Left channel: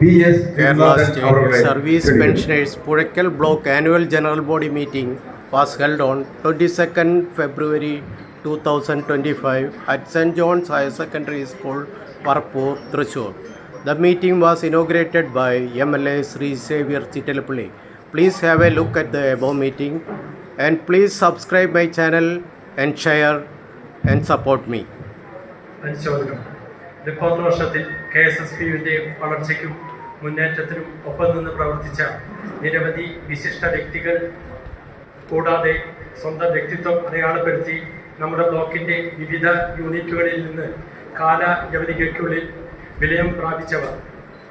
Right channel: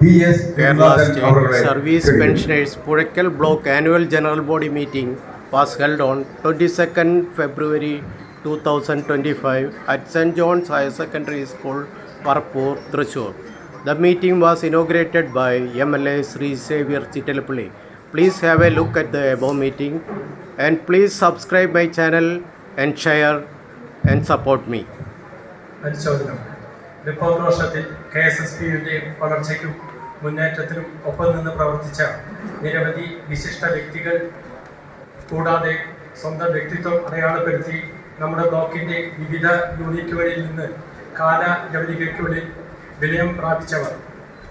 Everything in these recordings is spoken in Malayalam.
Kerala State Service Pensioners Purakkal Block Annual General Body Meeting was held on 22nd February 2025 at St. John's Higher Secondary School, Parpur, Thrissur. The meeting was inaugurated by MLA Sri Xavier Chittalapalli. Please have a look at the above meeting and please subscribe my channel and share and support me. പരിശോധനം റിപ്പോർട്ട് വർഷത്തിൽ KSSP-യുടെ വളർച്ചയ്ക്കും മുന്നേറ്റത്തിനും ഒപ്പം നിന്ന് പ്രവർത്തിച്ച നിരവധി വിശിഷ്ട വ്യക്തികൾ കൂടാതെ സ്വന്തം വ്യക്തിത്വം അടയാളപ്പെടുത്തി നമ്മുടെ ബ്ലോക്കിൻ്റെ വിവിധ യൂണിറ്റുകളിൽ നിന്ന് കാലാവധിക്കുള്ളിൽ വിലയം പ്രാപിച്ചവർ,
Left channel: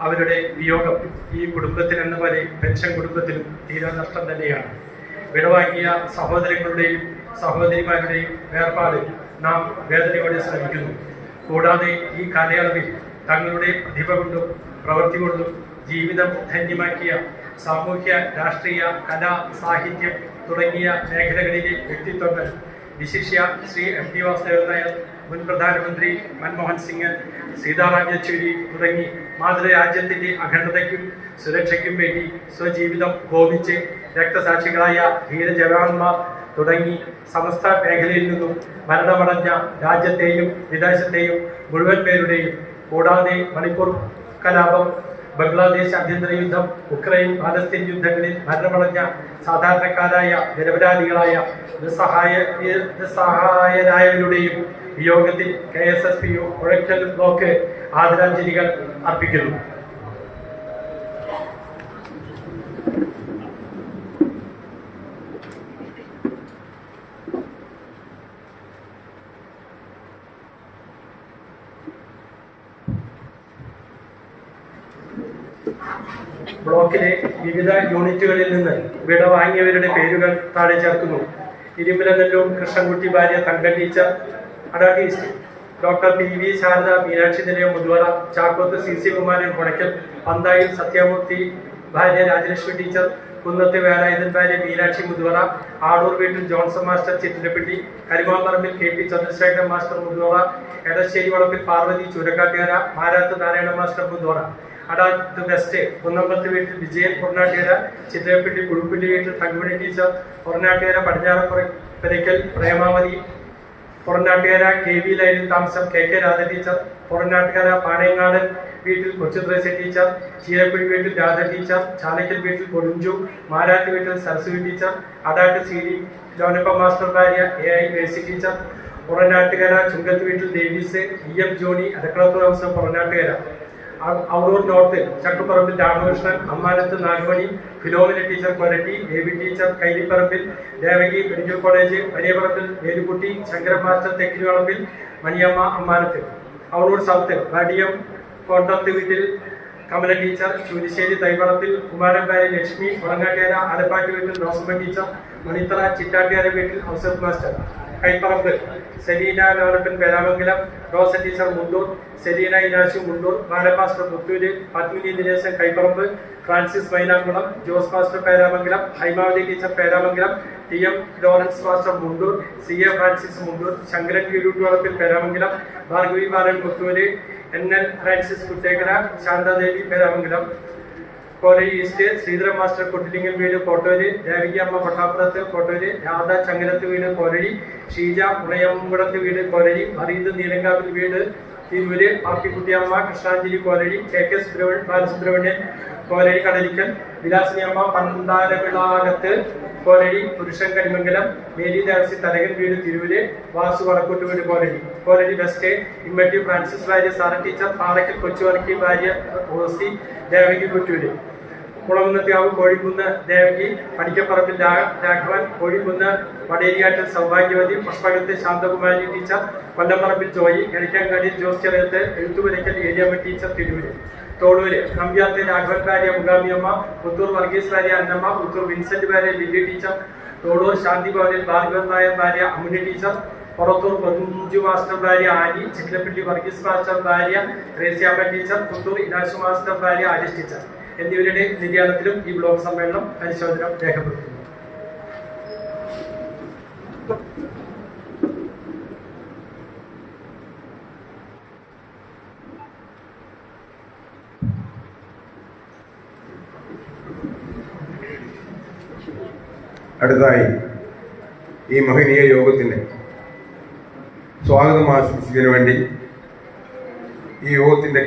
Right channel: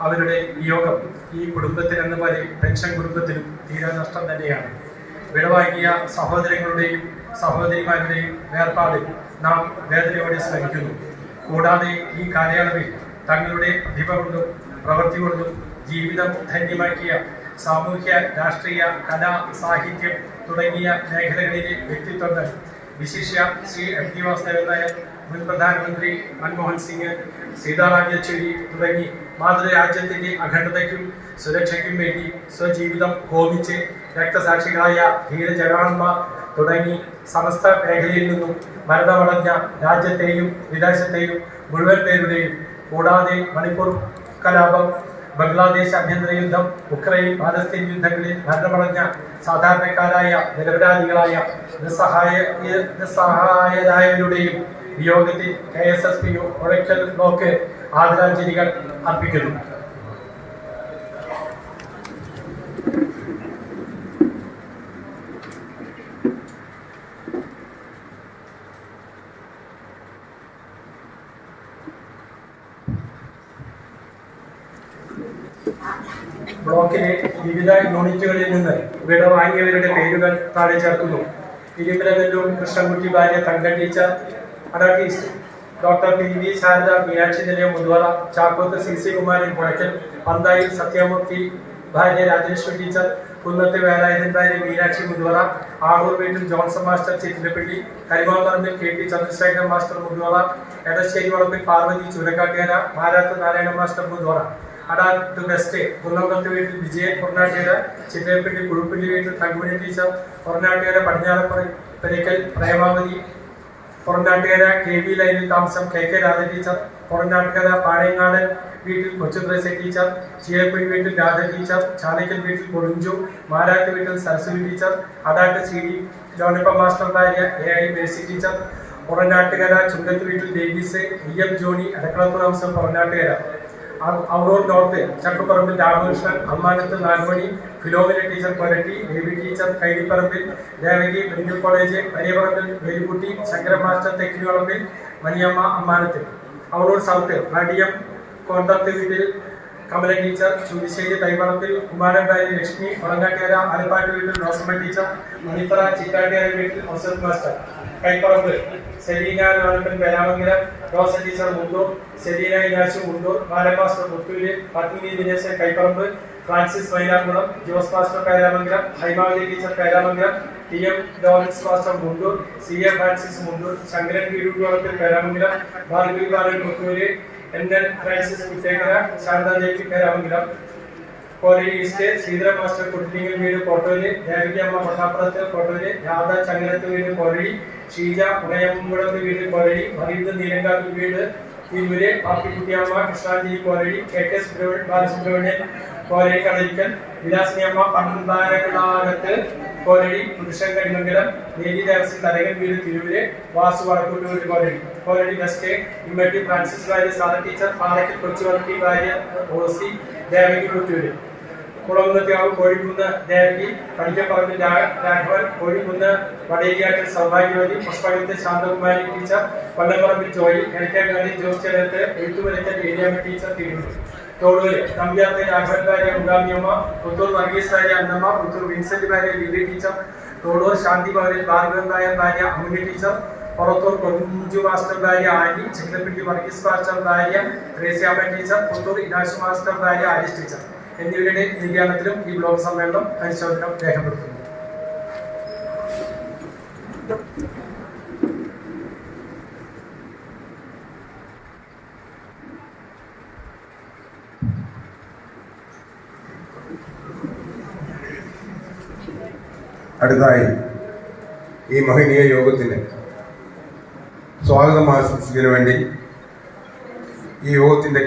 അവരുടെ വിയോഗം ഈ കുടുംബത്തിനെന്ന പോലെ പെൻഷൻ കുടുംബത്തിനും തീരാ നഷ്ടം തന്നെയാണ്. വിടവാങ്ങിയ സഹോദരങ്ങളുടെയും സഹോദരിമാരുടെയും വേർപാട് നാം വേദനയോടെ സ്മരിക്കുന്നു. കൂടാതെ ഈ കാലയളവിൽ തങ്ങളുടെ പ്രതിഭ കൊണ്ടും പ്രവൃത്തി കൊണ്ടും ജീവിതം ധന്യമാക്കിയ സാമൂഹ്യ, രാഷ്ട്രീയ, കലാ, സാഹിത്യം തുടങ്ങിയ മേഖലകളിലെ വ്യക്തിത്വങ്ങൾ, വിശിഷ്യ ശ്രീ MT വാസുദേവൻ നായർ, മുൻ പ്രധാനമന്ത്രി മൻമോഹൻ സിംഗ്, സീതാറാം യെച്ചൂരി തുടങ്ങി മാതൃരാജ്യത്തിൻ്റെ അഖണ്ഡതയ്ക്കും സുരക്ഷയ്ക്കും വേണ്ടി സ്വജീവിതം ഹോമിച്ച് രക്തസാക്ഷികളായ ധീര ജവാന്മാർ തുടങ്ങി സമസ്ത മേഖലയിൽ നിന്നും മരണമടഞ്ഞ രാജ്യത്തെയും വിദേശത്തെയും മുഴുവൻ പേരുടെയും, കൂടാതെ മണിപ്പൂർ കലാപം, ബംഗ്ലാദേശ് ആഭ്യന്തര യുദ്ധം, ഉക്രൈൻ പാലസ്തീൻ യുദ്ധങ്ങളിൽ മരണമടഞ്ഞ സാധാരണക്കാരായ നിരപരാധികളായ നിസ്സഹായരായവരുടെയും വിയോഗത്തിൽ KSSP-യു പുഴയ്ക്കൽ ബ്ലോക്ക് ആദരാഞ്ജലികൾ അർപ്പിക്കുന്നു. ബ്ലോക്കിലെ വിവിധ യൂണിറ്റുകളിൽ നിന്ന് വിട വാങ്ങിയവരുടെ പേരുകൾ താഴെ ചേർക്കുന്നു. ഇരുമ്പലനല്ലൂർ കൃഷ്ണൻകുട്ടി ഭാര്യ Thanka teacher, advocate doctor PV Sarada Meenakshi Nilayam Muthuvara, Chakkoth CC Kumaran Puzhakkal, പന്തായിൽ Sathyamurthy ഭാര്യ രാജലക്ഷ്മി ടീച്ചർ, കുന്നത്ത് വേലായുധൻ ഭാര്യ മീനാക്ഷി മുതുവറ, ആടൂർ വീട്ടിൽ Johnson master Chittilappilly, Karimamparambil KP Chandrasekharan master Muthuvara, Edassery Valappil Parvathy Choorakkattukara, Marath Narayana master Muthuvara, Adat west Kunnambath വീട്ടിൽ വിജയൻ പൊറനാട്ടുകര, ചിത്രപ്പള്ളി കുഴുപ്പള്ളി വീട്ടിൽ തങ്കുമണി ടീച്ചർ, പൊറനാട്ടുകര പടിഞ്ഞാറപ്പുരയ്ക്കൽ പ്രേമാവതി, പൊറനാട്ടുകര KV ലൈനിൽ താമസം KK രാധ ടീച്ചർ, പൊറനാട്ടുകര പാണയങ്ങാടൻ വീട്ടിൽ കൊച്ചുത്രേസ്യ ടീച്ചർ, ചീരക്കുഴി വീട്ടിൽ രാധ ടീച്ചർ, ചാലക്കൽ വീട്ടിൽ പൊറിഞ്ചു, മാരാട്ട് വീട്ടിൽ Saraswathi teacher, Adat CD Lonappa master ഭാര്യ AI Mercy teacher, Poranattukara Chungath വീട്ടിൽ ഡേവിസ്, EM ജോണി, അടക്കളത്ത് താമസം പൊറനാട്ടുകര, ഔറൂർ north ചക്കുപറമ്പിൽ Ramakrishnan, Ammanath Nalumani, Philomina teacher Koratty, Baby teacher Kailiparambil, Devaki medical college Valiyaparambil Velukutty, Sankaran master Thekkinivalappil, Maniyamma Ammanath, Aurur south Vadiyam Kottath വീട്ടിൽ കമല ടീച്ചർ, ചൂരിശ്ശേരി തൈവളപ്പിൽ കുമാരൻപാരി ലക്ഷ്മി, ഉളങ്ങാട്ടുകര ആലപ്പാട്ട് വീട്ടിൽ റോസമ്മ ടീച്ചർ, മണിത്തറ ചിറ്റാട്ടുകര വീട്ടിൽ Ousaph master, Kaiparambu Selina Lonappan Peramangalam, Rosa teacher Mundur, Selina Inashu Mundur, Bala master Muthur, Padmini Dineshan Kaiparambu, Francis Mainakulam, Jose master Peramangalam, Haimavathi teacher Peramangalam, TM Lawrence master Mundur, CA Francis Mundur, Sankaran Veeruttuvalappil Peramangalam, Bhargavi Balan Muthur, NN Francis Kuttekkara, Santhadevi Peramangalam, Kolari east Sreedharan master Kuttilingal വീട് കോട്ടൂര്, ദേവികമ്മ പട്ടാപ്പുറത്ത് കോട്ടൂര്, രാധ ചങ്ങലത്ത് വീട് കോലരി, ഷീജ ഉണയമ്പുടത്ത് വീട് കോലരി, ഫരീദ് നീലങ്കാവിൽ വീട് തിരൂര്, പാപ്പിക്കുട്ടിയമ്മ കൃഷ്ണാഞ്ജലി കോലരി, KK ബാലസുബ്രഹ്മണ്യൻ കോലരി കടലിക്കൽ, വിലാസിനിയമ്മ പന്താരകളാകത്ത് കോലരി, പുരുഷൻ കരിമംഗലം, മേലി ദേവസി തലകൻ വീട് തിരൂര്, വാസു വടക്കൂട്ട് വീട് കോലരി വെസ്റ്റ്, ഇമ്മട്ടി ഫ്രാൻസിസ് ഭാര്യ സാറ ടീച്ചർ, പാറയ്ക്കൽ കൊച്ചുവർക്കി ഭാര്യ ഓസി, ദേവകി കുറ്റൂര്, കുളകുന്നത്യാവ് കോഴിക്കുന്ന് ദേവകി, പടിക്കപ്പറമ്പിൽ രാഘവൻ, കോഴിക്കുന്ന് വടേരിയാറ്റിൽ സൗഭാഗ്യവതി, പുഷ്പകത്ത് ശാന്തകുമാരി ടീച്ചർ, കൊല്ലംപറമ്പിൽ ജോയി, എലിക്കാങ്കാടി ജോസ് ചെറിയത്ത്, എഴുത്തുപുരയ്ക്കൽ ഏരിയാമ്മ ടീച്ചർ തിരൂര്, തോടൂര് നമ്പ്യാത്ത് രാഘവൻ ഭാര്യ മുഗാമിയമ്മ, പുത്തൂർ വർഗീസ് ഭാര്യ അന്നമ്മ, പുത്തൂർ വിൻസെന്റ് ഭാര്യ ലില്ലി ടീച്ചർ, തോടൂർ ശാന്തി ഭവനിൽ ഭാർഗവൻ നായർ ഭാര്യ അമ്മുണി ടീച്ചർ, പുറത്തൂർ പൊഞ്ചു മാസ്റ്റർ ഭാര്യ ആനി, ചിക്കിലപ്പള്ളി വർഗീസ് മാസ്റ്റർ ഭാര്യ ത്രേസ്യാമ്മ ടീച്ചർ, പുത്തൂർ ഇനാശു മാസ്റ്റർ ഭാര്യ ആലിസ് ടീച്ചർ എന്നിവരുടെ നിര്യാണത്തിലും ഈ ബ്ലോക്ക് സമ്മേളനം അനുശോചനം രേഖപ്പെടുത്തുന്നു. അടുത്തായി ഈ മഹനീയ യോഗത്തിന് സ്വാഗതം ആശംസിക്കുന്നതിന് വേണ്ടി ഈ യോഗത്തിൻ്റെ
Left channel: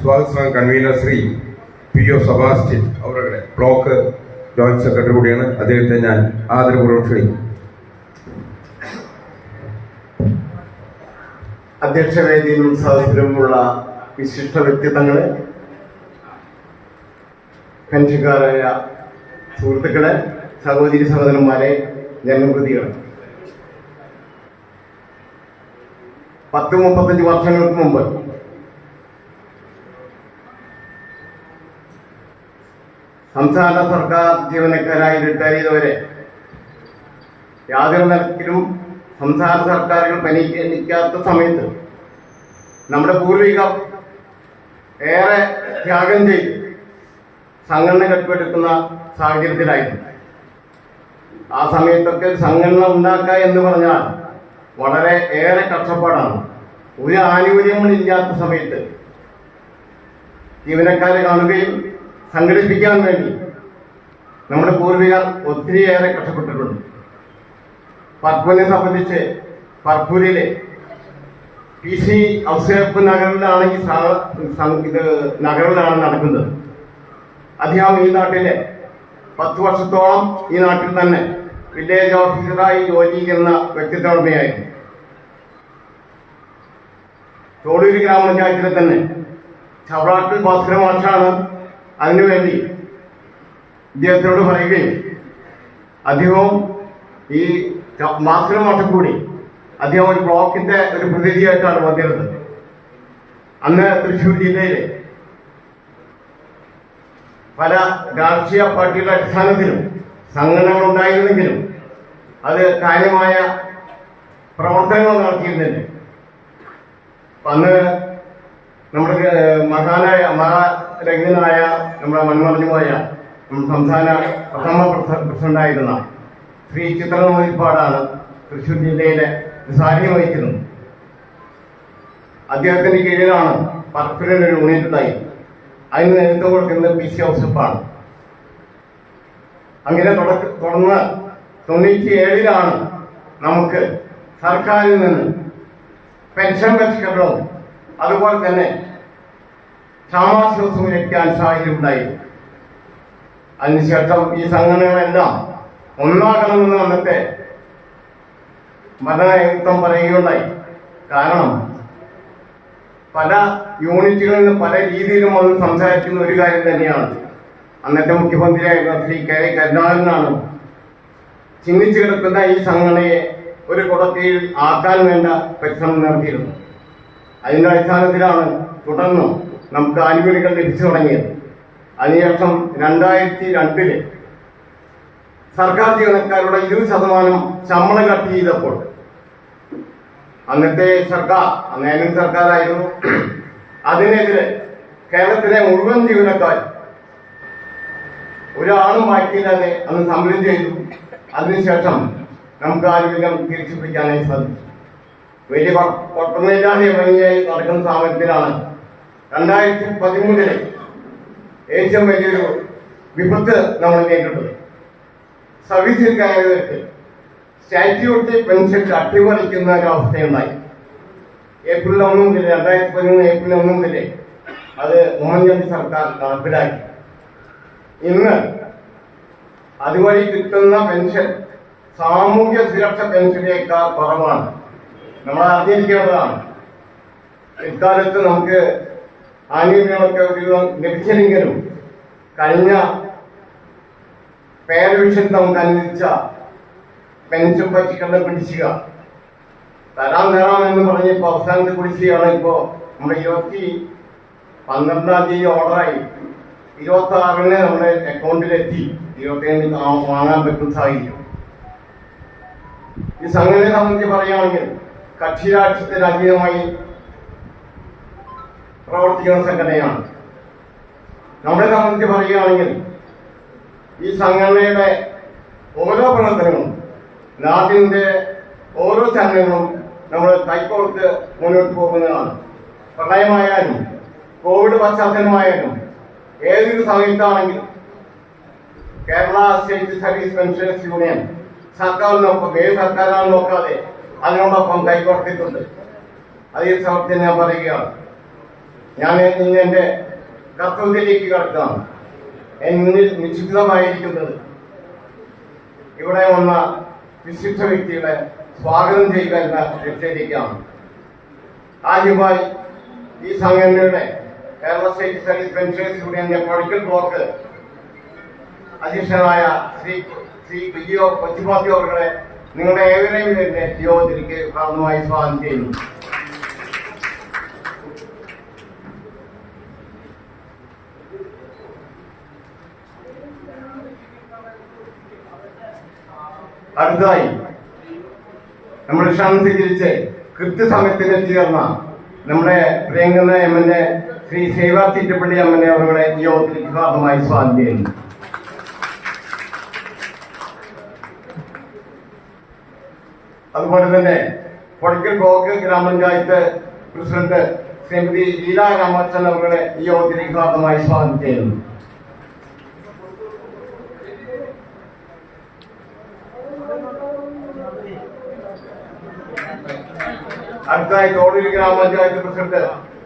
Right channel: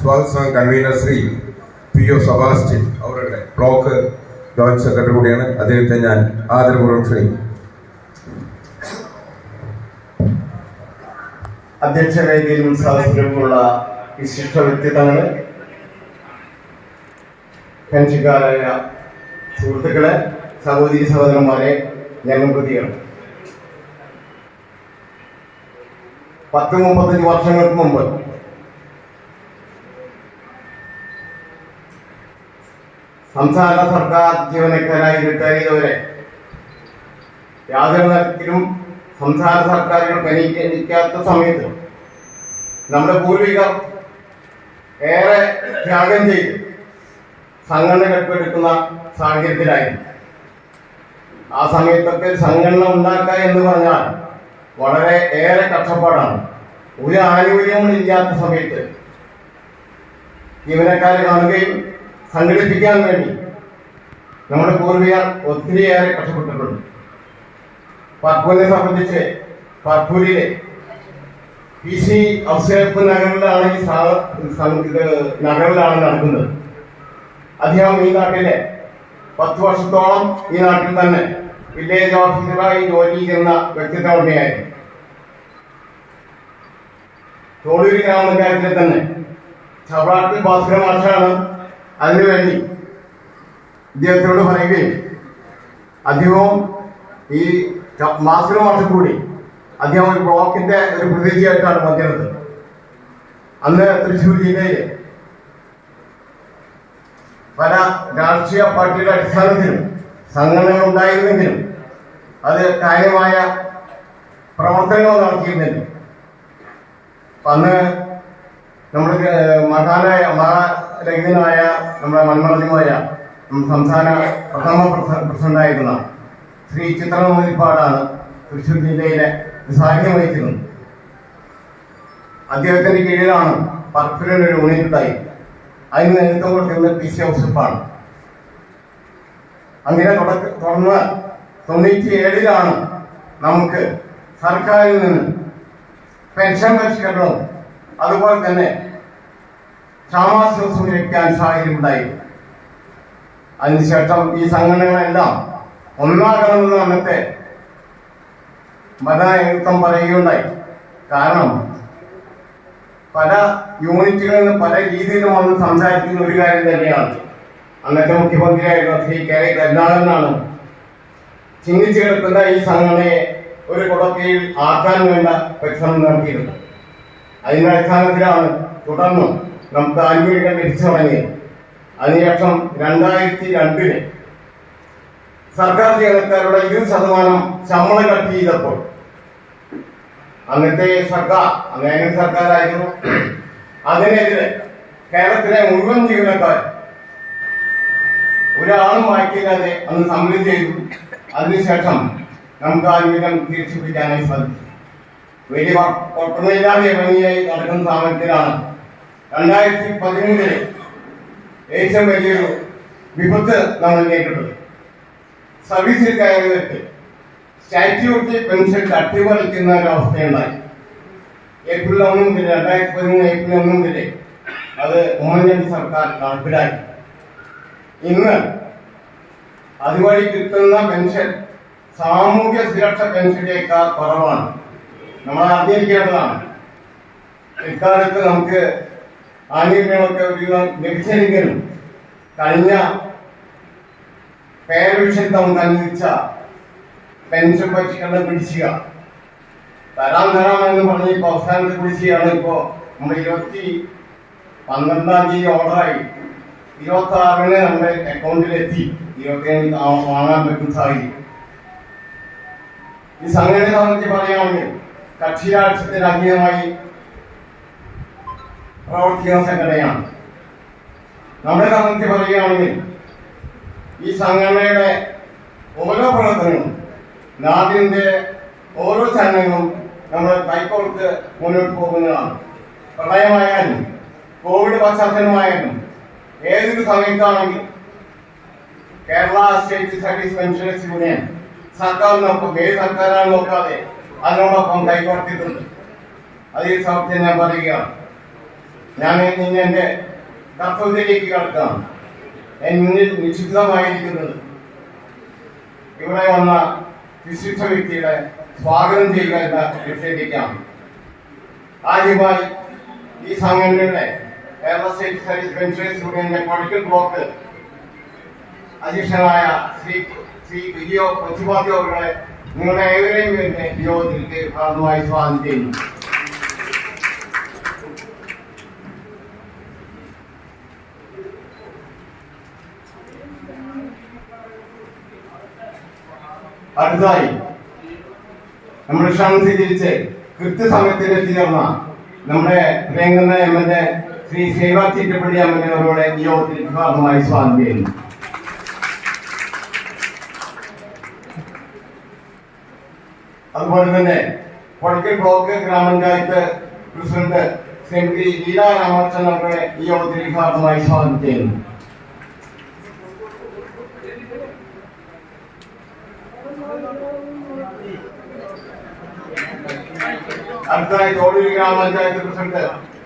സ്വാഗത കൺവീനർ ശ്രീ P.O. സെബാസ്റ്റ്യൻ അവരുടെ ബ്ലോക്ക് ജോയിന്റ് സെക്രട്ടറി കൂടിയാണ്. അദ്ദേഹത്തെ ഞാൻ ആദരപൂർവ്വം ക്ഷണിക്കും. അധ്യക്ഷ വേദിയിലും സദസ്സിലുമുള്ള വിശിഷ്ട വ്യക്തിത്വങ്ങളെ, പെൻഷൻകാരായ സുഹൃത്തുക്കളെ, സഹോദരി സഹോദരന്മാരെ, ജനപ്രതികൾ, 30-35 വർഷങ്ങൾക്ക് മുമ്പ് സംസ്ഥാന സർക്കാർ ജീവനക്കാരായി റിട്ടയർ ചെയ്തവരെ യാതൊരു തരത്തിലും സംസ്ഥാന സർക്കാരുകൾ പരിഗണിക്കാത്ത സമയത്ത് നമ്മുടെ പൂർവികർ ഏറെ ത്യാഗം ചെയ്ത് സംഘടന കെട്ടിപ്പടുക്കുന്ന സാഹചര്യത്തിലായിരുന്നു. ആ സമയത്തൊക്കെ സംഘടന ഉണ്ടാക്കുക എന്ന് പറഞ്ഞാൽ വളരെ ഏറെ കഷ്ടപ്പാടാണ്. ഒരു ആനുകൂല്യങ്ങളില്ലാത്ത സമയത്ത് ജീവനക്കാരെ കാണുകയും സംഘടിപ്പിക്കാൻ വേണ്ടി നമ്മുടെ പൂർവികർ ഒത്തിരിയേറെ കഷ്ടപ്പെട്ടിട്ടുണ്ട്. പർപ്പൂരിനെ സംബന്ധിച്ച് പർപ്പൂരിലെ PC ഔസേപ്പ് നഗറിലാണ് നഗറിലാണ് നടക്കുന്നത്. അദ്ദേഹം ഈ നാട്ടിലെ 10 വർഷത്തോളം ഈ നാട്ടിൽ തന്നെ വില്ലേജ് ഓഫീസറായി ജോലി ചെയ്യുന്ന വ്യക്തിത്വമായിരുന്നു. തോളൂര് ഗ്രാമപഞ്ചായത്തിലെ തന്നെ ചവറാട്ടിൽ ഭാസ്കര മാഷാണ് അതിനുവേണ്ടി ഇദ്ദേഹത്തോട് പറയുകയും അദ്ദേഹവും ഈ ഭാസ്കര മാഷ കൂടി അദ്ദേഹം ഒരു ബ്ലോക്കിന്റെ ഒരു പ്രതിനിധിയായിട്ടാണ് വന്നിരുന്നത്. അന്ന് തൃശ്ശൂർ ജില്ലയിലെ പല രാഷ്ട്രീയ പാർട്ടിയുടെ അടിസ്ഥാനത്തിലും സംഘടനകൾ ഉണ്ടായിരുന്നെങ്കിലും അത് കാര്യമായ പ്രവർത്തനങ്ങൾ നടത്തിയിരുന്നില്ല. അന്ന് നമ്മുടെ മഹാരഹിതനായ നമ്മുടെ മൺമറഞ്ഞുപോയ സംസ്ഥാന പ്രഥമ പ്രസിഡന്റായിരുന്ന ശ്രീ ചിത്രമതിപ്പാടാണ് തൃശ്ശൂർ ജില്ലയിലെ സാന്നിധ്യം വഹിക്കുന്നത്. അദ്ദേഹത്തിന്റെ കീഴിലാണ് പർപ്പൂരിൽ ഒരു യൂണിറ്റ് ഉണ്ടായി. അതിന് നേതൃത്വം കൊടുക്കുന്നത് PC ഔസേപ്പാണ്. അങ്ങനെ തുടർന്ന് 97-ലാണ് നമുക്ക് സർക്കാരിൽ നിന്ന് പെൻഷൻ പരിഷ്കരണവും അതുപോലെ തന്നെ ക്ഷാമാശ്വാസവും ലഭിക്കാൻ സാഹചര്യമുണ്ടായി. അതിനുശേഷം ഈ സംഘടനകളെല്ലാം ഒന്നാകണമെന്ന് അന്നത്തെ ഭരണനേതൃത്വം പറയുകയുണ്ടായി. കാരണം പല യൂണിറ്റുകളിൽ നിന്ന് പല രീതിയിലും വന്ന് സംസാരിക്കുന്ന ഒരു കാര്യം തന്നെയാണ്. അന്നത്തെ മുഖ്യമന്ത്രിയായിരുന്ന ശ്രീ K. കരുണാകരനാണ് ചിന്തിച്ചു കിടക്കുന്ന ഈ സംഘടനയെ ഒരു കുടക്കീഴിൽ ആക്കാൻ വേണ്ട പരിശ്രമം നടത്തിയിരുന്നത്. അതിൻ്റെ അടിസ്ഥാനത്തിലാണ് തുടർന്ന് നമുക്ക് ആനുകൂല്യങ്ങൾ ലഭിച്ചു തുടങ്ങിയത്. അതിനുശേഷം 2002 സർക്കാർ ജീവനക്കാരുടെ 20% ശമ്പളം കട്ട് ചെയ്തപ്പോൾ അന്നത്തെ സർക്കാർ, അന്നേരം സർക്കാരായിരുന്നു, അതിനെതിരെ കേരളത്തിലെ മുഴുവൻ ജീവനക്കാർ ഒരാളും ബാക്കിയില്ലാതെ അന്ന് സമരം ചെയ്തു. അതിനുശേഷം നമുക്ക് ആനുകൂല്യം തിരിച്ചു പിടിക്കാനായി സാധിച്ചു. വലിയ കുഴപ്പമില്ലാതെ ഭംഗിയായി നടക്കുന്ന സ്ഥാപനത്തിലാണ് 2013 ഏറ്റവും വലിയൊരു വിപത്ത് നമ്മൾ നേരിട്ടത്. സർവീസിൽ കയറിയിട്ട് സ്റ്റാറ്റ്യൂട്ടി പെൻഷൻ അട്ടിമറിക്കുന്ന ഒരു അവസ്ഥയുണ്ടായി. April 1 മുതൽ 2013 April 1 മുതൽ അത് ഉമ്മൻചാണ്ടി സർക്കാർ നടപ്പിലാക്കി. ഇന്ന് അതുവഴി കിട്ടുന്ന പെൻഷൻ സാമൂഹ്യ സുരക്ഷ പെൻഷനേക്കാൾ കുറവാണ്. നമ്മൾ അറിഞ്ഞിരിക്കേണ്ടതാണ്. ഇക്കാലത്ത് നമുക്ക് ആനുകൂല്യങ്ങളൊക്കെ ലഭിച്ചില്ലെങ്കിലും കഴിഞ്ഞ പേരവിഷൻ നമുക്ക് അനുവദിച്ച പെൻഷൻ പരിഷ്കരണം കുടിശ്ശിക തരാമെന്ന് പറഞ്ഞ് ഇപ്പോൾ അവസാനത്തെ കുടിശ്ശികയാണ്. ഇപ്പോൾ നമ്മൾ 12-ാം തീയതി ഓർഡറായി 26-ന് നമ്മുടെ അക്കൗണ്ടിലെത്തി. 27-ന് വാങ്ങാൻ പറ്റുന്ന സാഹചര്യം. ഈ സംഘടനയെ സംബന്ധിച്ച് പറയുകയാണെങ്കിൽ കക്ഷി രാഷ്ട്രീയത്തിന് അതീതമായി പ്രവർത്തിക്കുന്ന സംഘടനയാണ്. നമ്മളെ സംബന്ധിച്ച് പറയുകയാണെങ്കിൽ ഈ സംഘടനയുടെ ഓരോ പ്രവർത്തനങ്ങളും നാടിൻ്റെ ഓരോ ചലനങ്ങളും നമ്മൾ കൈകോർത്ത് മുന്നോട്ട് പോകുന്നതാണ്. പ്രളയമായാലും കോവിഡ് പശ്ചാത്തലമായാലും ഏതൊരു സമയത്താണെങ്കിലും Kerala state service pensioners union സർക്കാരിനൊപ്പം ഏത് സർക്കാരാണ് നോക്കാതെ അതിനോടൊപ്പം കൈകോർത്തിട്ടുണ്ട്. അത് ഈ സമയത്ത് ഞാൻ പറയുകയാണ്. ഞാൻ ഇന്ന് എൻ്റെ കർത്തവ്യത്തിലേക്ക് കിടക്കുകയാണ്. എന്നിൽ നിശ്ചിതമായിരിക്കുന്നത് ഇവിടെ വന്ന വിശിഷ്ട വ്യക്തികളെ സ്വാഗതം ചെയ്യുക എന്ന ലക്ഷ്യത്തിലേക്കാണ്. ആദ്യമായി ഈ സംഘടനയുടെ കേരള സ്റ്റേറ്റ് സർവീസ് പെൻഷനേഴ്സ് യൂണിയന്റെ പൊളിറ്റിക്കൽ ബ്ലോക്ക് അധ്യക്ഷനായ ശ്രീ വിജയോ കൊച്ചുമാത്തി അവരുടെ നിങ്ങളുടെ ഏവരെയും തന്നെ യോഗത്തിലേക്ക് ഭാഗമായി സ്വാഗതം ചെയ്യുന്നു. അടുത്തതായി നമ്മുടെ ക്ഷണം സ്വീകരിച്ച് കൃത്യസമയത്തിന് എത്തിച്ചേർന്ന നമ്മുടെ പ്രിയങ്കരന എംഎൽഎ ശ്രീ സേവാ ചിറ്റപ്പള്ളി എംഎൽഎ അവരുടെ യോഗത്തിലേക്ക് ഭാഗമായി സ്വാഗതം ചെയ്യുന്നു. അതുപോലെ തന്നെ പൊളിക്കൽ ബ്ലോക്ക് ഗ്രാമപഞ്ചായത്ത് പ്രസിഡന്റ് ശ്രീമതി ലീല രാമകൃഷ്ണൻ അവരുടെ ഈ യോഗത്തിലേക്ക് ഭാഗമായി സ്വാഗതം ചെയ്യുന്നു. അടുത്തതായി തോടൂര് ഗ്രാമപഞ്ചായത്ത് പ്രസിഡന്റ്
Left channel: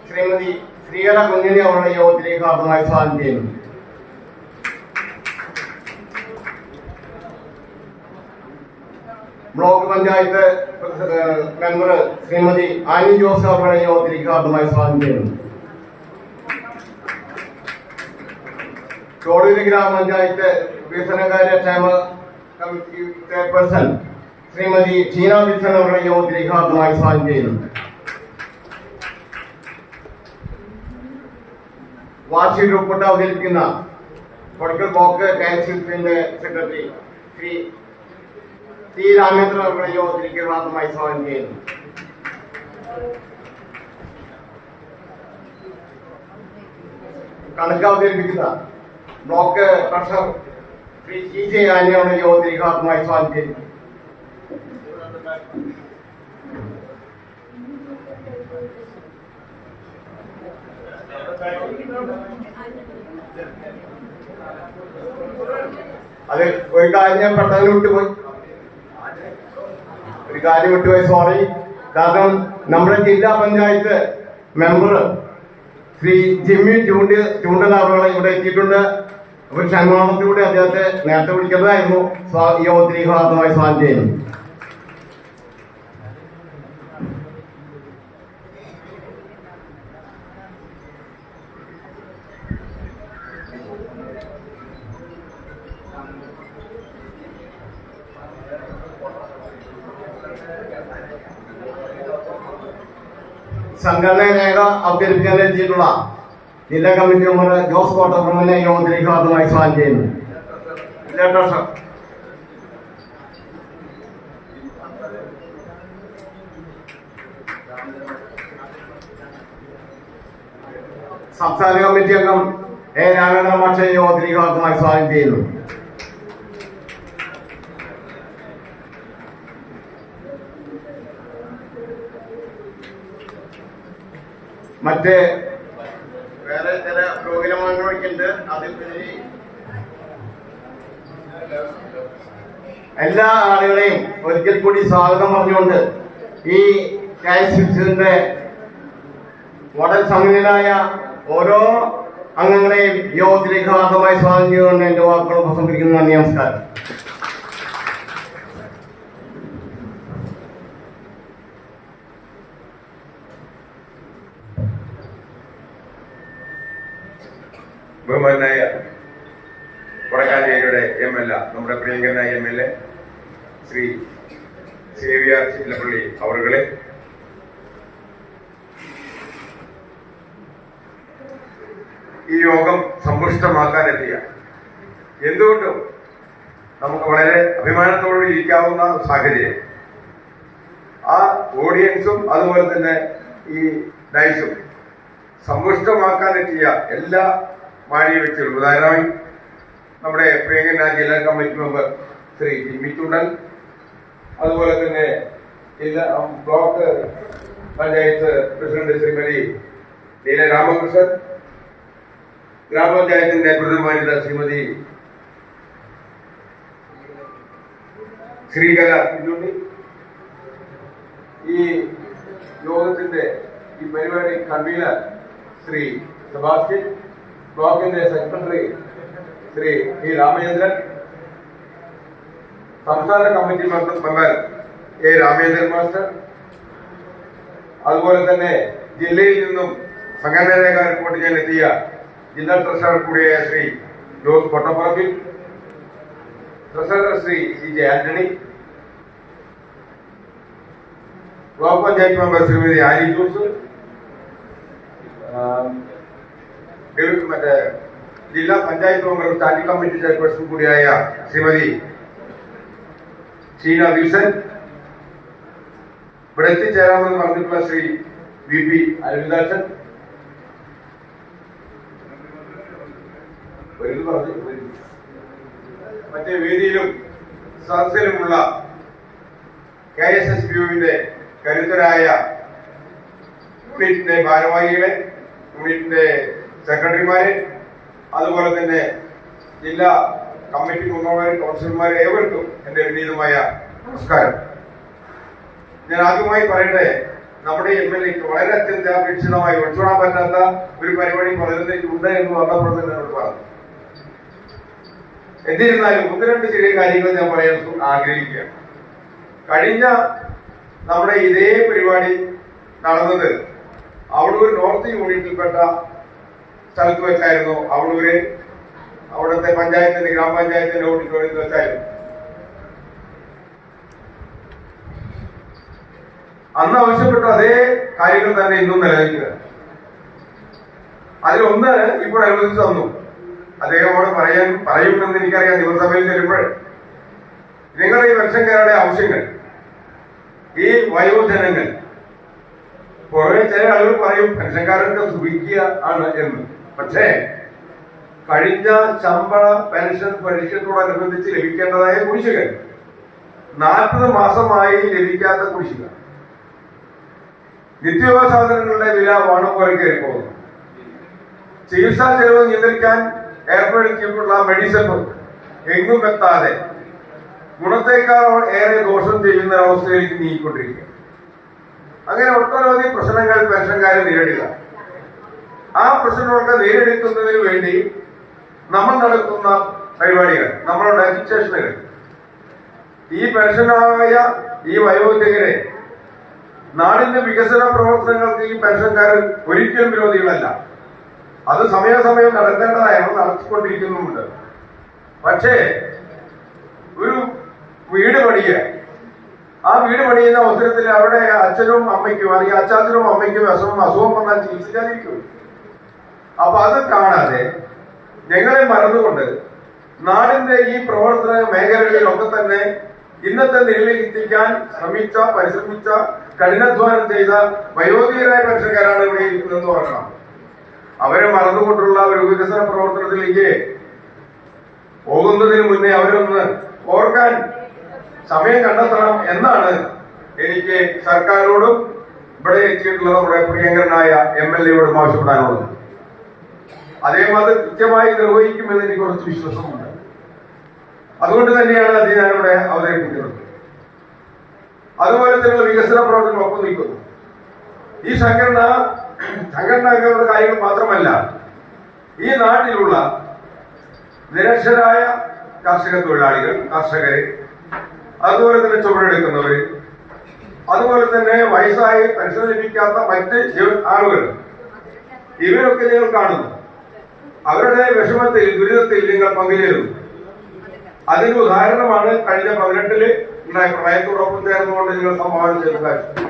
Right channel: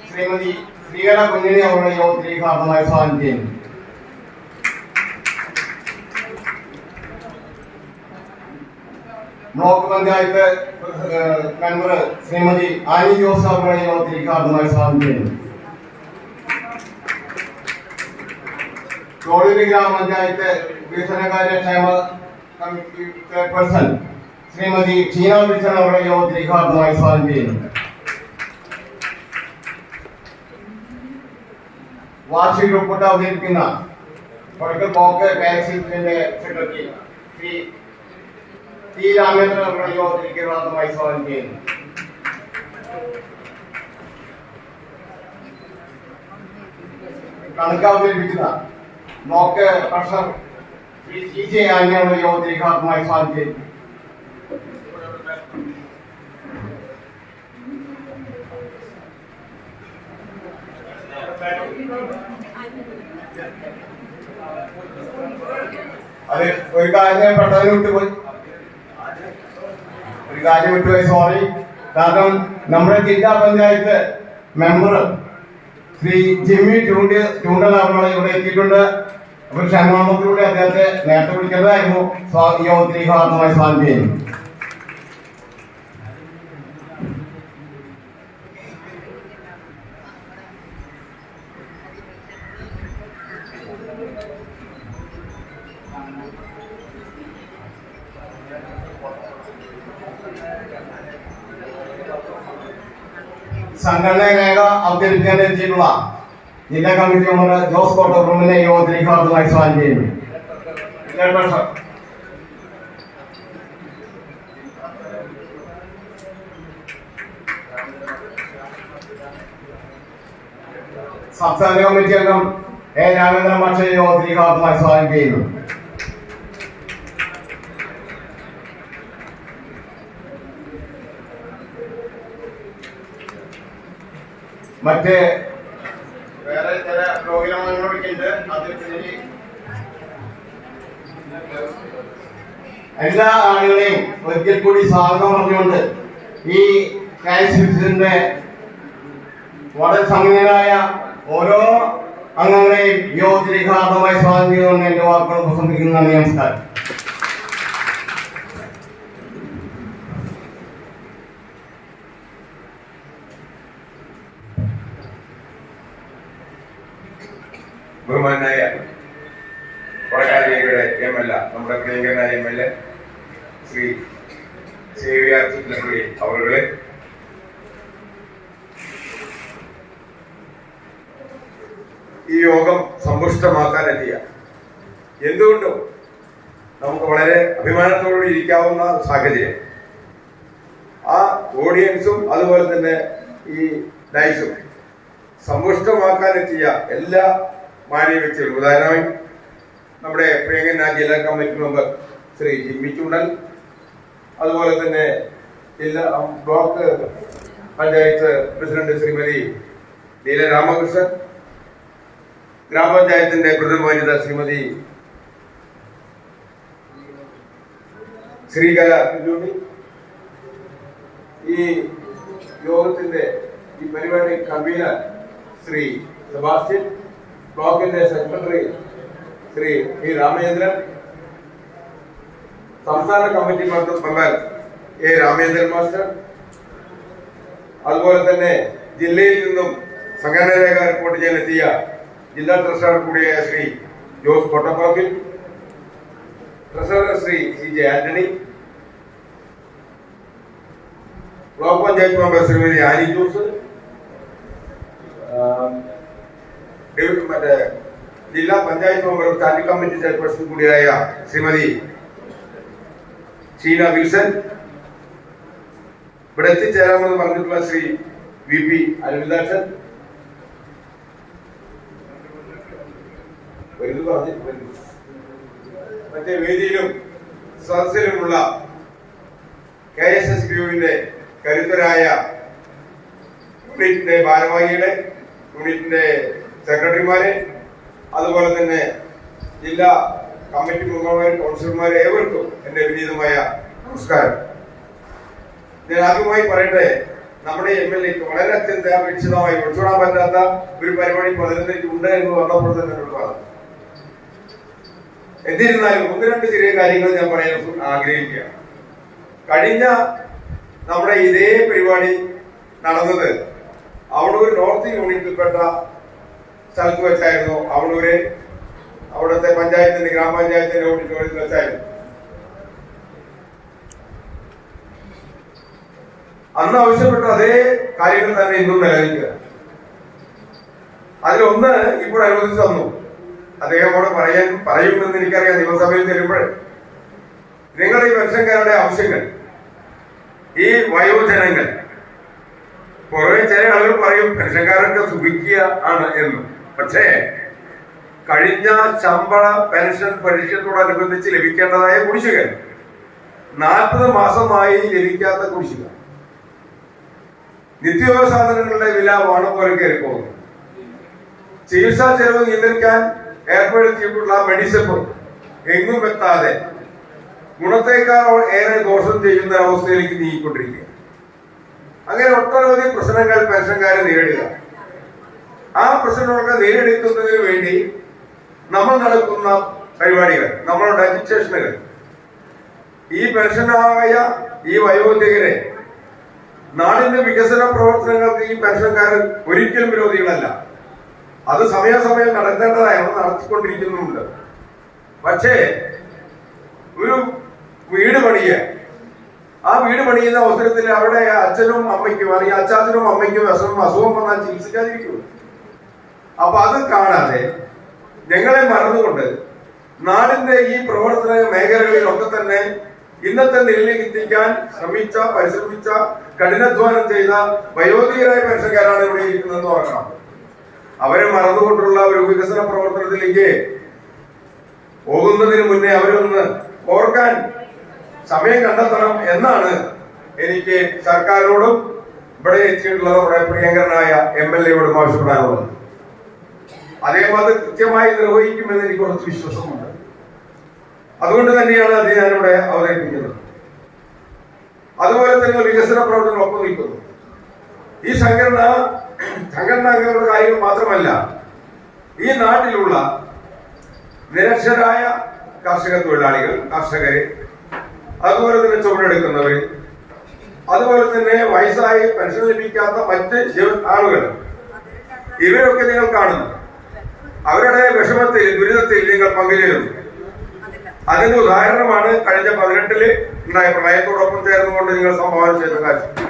ശ്രീമതി ശ്രീകല കുഞ്ഞിനി അവരുടെ യോഗത്തിലേക്ക് ഭാഗമായി സ്വാഗതം ചെയ്യുന്നു. Block panchayat member Srimathi Annie Jose അവരുടെ യോഗത്തിലേക്ക് ഭാഗമായി സ്വാഗതം ചെയ്യുന്നു. തോടൂര് ഗ്രാമപഞ്ചായത്ത് വികസനകാര്യ ക്ഷേമ committee chairperson Shrimati Sheena Wilson അവരുടെ യോഗത്തിലേക്ക് ഭാഗമായി സ്വാഗതം ചെയ്യുന്നു. വാർഷിക റിപ്പോർട്ട് അവതരിപ്പിക്കുന്ന പൊളിക്കൽ ബ്ലോക്ക് കൗൺസിലിന്റെ സെക്രട്ടറി ശ്രീ ടി രാമേന്ദ്രൻ അവരുടെ യോഗത്തിലേക്ക് ഭാഗമായി സ്വാഗതം ചെയ്യുന്നു. കണക്ക് അവതരിപ്പിക്കുന്ന block treasurer Sri C J Annie അവരുടെ യോഗത്തിലേക്ക് ഭാഗമായി സ്വാഗതം ചെയ്യുന്നു. അത് ഒരു കാര്യം പെട്ടെന്ന് വിട്ടുപോയി സോറി. കാരണം നമ്മുടെ ജില്ലാ പഞ്ചായത്ത് മെമ്പർ ശ്രീ ജിമ്മി ചൂണ്ടൽ അവരുടെ ഇവിടെ എത്തിയിട്ടുണ്ട്. അപ്പോൾ ക്ഷമാപണത്തിലൂടെ അദ്ദേഹത്തെ നേരത്തെ വിളിക്കുന്നതായിരുന്നു. യോഗത്തിലേക്ക് ഭാഗമായി സ്വാഗതം ചെയ്യുന്നു. സംഘടന രേഖ അവതരിപ്പിക്കാൻ എത്തിയിട്ടുള്ള ജില്ലാ കമ്മിറ്റി മെമ്പർ ജോസ് കോട്ടപ്പുറമിനെ യോഗത്തിലേക്ക് ഭാഗമായി സ്വാഗതം ചെയ്യുന്നു. സംസ്ഥാന കമ്മിറ്റി അംഗം എ രാമേന്ദ്രൻ മാഷെ യോഗത്തിലേക്ക് ഭാഗമായി സ്വാഗതം ചെയ്യുന്നു. മറ്റ് വേറെ ചില പ്രോഗ്രാമുകളൊക്കെ ഉണ്ട്. അതിൽ എല്ലാ ആളുകളെയും ഒരിക്കൽ കൂടി സ്വാഗതം പറഞ്ഞുകൊണ്ട് ഈ കാൻസിന്റെ വളരെ സമ്പന്നനായ ഓരോ അംഗങ്ങളെയും യോഗത്തിലേക്ക് ഭാഗമായി സ്വാഗതം ചെയ്തുകൊണ്ട് എന്റെ വാക്കുകൾ ഉപസംഹരിക്കുന്നു. നന്ദി, നമസ്കാരം. ബഹുമാനായ കൊടക്കാഞ്ചേരിയുടെ എംഎൽഎ, നമ്മുടെ പ്രിയങ്കരനായ എംഎൽഎ ശ്രീ സേവ്യർ ചിറ്റപ്പള്ളി അവരുടെ, ഈ യോഗം സമ്പുഷ്ടമാക്കാനെത്തിയ എന്തുകൊണ്ടും നമുക്ക് വളരെ അഭിമാനത്തോടെ ഇരിക്കാവുന്ന സാഹചര്യം, ആ ഓഡിയൻസും അതുപോലെ തന്നെ ഈ ഡൈസും സമ്പുഷ്ടമാക്കാനെത്തിയ എല്ലാ മാന്യ വ്യക്തികളും, ഉദാഹരണമായി നമ്മുടെ പ്രിയങ്കരനായ ജില്ലാ കമ്മിറ്റി മെമ്പർ ശ്രീ ജിമ്മി ചൂണ്ടൽ, അതുപോലെ തന്നെ ജില്ലാ ബ്ലോക്ക് പഞ്ചായത്ത് പ്രസിഡന്റ് ശ്രീമതി ലീല രാമകൃഷ്ണൻ, ഗ്രാമപഞ്ചായത്തിന്റെ പ്രതിനിധി ശ്രീമതി ശ്രീകല കുഞ്ഞുണ്ണി, ഈ യോഗത്തിന്റെ ഈ പരിപാടി കൺവീനർ ശ്രീ സെബാസ്റ്റ്യൻ, ബ്ലോക്കിന്റെ സെക്രട്ടറി ശ്രീ പി രാമചന്ദ്രൻ, സംസ്ഥാന committee member A Ramachandran master, അതുപോലെ തന്നെ ജില്ലയിൽ നിന്നും സംഘടനാ റിപ്പോർട്ട് ചെയ്യാൻ എത്തിയ ജില്ലാ ട്രഷറർ കൂടിയായ Sri Jose Kottappurathil, treasurer Sri C J Antony, block panchayat member Srimathi Annie Jose, മറ്റേ ജില്ലാ panchayat member standing committee chairperson കൂടിയായ ശ്രീമതി ഷീന വിൽസൺ, ഇവിടെ എത്തിച്ചേരാമെന്ന് പറഞ്ഞിട്ടുള്ള ശ്രീ വി പി അരവിന്ദാക്ഷൻ, മറ്റേ വേദിയിലും സദസ്സിലുമുള്ള KSSBUവിന്റെ കരുത്തരായ യൂണിറ്റിന്റെ ഭാരവാഹികളെ, യൂണിറ്റിന്റെ സെക്രട്ടറിമാരെ, അതുപോലെ തന്നെ ജില്ലാ കമ്മിറ്റി മെമ്പർമാരെ, കൗൺസിലർമാരെ, ഏവർക്കും എന്റെ വിനീതമായ നമസ്കാരം. ഞാൻ ആദ്യമായി പറയട്ടെ, നമ്മുടെ MLAക്ക് വളരെ അത്യന്താപേക്ഷിതമായി ഒഴിച്ചുകൂടാൻ പറ്റാത്ത ഒരു പരിപാടി പലതിലുണ്ട് എന്ന് വന്നപ്പോൾ തന്നെ പറഞ്ഞു. എന്നിരുന്നാലും ഒന്ന് രണ്ട് ചെറിയ കാര്യങ്ങൾ ഞാൻ പറയാൻ ആഗ്രഹിക്കുകയാണ്. കഴിഞ്ഞ നമ്മുടെ ഇതേ പരിപാടി നടന്നത് അവളൂർ നോർത്ത് യൂണിറ്റിൽപ്പെട്ട സ്ഥലത്ത് വെച്ചായിരുന്നു. അവളൂര് അവിടുത്തെ പഞ്ചായത്തിന്റെ ഗ്രാമപഞ്ചായത്തിന്റെ ഓഡിറ്റോറിയത്തിൽ വെച്ചായിരുന്നു. അന്ന് ആവശ്യപ്പെട്ട അതേ കാര്യങ്ങൾ തന്നെ ഇന്നും നിലനിൽക്കുക. അതിലൊന്ന് ഇപ്പോൾ അനുവദിച്ചു തന്നു. അദ്ദേഹം അവിടെ പറയുമെന്ന് എനിക്കറിയാം. നിയമസഭയിൽ തരുമ്പോൾ നിങ്ങൾ ഈ പെൻഷൻകാരുടെ ആവശ്യങ്ങൾ, ഈ വയോജനങ്ങൾ, പുറമെ ചില ആളുകൾ പറയും പെൻഷൻകാരൊക്കെ സുഖിക്കുക ആണ് എന്ന്. പക്ഷേ കഴിഞ്ഞ ശമ്പള പെൻഷൻ പരിഷ്കരണത്തോടനുബന്ധിച്ച് ലഭിക്കേണ്ടതായ കുടിശ്ശിക 40 മാസമായി ലഭിക്കാത്ത കുടിശ്ശിക, നിത്യോപയോഗ സാധനങ്ങളുടെ വില വാണം പോലെ കയറി പോകുന്നു, ചികിത്സാ ചെലവ് നിയന്ത്രിക്കാൻ ഏർപ്പെടുത്തിയിട്ടുള്ള മെഡിസെപ്പ് എങ്ങും എത്താതെ ഗുണത്തേക്കാൾ ഏറെ ദോഷം ചെയ്യുന്ന അവസ്ഥയിലേക്ക് നീങ്ങിക്കൊണ്ടിരിക്കുക. അങ്ങനെ ഒട്ടനവധി പ്രശ്നങ്ങൾ പെൻഷൻകാരെ നേരിടുക. ആ പ്രശ്നങ്ങളൊക്കെ നേരിടുന്നതിന് വേണ്ടി നമ്മൾ നടക്കുന്ന പരിപാടികൾ, നമ്മളുടെ അജിറ്റേഷനുകൾ, ഈ പെൻഷനായ ഈ വയോധികരെ നാടിന്റെ വികസന പ്രവർത്തനങ്ങൾക്ക് ഈ പെൻഷൻകാർ ഒരിക്കലും വിരോധികളല്ല. അത് സമയാസമയം നടത്തേണ്ടതായാണ്, നടത്തിക്കൊണ്ടിരിക്കുന്നുമുണ്ട്. പക്ഷേ ഒരു വീട് പണിയുക, ആ വീട് പണിയുന്ന അവസരത്തിൽ അവിടെ അച്ഛനും അമ്മയ്ക്കും അല്ലെങ്കിൽ അച്ചാച്ചനും അമ്മയ്ക്കും അസുഖം വന്നാൽ ചികിത്സിക്കാതിരിക്കും. അപ്പൊ അത് കാണാതെ ഞങ്ങളെ മറന്നുകൊണ്ട് നാടിന്റെ ഈ പ്രവർത്തന മേഖലകളിലൊക്കെ തന്നെ ഇന്നത്തെ നിലയിലേക്ക് എത്തിക്കാൻ പരിശ്രമിച്ച കഠിനാധ്വാനം ചെയ്ത വയോധികരായ പെൻഷൻകാരാണ് ഇവിടെ ഇരിക്കുന്നതെന്ന് ഓർക്കണം. അവരെ മറന്നുകൊണ്ടുള്ള ഒരു വികസന പ്രവർത്തനത്തിലേക്ക് പോകുന്നതിന് മുന്നേ അവരൊന്ന് ഓർക്കാൻ സമയം കണ്ടെത്തണം എന്നാണ് എനിക്ക് സർക്കാരിനോടും ഇവിടെ എത്തിയിട്ടുള്ള നമ്മുടെ പ്രിയങ്കരനായ MLAയോടും ആവശ്യപ്പെടാനുള്ളത്. അദ്ദേഹം അത് കൃത്യമായി നിർവഹിക്കുമെന്ന് എനിക്ക് കുറച്ച് വിശ്വാസമുണ്ട്. അതുകൊണ്ട് തന്നെയാണ് അത് ഞാനിവിടെ അവതരിപ്പിക്കുന്നത്. അതുപോലെ തന്നെ വികസന പ്രവർത്തനങ്ങളൊപ്പം നിൽക്കുന്നു. ഈ സംഘടനകളുടെ കാര്യങ്ങൾ മാത്രമല്ല, ഈ നാട്ടിലുള്ള നിരക്ഷരായ കർഷക തൊഴിലാളികൾ, കർഷകര്, അതുപോലെ തന്നെ ചുമടെടുക്കുന്നവര്, അതുപോലെ തന്നെ വയസ്സായി പെൻഷൻ ലഭിക്കാത്ത മറ്റ് ആളുകൾ, ഇവരൊക്കെ നിങ്ങൾ കാണുന്നു. അവരുടെ വിഷമത്തിൽ, ദുരിതത്തിൽ നിങ്ങൾ പങ്കുചേരുന്നു. അതിന് ഉദാഹരണമാണ് കഴിഞ്ഞ 18-ല് ഉണ്ടായ പ്രളയത്തോടൊപ്പം ചേർന്നുകൊണ്ട് നിങ്ങൾ സംഭാവന ചെയ്ത കാര്യം.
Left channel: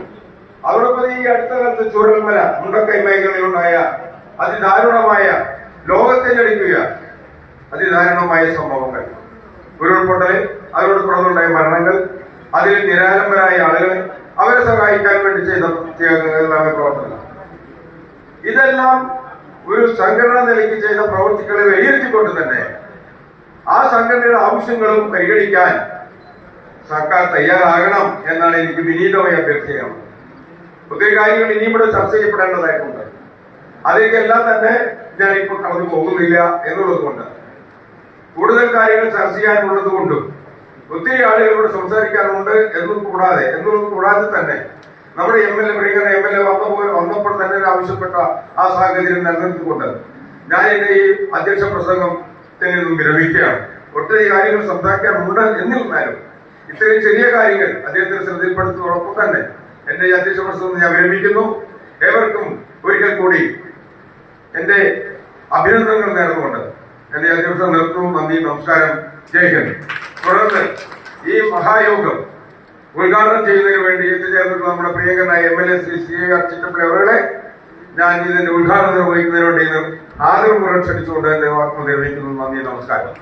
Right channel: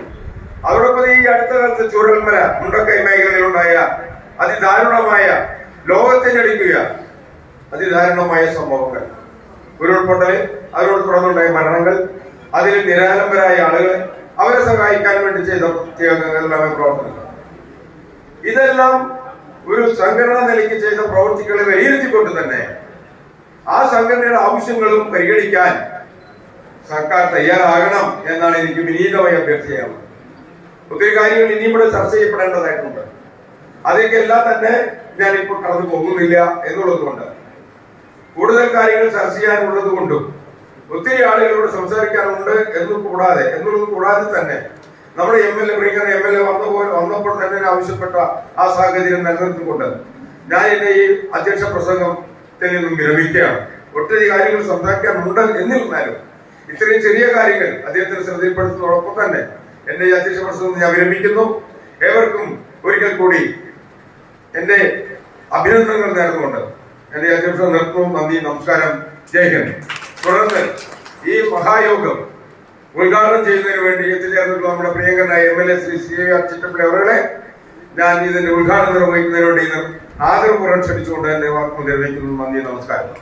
അതോടൊപ്പം ഈ അടുത്ത കാലത്ത് ചൂരൽമല, മുണ്ടക്കൈ മേഖലയിലുണ്ടായ അതിദാരുണമായ, ലോകത്തിനടിക്കുക അതിദാരുണമായ സംഭവങ്ങൾ, ഉരുൾപൊട്ടൽ, അതിനോട് തുടർന്നുണ്ടായ മരണങ്ങൾ, അതിൽ നിരാലംബരായ ആളുകളെ അവരെ സഹായിക്കാൻ വേണ്ടി ചെയ്ത പ്രവർത്തനങ്ങൾ, ഇതെല്ലാം ഒരു സംഘടനാ നിലയ്ക്ക് ചെയ്ത പ്രവൃത്തികളെ വിലയിരുത്തിക്കൊണ്ട് തന്നെ ആ സംഘടനയുടെ ആവശ്യങ്ങളും പരിഗണിക്കാൻ സർക്കാർ തയ്യാറാകണം എന്നാണ് എനിക്ക് വിനീതമായി അഭ്യർത്ഥിക്കുന്നത്. ഒത്തിരി കാര്യങ്ങൾ ഇനിയും ഇവിടെ ചർച്ച ചെയ്യപ്പെടേണ്ടതായിട്ടുണ്ട്. അതിലേക്കെല്ലാം തന്നെ ഞാനിപ്പോൾ കടന്നു പോകുന്നില്ല എന്നുള്ളത് കൊണ്ട്, കൂടുതൽ കാര്യങ്ങൾ ചർച്ച ചെയ്യാനുള്ളത് കൊണ്ടും ഒത്തിരി ആളുകളോട് സംസാരിക്കാനുണ്ട് എന്നുള്ളത് കൂടാതെ തന്നെ നമ്മുടെ പ്രിയങ്കര എം എൽ എ വന്നപ്പോൾ തന്നെ ആവശ്യപ്പെട്ട ആ സാഹചര്യം നിലനിർത്തിക്കൊണ്ട് ഞാൻ എന്റെ ഈ അധ്യക്ഷ പ്രസംഗത്തിൽ നിന്നും വിരമിക്കുകയാണ്. ഒത്തിരി കാര്യങ്ങൾ സംസാരിക്കാനുണ്ട് എന്നിരുന്നാലും ഇത്രയും ചെറിയ കാര്യങ്ങൾ അദ്ദേഹത്തിന് ശ്രദ്ധയിൽപ്പെടുത്തുന്നതോടൊപ്പം തന്നെ എന്റെ ഈ അധ്യക്ഷ പ്രസംഗം ഞാൻ വിരമിക്കുന്നു. ഏവർക്കും ഒരിക്കൽ കൂടി എന്റെ അഭിനന്ദനങ്ങൾ നേർന്നുകൊണ്ട് എന്റെ അധ്യക്ഷ നിർത്തുന്നു. നന്ദി, നമസ്കാരം, ജയ് ഹിന്ദ്. തുടർന്ന് ഈ മഹായോഗം ഉദ്ഘാടനം ചെയ്യുന്നതിന് വേണ്ടി എത്തിച്ചേർന്നിട്ടുള്ള നമ്മുടെ പ്രിയങ്കരനായ MLA ശ്രീ CAR ചിറ്റപ്പള്ളി അവരുടെ ഞാൻ ഇതിന്റെ ഉദ്ഘാടനം നിർവഹിക്കുന്നതിന് വേണ്ടി ആദരപൂർവ്വം ക്ഷണിച്ചുകൊണ്ട് എന്റെ വാക്കുകൾ നിർവഹിക്കുന്നു. നന്ദി, നമസ്കാരം.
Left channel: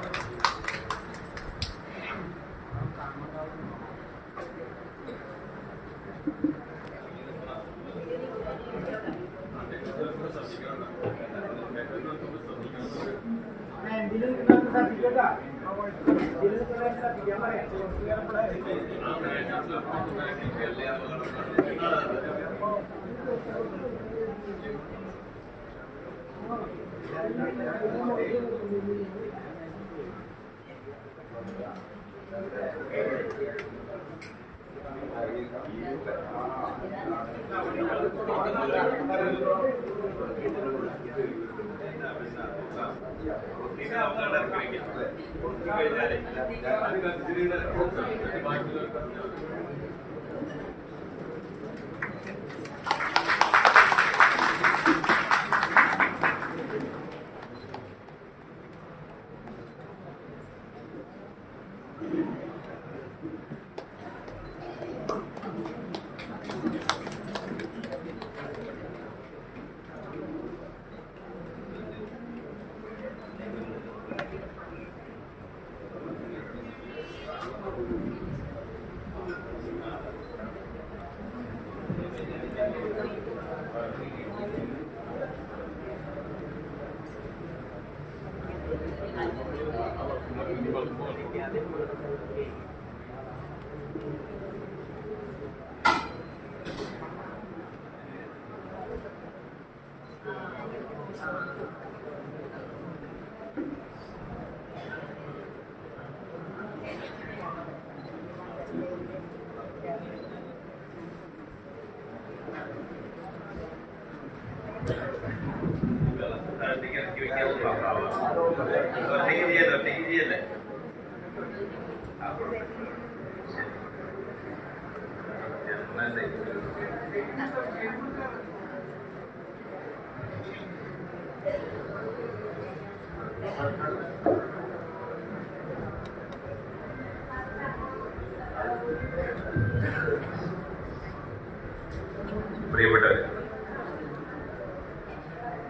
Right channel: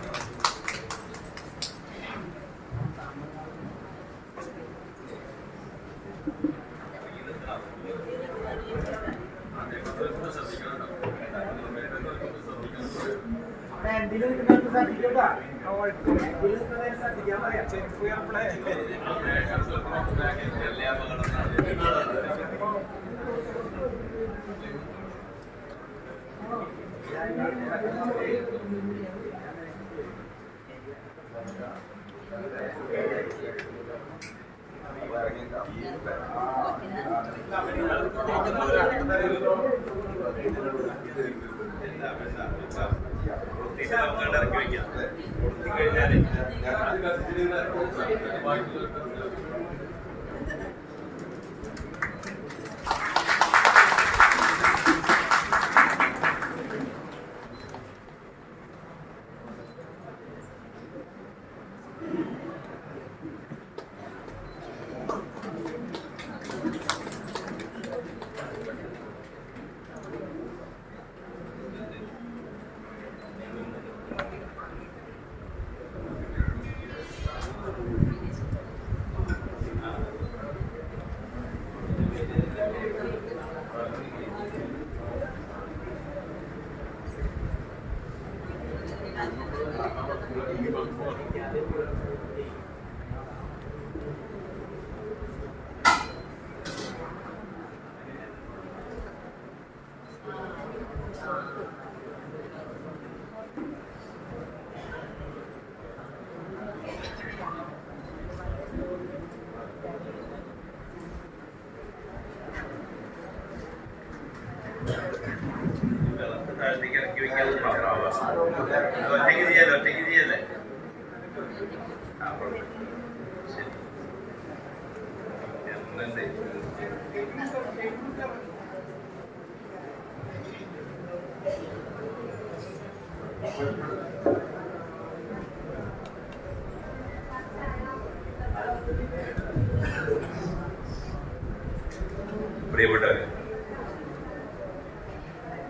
പ്രിയപ്പെട്ടവരെ,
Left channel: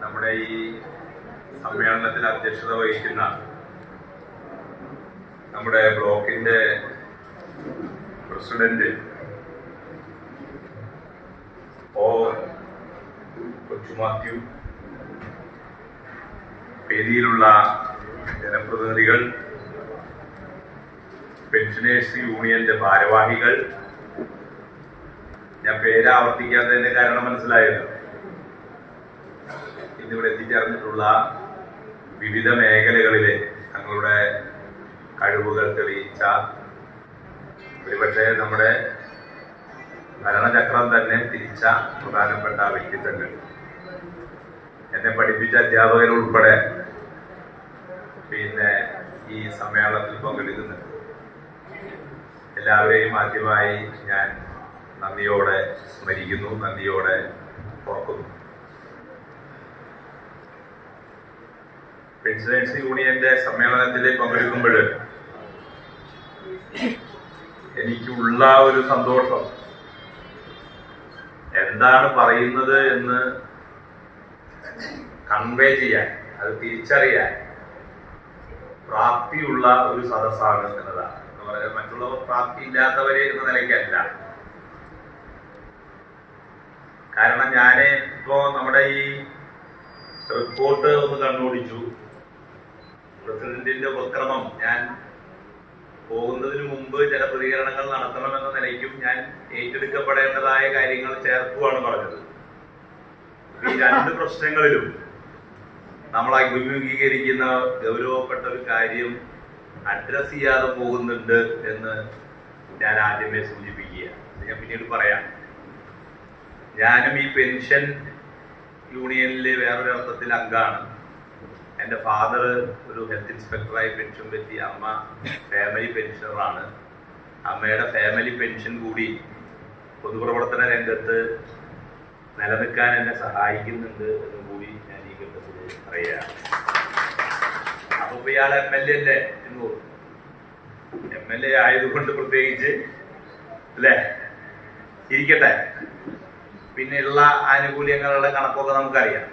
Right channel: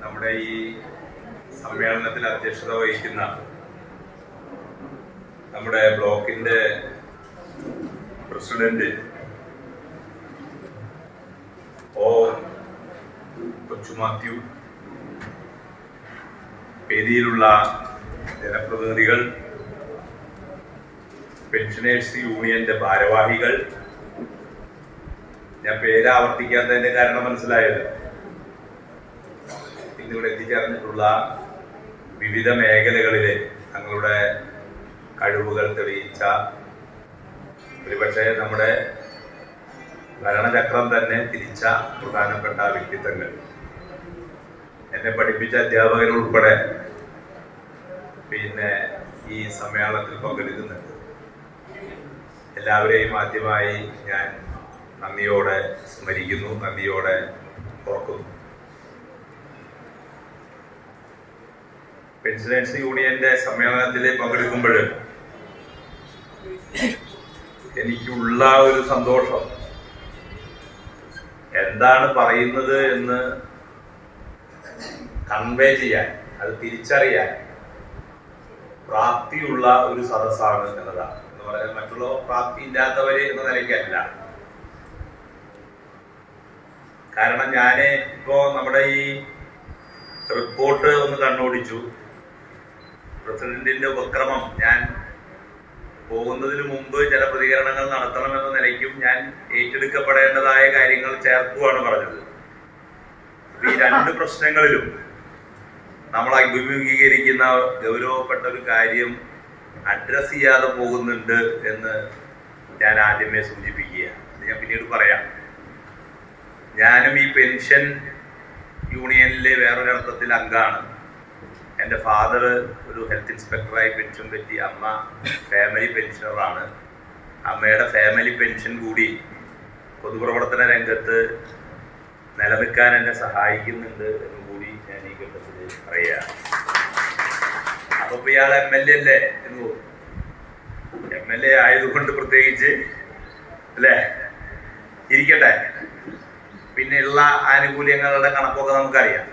നമ്മുടെ ഈ സമ്മേളനത്തിൽ അധ്യക്ഷത വഹിക്കുന്ന നമ്മുടെ ബ്ലോക്കിന്റെ പ്രസിഡന്റ് കൊച്ചു മാത്യു, വേദിയിലുള്ള ജനപ്രതിനിധികൾ, പെൻഷനേഴ്സ് യൂണിയന്റെ ഭാരവാഹികൾ, ഞാൻ പേരാവർത്തിക്കാത്തതിന്റെ കാരണം മനസ്സിലായല്ലോ. ഇന്നിവിടെ എത്തിച്ചേർന്നിട്ടുള്ള വിവിധ മേഖലകളിലെ തങ്ങളുടെ കഴിവുകൾ തെളിയിച്ച ഒരുപക്ഷെ നമ്മുടെ ഭരണചക്രം തന്നെ തിരിച്ച പ്രധാനപ്പെട്ട വ്യക്തിത്വങ്ങൾ, എന്നെ പഠിപ്പിച്ച അധ്യാപകരുൾപ്പെടെ പിന്നെ ഈ സമ്മേളനത്തിൽ പങ്കെടുക്കുന്നുണ്ട്. എല്ലാവരെയും ആദ്യമായി ഞാൻ നന്ദിയോടെ സ്മരിക്കുന്നു, നന്ദിയോടെ ഓർക്കുന്നു. പെൻഷനേഴ്സ് യൂണിയന്റെ സമ്മേളനത്തിൽ പങ്കെടുക്കുമ്പോൾ എനിക്കുള്ള ഒരു സന്തോഷം, എന്താണ് പറയുന്നത് എന്ന് കൺവേ ചെയ്യാൻ, അത് തിരിച്ചറിയാൻ പ്രാപ്തിയുള്ള ഒരു സദസ്സാണ് എന്നതാണ്. എന്ന് പറയാൻ മറ്റുള്ളവർ പ്രാപ്തി ഇല്ലാത്തവര് എന്ന നിലയ്ക്കല്ല. കാരണം ഞാന് ഇപ്പോ നമ്മുടെ ഈ റിപ്പോർട്ട് ഒന്ന് കണ്ണോടിച്ചു. പ്രസിഡന്റിന്റെ ഉപക്രമം ഞാൻ പോകുന്നതിന് മുമ്പ് ചില പ്രതികരണങ്ങൾ നടത്തണമെന്ന നിലയ്ക്കും ഞാൻ ഏറ്റെടുക്കപ്പെടേണ്ടതായ കാര്യങ്ങൾ ചേർക്കുവാണ് പറഞ്ഞത്. ഈ രണ്ട് പ്രശ്നങ്ങളിലും നമ്മൾ അഭിമുഖീകരിക്കുന്ന ഗൗരവപ്പെട്ട ഒരു കാര്യം അഡ്രസ് ചെയ്യാതെ പോകുന്നുണ്ട് എന്ന് ഞാൻ ആദ്യമേ സൂചിപ്പിക്കുക. ഞാൻ പിന്നീട് പറയാം. ഞാനും ഈ പെൻഷൻ യൂണിയനിലെ വേറൊരർത്ഥത്തിൽ അംഗമാണ്. എൻ്റെ ഫാദർ ഒരു ഹെൽത്ത് ഇൻസ്പെക്ടറായി പെൻഷൻ പറ്റി, അമ്മ ഫാമിലി പെൻഷനറാണ്. അമ്മയുടെ ഫാമിലി പെൻഷൻ കൂടി പൊതുപ്രവർത്തന രംഗത്ത് നിലനിൽക്കാൻ എന്നെ സഹായിക്കുന്നുണ്ട് എന്നും കൂടി ഞാൻ ഈ ഘട്ടത്തിൽ പറയാം. അപ്പൊ ഇയാൾ MLA അല്ലേ എന്ന് തോന്നും. MLA ആയതുകൊണ്ട് പ്രത്യേകിച്ച് അല്ലേ, ഇരിക്കട്ടെ. പിന്നെ ഉള്ള ആനുകൂല്യങ്ങളുടെ കണക്കൊക്കെ നമുക്കറിയാം.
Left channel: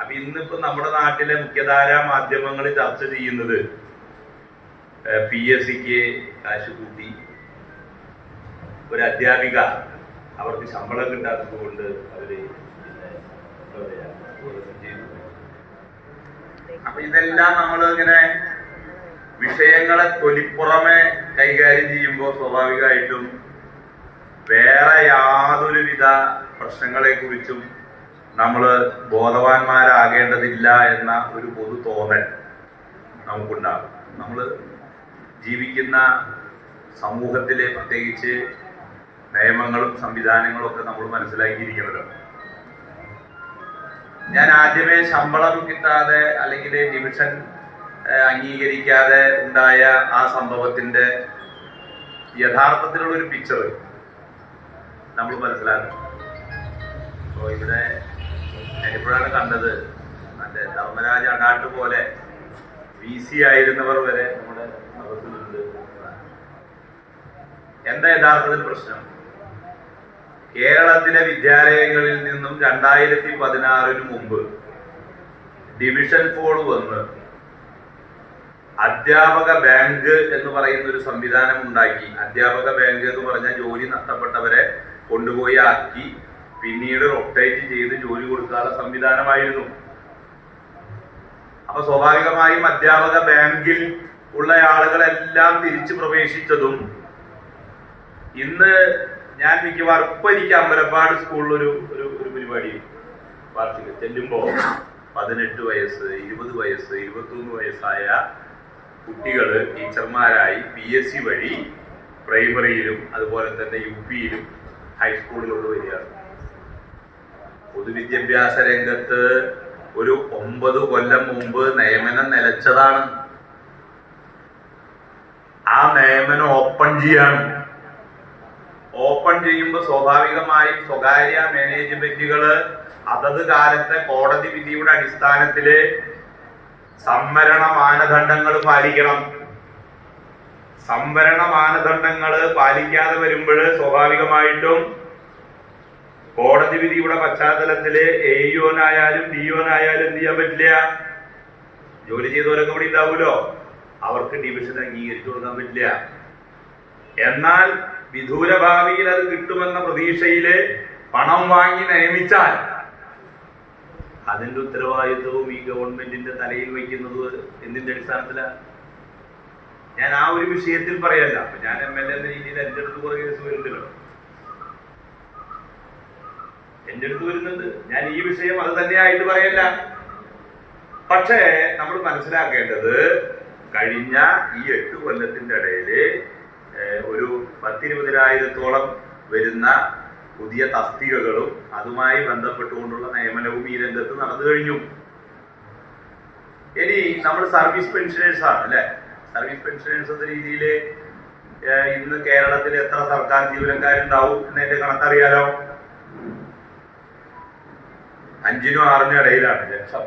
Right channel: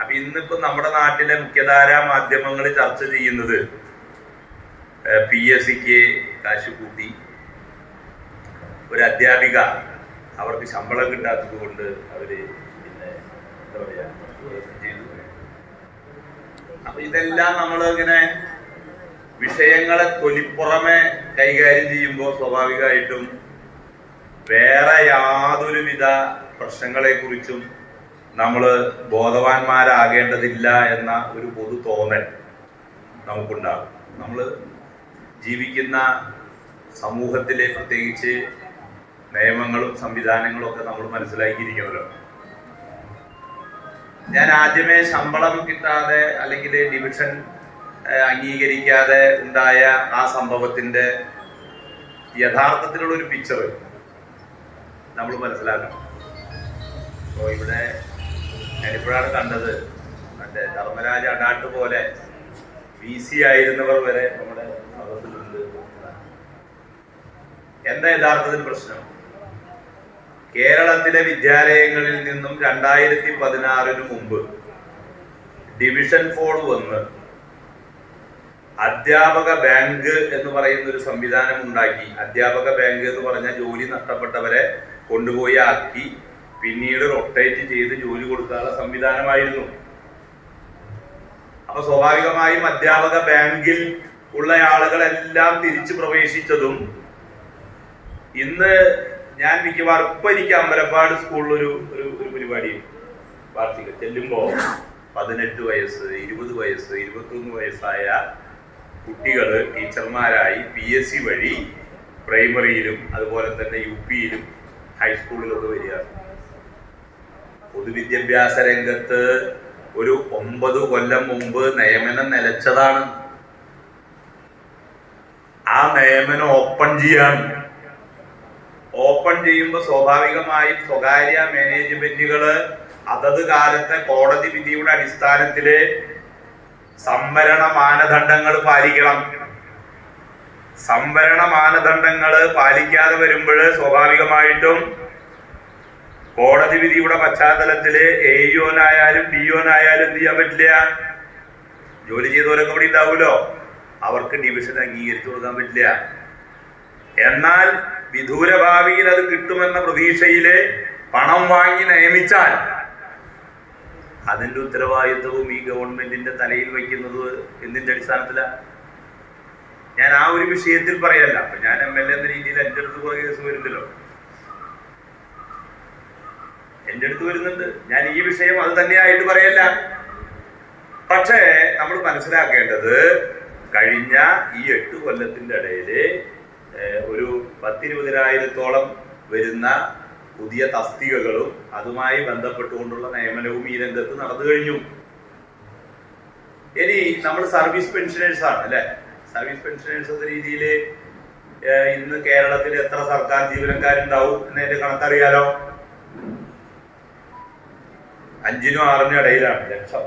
അപ്പൊ ഇന്നിപ്പോ നമ്മുടെ നാട്ടിലെ മുഖ്യധാരാ മാധ്യമങ്ങൾ ചർച്ച ചെയ്യുന്നത് PSCക്ക് കാശ് കൂട്ടി, ഒരു അധ്യാപിക അവർക്ക് ശമ്പളം കിട്ടാത്തത് കൊണ്ട് അവര് എന്താ പറയാ ചെയ്തു. അപ്പൊ ഇതെല്ലാം നമ്മൾ ഇങ്ങനെ വിഷയങ്ങളെ തൊലിപ്പുറമെ കൈകാര്യം ചെയ്യുമ്പോൾ സ്വാഭാവികമായിട്ടും വേറെ യാതൊരുവിധ പ്രശ്നങ്ങളെ കുറിച്ചും നമ്മൾ ബോധവാന്മാരാകേണ്ടതില്ല എന്ന ഒരു പൊതു തോന്നൽ നമുക്കുണ്ടാകും. നമ്മൾ ജീവിക്കുന്ന സമൂഹത്തിലെ പ്രത്യേകിച്ച് നിയമങ്ങളും സംവിധാനങ്ങളും ഒക്കെ നമ്മൾ മനസ്സിലാക്കിയിരിക്കുമല്ലോ. ഞാൻ ആദ്യമേ ശമ്പളം കിട്ടാതെ അല്ലെങ്കിൽ ഡിവിഷൻ അംഗീകരിക്കാതെ ഉണ്ടായ ആ സംഭവത്തിന്റെ യഥാർത്ഥത്തിലുള്ള ഒരു പിക്ചർ നമ്മൾ മനസ്സിലാക്കണം. അപ്പോൾ ഇവിടെ ഞാനിപ്പോഴാണ് കണ്ടത്, മറ്റേ ധർമ്മരാജ അടാട്ട് പോലെ VC ആയിരുന്നവർ വരെ നമ്മുടെ സദസ്സിലുണ്ട്. എന്താ യഥാർത്ഥത്തിൽ പ്രശ്നം? കേരളത്തിലെ വിദ്യാലയങ്ങളിൽ നിന്നും 2016 മുമ്പ് ഡിവിഷൻ 4 വന്ന് അധ്യാപക ബാങ്ക് എന്ന് പറയുന്ന ഒരു സംവിധാനം ഉണ്ടാക്കി. അധ്യാപക ബാങ്ക് എന്ന് പറഞ്ഞാൽ ജോലി നഷ്ടപ്പെട്ടവരെ കൊണ്ടുപോയി ആക്കി പിന്നീട് റൊട്ടേറ്റ് ചെയ്ത് ജോലി കൊടുക്കാനുള്ള സംവിധാനമായിരുന്നു. അപ്പൊ സ്വാഭാവികമായും അധ്യാപക ബാങ്കിൽ ഉള്ള ആളുകളെല്ലാം തിരിച്ചു പ്രവേശിച്ചതും ഇന്ന് ഞാൻ മിക്കവാറും ഇപ്പൊ എനിക്ക് അമ്പലപ്പാട് സ്കൂളിൽ ഒരു പരിപാടി വാർഷിക ചെല്ലുമ്പോ 18 വയസ്സ് 20 വയസ്സ് 21 വയസ്സായ കുട്ടികള് ടീച്ചർമാരായി PSC വഴി പ്രൈമറിയിലും അതുപോലെ തന്നെ UPയിലും ഹൈസ്കൂളിലൊക്കെ വരികയാണ്. പൊതുവിദ്യാഭ്യാസ രംഗത്ത് ഒരു 9 കൊല്ലം മുമ്പ് നിയമനം നിലച്ചതാണ്. ആ നിയമനം ഓപ്പൺ ചെയ്യാണ്. ഓപ്പൺ ചെയ്യുമ്പോൾ സ്വാഭാവികമായും സ്വകാര്യ മാനേജ്മെന്റുകള് അതത് കാലത്തെ കോടതി വിധിയുടെ അടിസ്ഥാനത്തില് സംവരണ മാനദണ്ഡങ്ങൾ പാലിക്കണം. സംവരണ മാനദണ്ഡങ്ങൾ പാലിക്കാതെ വരുമ്പോൾ സ്വാഭാവികമായിട്ടും കോടതി വിധിയുടെ പശ്ചാത്തലത്തില് AEOനായാലും DOനായാലും എന്ത് ചെയ്യാൻ പറ്റില്ല? ജോലി ചെയ്തവരൊക്കെ ഇവിടെ ഉണ്ടാവുമല്ലോ, അവർക്ക് ഡിവിഷൻ അംഗീകരിച്ചു കൊടുക്കാൻ പറ്റില്ല. എന്നാൽ വിദൂര ഭാവിയിൽ അത് കിട്ടുമെന്ന പ്രതീക്ഷയില് പണം വാങ്ങി നിയമിച്ചാൽ അതിന്റെ ഉത്തരവാദിത്വവും ഈ ഗവൺമെന്റിന്റെ തലയിൽ വയ്ക്കുന്നത് എന്തിന്റെ അടിസ്ഥാനത്തിലാണ്? ഞാൻ ആ ഒരു വിഷയത്തിൽ പറയല്ല. അപ്പൊ ഞാൻ MLA എന്ന രീതിയിൽ എന്റെ അടുത്ത് കുറെ കേസ് വരുന്നല്ലോ, എന്റെ അടുത്ത് വരുന്നുണ്ട്. ഞാൻ ഈ വിഷയം അത് തന്നെയായിട്ട് പറയല്ല. പക്ഷേ നമ്മൾ മനസ്സിലാക്കേണ്ടത് കഴിഞ്ഞ ഈ 8 കൊല്ലത്തിന്റെ ഇടയില് ഒരു 10-20,000-ഓളം വരുന്ന പുതിയ തസ്തികകളും അതുമായി ബന്ധപ്പെട്ടുകൊണ്ടുള്ള നിയമനവും ഈ രംഗത്ത് നടന്നു കഴിഞ്ഞു. ഇനി നമ്മൾ സർവീസ് പെൻഷനേഴ്സ് ആണ് അല്ലെ. സർവീസ് പെൻഷനേഴ്സ് എന്ന രീതിയിൽ ഇന്ന് കേരളത്തിൽ എത്ര സർക്കാർ ജീവനക്കാരുണ്ടാവും എന്നതിന്റെ കണക്കറിയാലോ. 5-നും 6-നും ഇടയിലാണ് ലക്ഷം.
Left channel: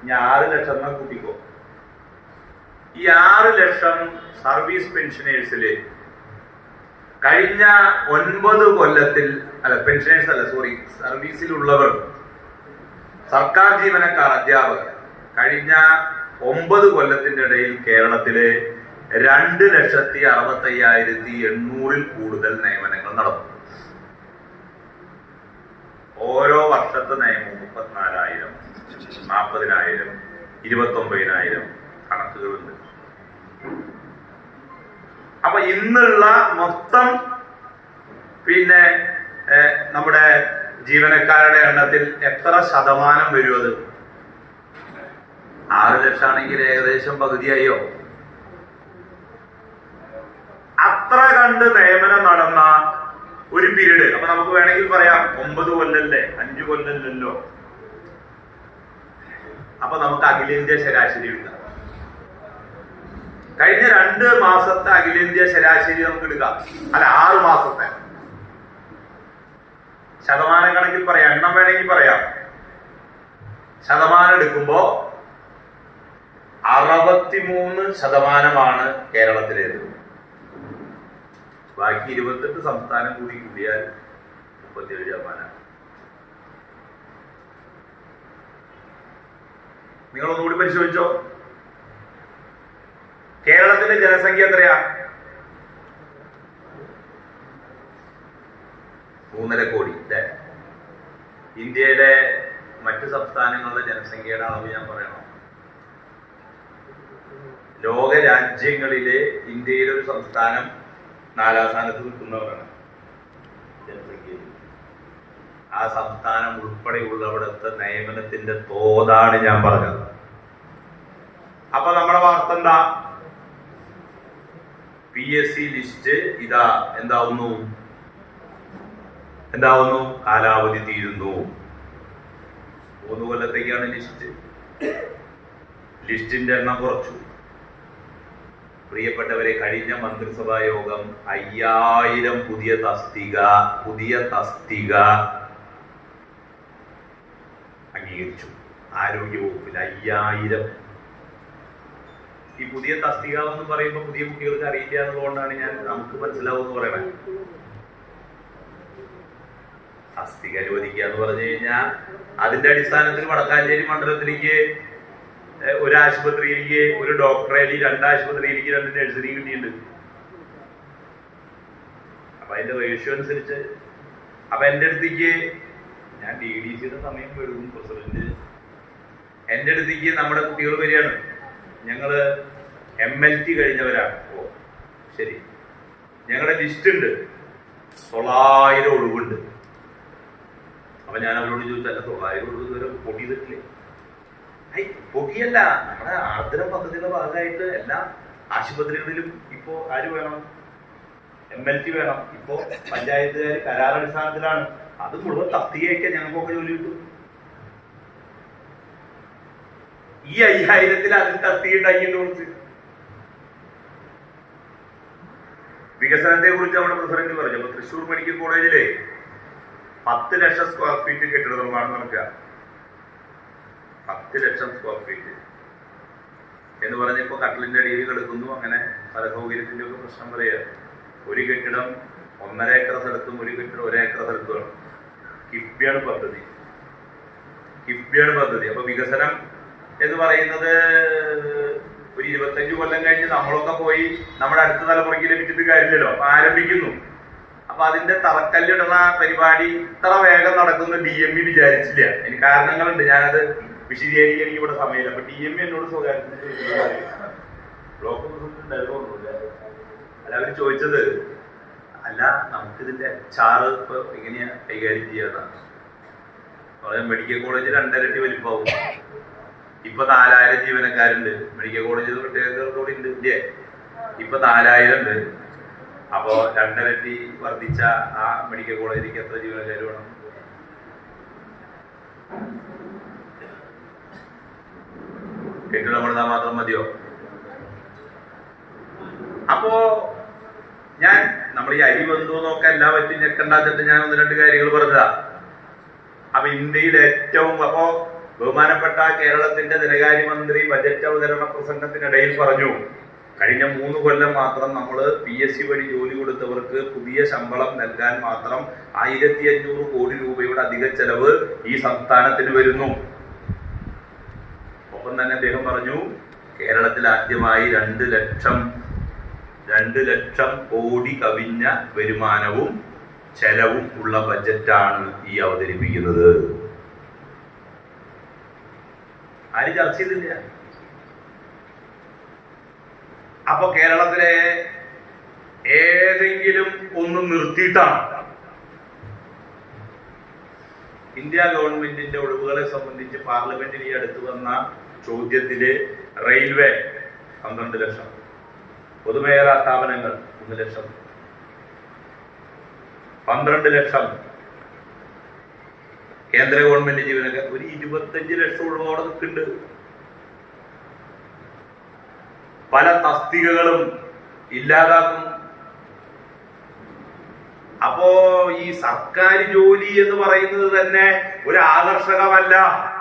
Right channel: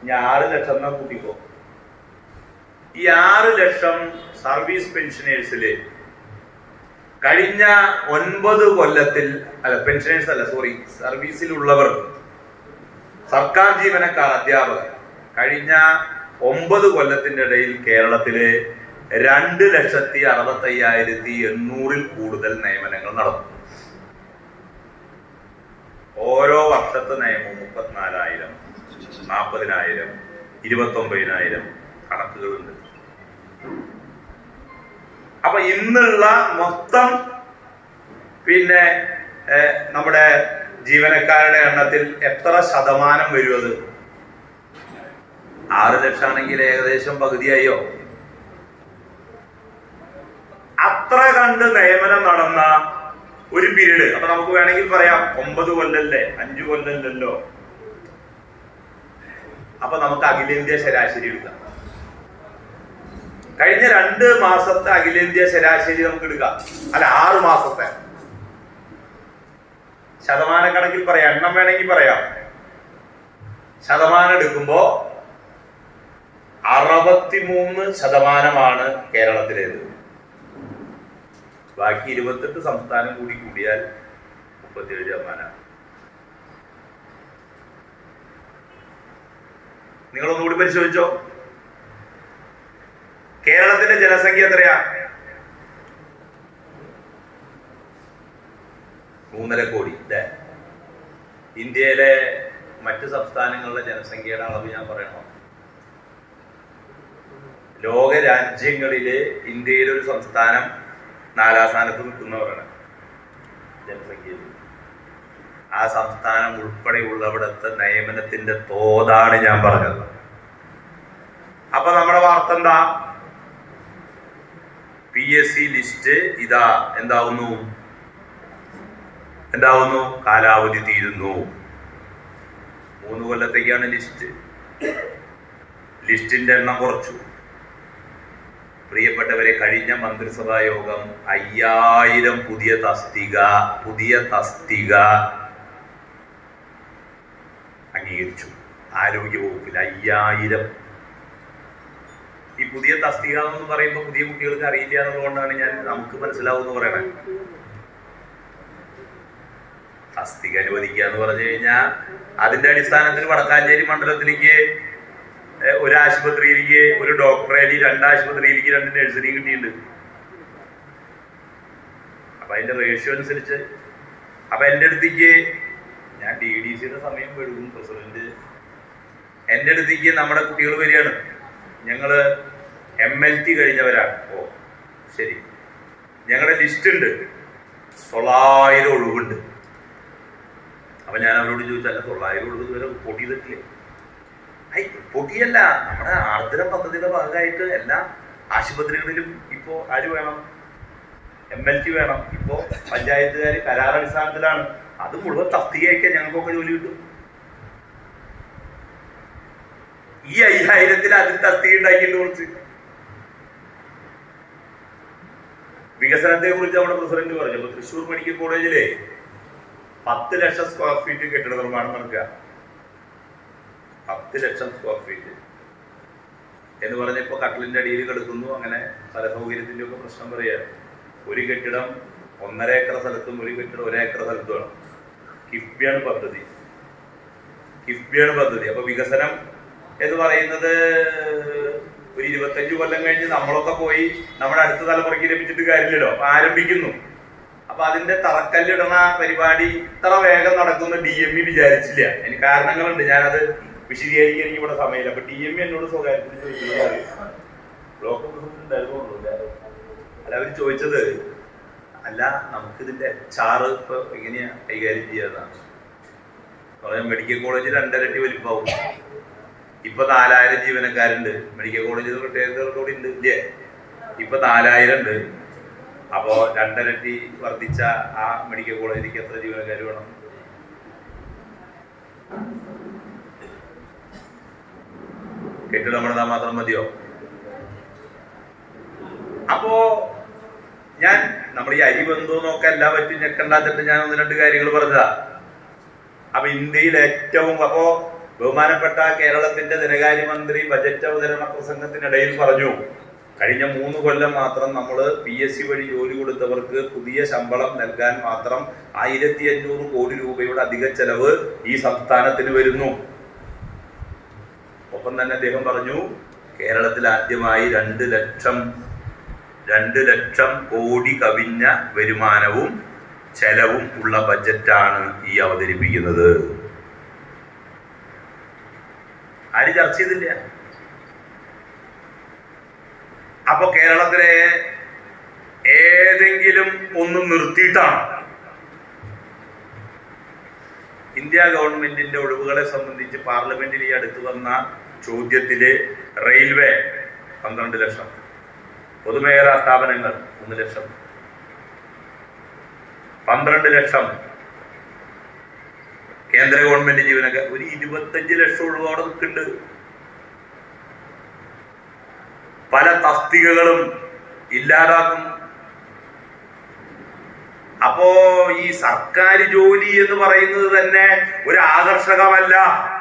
ഇനി 6 ലക്ഷം എന്നാ കൂട്ടിക്കോ. ഈ 6 ലക്ഷം സർവീസ് പെൻഷനേഴ്സില് കഴിഞ്ഞ 9 കൊല്ലത്തിൽ പെൻഷനേഴ്സ് അല്ല സോറി സർവീസിലുള്ളവർ സർക്കാർ ജീവനക്കാർ അധ്യാപകർ കഴിഞ്ഞ 9 കൊല്ലത്തിന്റെ ഇടയിൽ കേരളത്തില് 2,65,800-ൽ കൂടുതൽ നിയമനങ്ങൾ നടന്നു. ഓരോ വർഷത്തെ നിയമം 34,000, 40,000, 29,000 കണക്കുകളുണ്ട്. അപ്പൊ ഇന്നുള്ള മൊത്തം പിന്നെ നമ്മുടെ ജീവനക്കാരുടെ എണ്ണത്തിൽ എത്ര ശതമാനം വരും? അത് 6 ലക്ഷം ആണെങ്കിൽ ഏകദേശം പകുതിയായോ? കണ്ട് നിയമനം നടന്ന ഒരു പീരീഡ്, അപ്പൊ നമുക്ക് വേണമെങ്കിൽ പറയാം 9 കൊല്ലല്ലേ, 5 കൊല്ലല്ലോ. അപ്പൊ നമുക്ക് അഖിലേന്ത്യാ ശരാശരി എടുക്കാം. കഴിഞ്ഞ 2 മാസത്തെ അഖിലേന്ത്യാ ശരാശരി നമുക്ക് എടുക്കാം. അല്ല, 6 മാസത്തെ ശതമാനക്കണക്കിൽ പറയാം, എണ്ണം വേണമെങ്കിൽ പറയാം. ശതമാനം എടുക്കുമ്പോ 63% കേരളത്തിലേത്. ബാക്കി 28 സംസ്ഥാനം കൂടി കൂടിയാൽ 37%. നിങ്ങളൊന്നുകൂടി പരിശോധിച്ചോ. കേരളത്തിന്റെ ജനസംഖ്യ എത്രയാ? 3.5 കോടി. ഇന്ത്യയിലെ മറ്റ് സംസ്ഥാനങ്ങളുടെ ജനസംഖ്യയുടെ അളവ് ഞാൻ പറയണോ? ലോക രാജ്യങ്ങളിലെ ഇന്ത്യയിലെ ഒരു സംസ്ഥാനം 4ാം സ്ഥാനത്ത് നിൽക്കുന്നവരാണ് ജനസംഖ്യയിൽ. ആ സംസ്ഥാനം ഉൾപ്പെടെയുള്ളവിടുത്തെ നിയമനത്തിന്റെ തോതാണ് ഞാൻ പറഞ്ഞത്. അപ്പൊ നമ്മുടെ വാർത്ത എന്താ? PSC ലിസ്റ്റ് ഇതാ എന്താവുന്നു? കാലാവധി തീരുന്നു. 3 കൊല്ലത്തേക്കാണ് ലിസ്റ്റ്. ലിസ്റ്റിന്റെ എണ്ണം കുറച്ചു. പ്രിയപ്പെട്ടവരെ, കഴിഞ്ഞ മന്ത്രിസഭാ യോഗം 5000 പുതിയ തസ്തിക അംഗീകരിച്ചു. ആരോഗ്യ വകുപ്പിൽ 5000. ഈ പുതിയ തസ്തിക എന്ന് പറയുമ്പോൾ പുതിയ കുട്ടികൾക്ക് അറിയില്ല എന്നുള്ളതുകൊണ്ടാണ് ഞാൻ നമുക്ക് മനസ്സിലാവുമെന്ന് പറയണേ. തസ്തിക അനുവദിക്കുക എന്ന് പറഞ്ഞു കഴിഞ്ഞാൽ അതിന്റെ അടിസ്ഥാനത്തിൽ വടക്കാഞ്ചേരി മണ്ഡലത്തിലേക്ക് ഒരു ആശുപത്രിയിലേക്ക് ഒരു ഡോക്ടറേക്ക്, 2 ആശുപത്രിയിലേക്ക് 2 നഴ്സറിയും കിട്ടിയിട്ടുണ്ട്. അപ്പൊ അതിന്റെ റേഷ്യോ അനുസരിച്ച്. അപ്പൊ എന്റെ അടുത്തേക്ക്, ഞാൻ DDCയുടെ സമയം എടുക്കും പ്രസിഡന്റ്, എന്റെ അടുത്തേക്ക് നമ്മുടെ കുട്ടികൾ വരികയാണ്. ഞങ്ങള് MLT കഴിഞ്ഞവരാണ്. ഓ ശരി, ഞങ്ങളുടെ ലിസ്റ്റ് ഉണ്ട്, 900 ഒഴിവുണ്ട്. അപ്പൊ ഞാൻ അവരോട് ചോദിച്ചാൽ 900 ഒഴിവ് ഇതുവരെ റിപ്പോർട്ട് ചെയ്തിട്ടില്ലേ? പൊക്കിയല്ല, നമ്മുടെ ആർദ്രം പദ്ധതിയുടെ ഭാഗമായിട്ട് എല്ലാ ആശുപത്രികളിലും ഇപ്പോ ആര് വേണം? MLT വേണം. ഇപ്പോ പഞ്ചായത്തുകാർ കരാറടിസ്ഥാനത്തിലാണ്. അത് മുഴുവൻ തസ്തികയൊക്കെ ഞങ്ങൾക്കൊക്കെ ജോലി കിട്ടും. ഈ 5000-ൽ അതിൽ തസ്തിക ഉണ്ടാക്കിയിട്ട് കുറിച്ച് വികസനത്തെ കുറിച്ച് നമ്മുടെ പ്രസിഡന്റ് പറഞ്ഞു. തൃശ്ശൂർ മെഡിക്കൽ കോളേജിലെ 10 ലക്ഷം സ്ക്വയർ ഫീറ്റ് കെട്ടിട നിർമ്മാണം നടക്കുക. 10 ലക്ഷം സ്ക്വയർ ഫീറ്റ് എന്ന് പറഞ്ഞപ്പോ കട്ടിലിന്റെ അടിയിൽ കിടക്കുന്നു. അങ്ങനെ സ്ഥല സൗകര്യത്തിന്റെ ഒക്കെ പ്രശ്നം പറയാ. ഒരു കെട്ടിടം 1.5 ഏക്കർ സ്ഥലത്തും ഒരു കെട്ടിടം 1 ഏക്കർ സ്ഥലത്തുമാണ്. കിഫ്ബിയാണ് പദ്ധതി. അപ്പൊ വികസനം എന്ന് പറയുന്നത് ഒരു 25 കൊല്ലം കഴിഞ്ഞ് നമ്മളൊക്കെ പോയി നമ്മുടെ അടുത്ത തലമുറയ്ക്ക് ലഭിച്ചിട്ട് കാര്യമില്ലല്ലോ. അപ്പൊ ആരംഭിക്കുന്നു. അപ്പൊ അതിന്റെ തറക്കല്ലിടണ പരിപാടി ഇത്ര വേഗം നടക്കുന്ന DME വിചാരിച്ചില്ല. എനിക്ക് കാരണങ്ങളുണ്ട്, ഞാനത് വിശദീകരിക്കാൻ എനിക്ക് ഇവിടെ സമയമില്ല. അപ്പൊ DME എന്നോട് സ്വകാര്യത്തിന് ബ്ലോക്ക് പ്രസിഡന്റ് ഉണ്ടായതുകൊണ്ടു. അല്ല, അവർ ചോദിച്ചത്, അല്ല നമുക്കിതിന്റെ HR ഇപ്പൊ എങ്ങനെയാ കൈകാര്യം ചെയ്യാന്നാണ്. മെഡിക്കൽ കോളേജ് 2 ഇരട്ടി വലിപ്പാവും. ഇപ്പൊ 4000 ജീവനക്കാരുണ്ട്. മെഡിക്കൽ കോളേജിൽ പ്രത്യേകതയോടുകൂടി ഉണ്ട് ഇല്ലേ? ഇപ്പൊ 4000 ഉണ്ട്. അപ്പോ 2 ഇരട്ടി വർദ്ധിച്ച ആ മെഡിക്കൽ കോളേജിലേക്ക് എത്ര ജീവനക്കാർ വേണം? കെട്ടിടം പണിതാൽ മാത്രം മതിയോ? അപ്പോ നമ്മൾ ഈ അരി ബന്ധു നോക്കാൻ എല്ലാ പറ്റും ഞെക്കണ്ടാച്ചിട്ട് ഞാൻ 1-2 കാര്യങ്ങൾ പറഞ്ഞതാ. അപ്പൊ ഇന്ത്യയിൽ ഏറ്റവും, അപ്പോ ബഹുമാനപ്പെട്ട കേരളത്തിന്റെ ധനകാര്യമന്ത്രി ബജറ്റ് അവതരണ പ്രസംഗത്തിനിടയിൽ പറഞ്ഞു, കഴിഞ്ഞ 3 കൊല്ലം മാത്രം നമ്മൾ PSC വഴി ജോലി കൊടുത്തവർക്ക് പുതിയ ശമ്പളം നൽകാൻ മാത്രം 1500 കോടി രൂപയുടെ അധിക ചെലവ് ഈ സംസ്ഥാനത്തിന് വരുന്നു. ഒപ്പം തന്നെ അദ്ദേഹം പറഞ്ഞു, കേരളത്തിൽ ആദ്യമായി 2 ലക്ഷം കോടി കവിഞ്ഞ വരുമാനവും ചെലവും ഉള്ള ബജറ്റാണ് ഈ അവതരിപ്പിക്കുന്നത്. ആരും ചർച്ച ചെയ്തില്ല. അപ്പൊ കേരളത്തിലെ ഏതെങ്കിലും ഒന്ന് നിർത്തിയിട്ടാണ് ഇന്ത്യ ഗവൺമെന്റിന്റെ ഒഴിവുകളെ സംബന്ധിച്ച് പാർലമെന്റിൽ ഈ അടുത്ത് വന്ന ചോദ്യത്തില് റെയിൽവേ 12 ലക്ഷം, പൊതുമേഖലാ സ്ഥാപനങ്ങൾ 1 ലക്ഷം, 12 ലക്ഷം കേന്ദ്ര ഗവൺമെന്റ് ജീവനക്കാർ, ഒരു 25 ലക്ഷം ഉള്ളതോടെ നിൽക്കുന്നുണ്ട്. പല തസ്തികകളും ഇല്ലാതാക്കുന്നു. അപ്പോ ഈ സർക്കാർ ജോലി എന്ന് പറയുന്നത് തന്നെ ഒരു ആകർഷകമല്ല.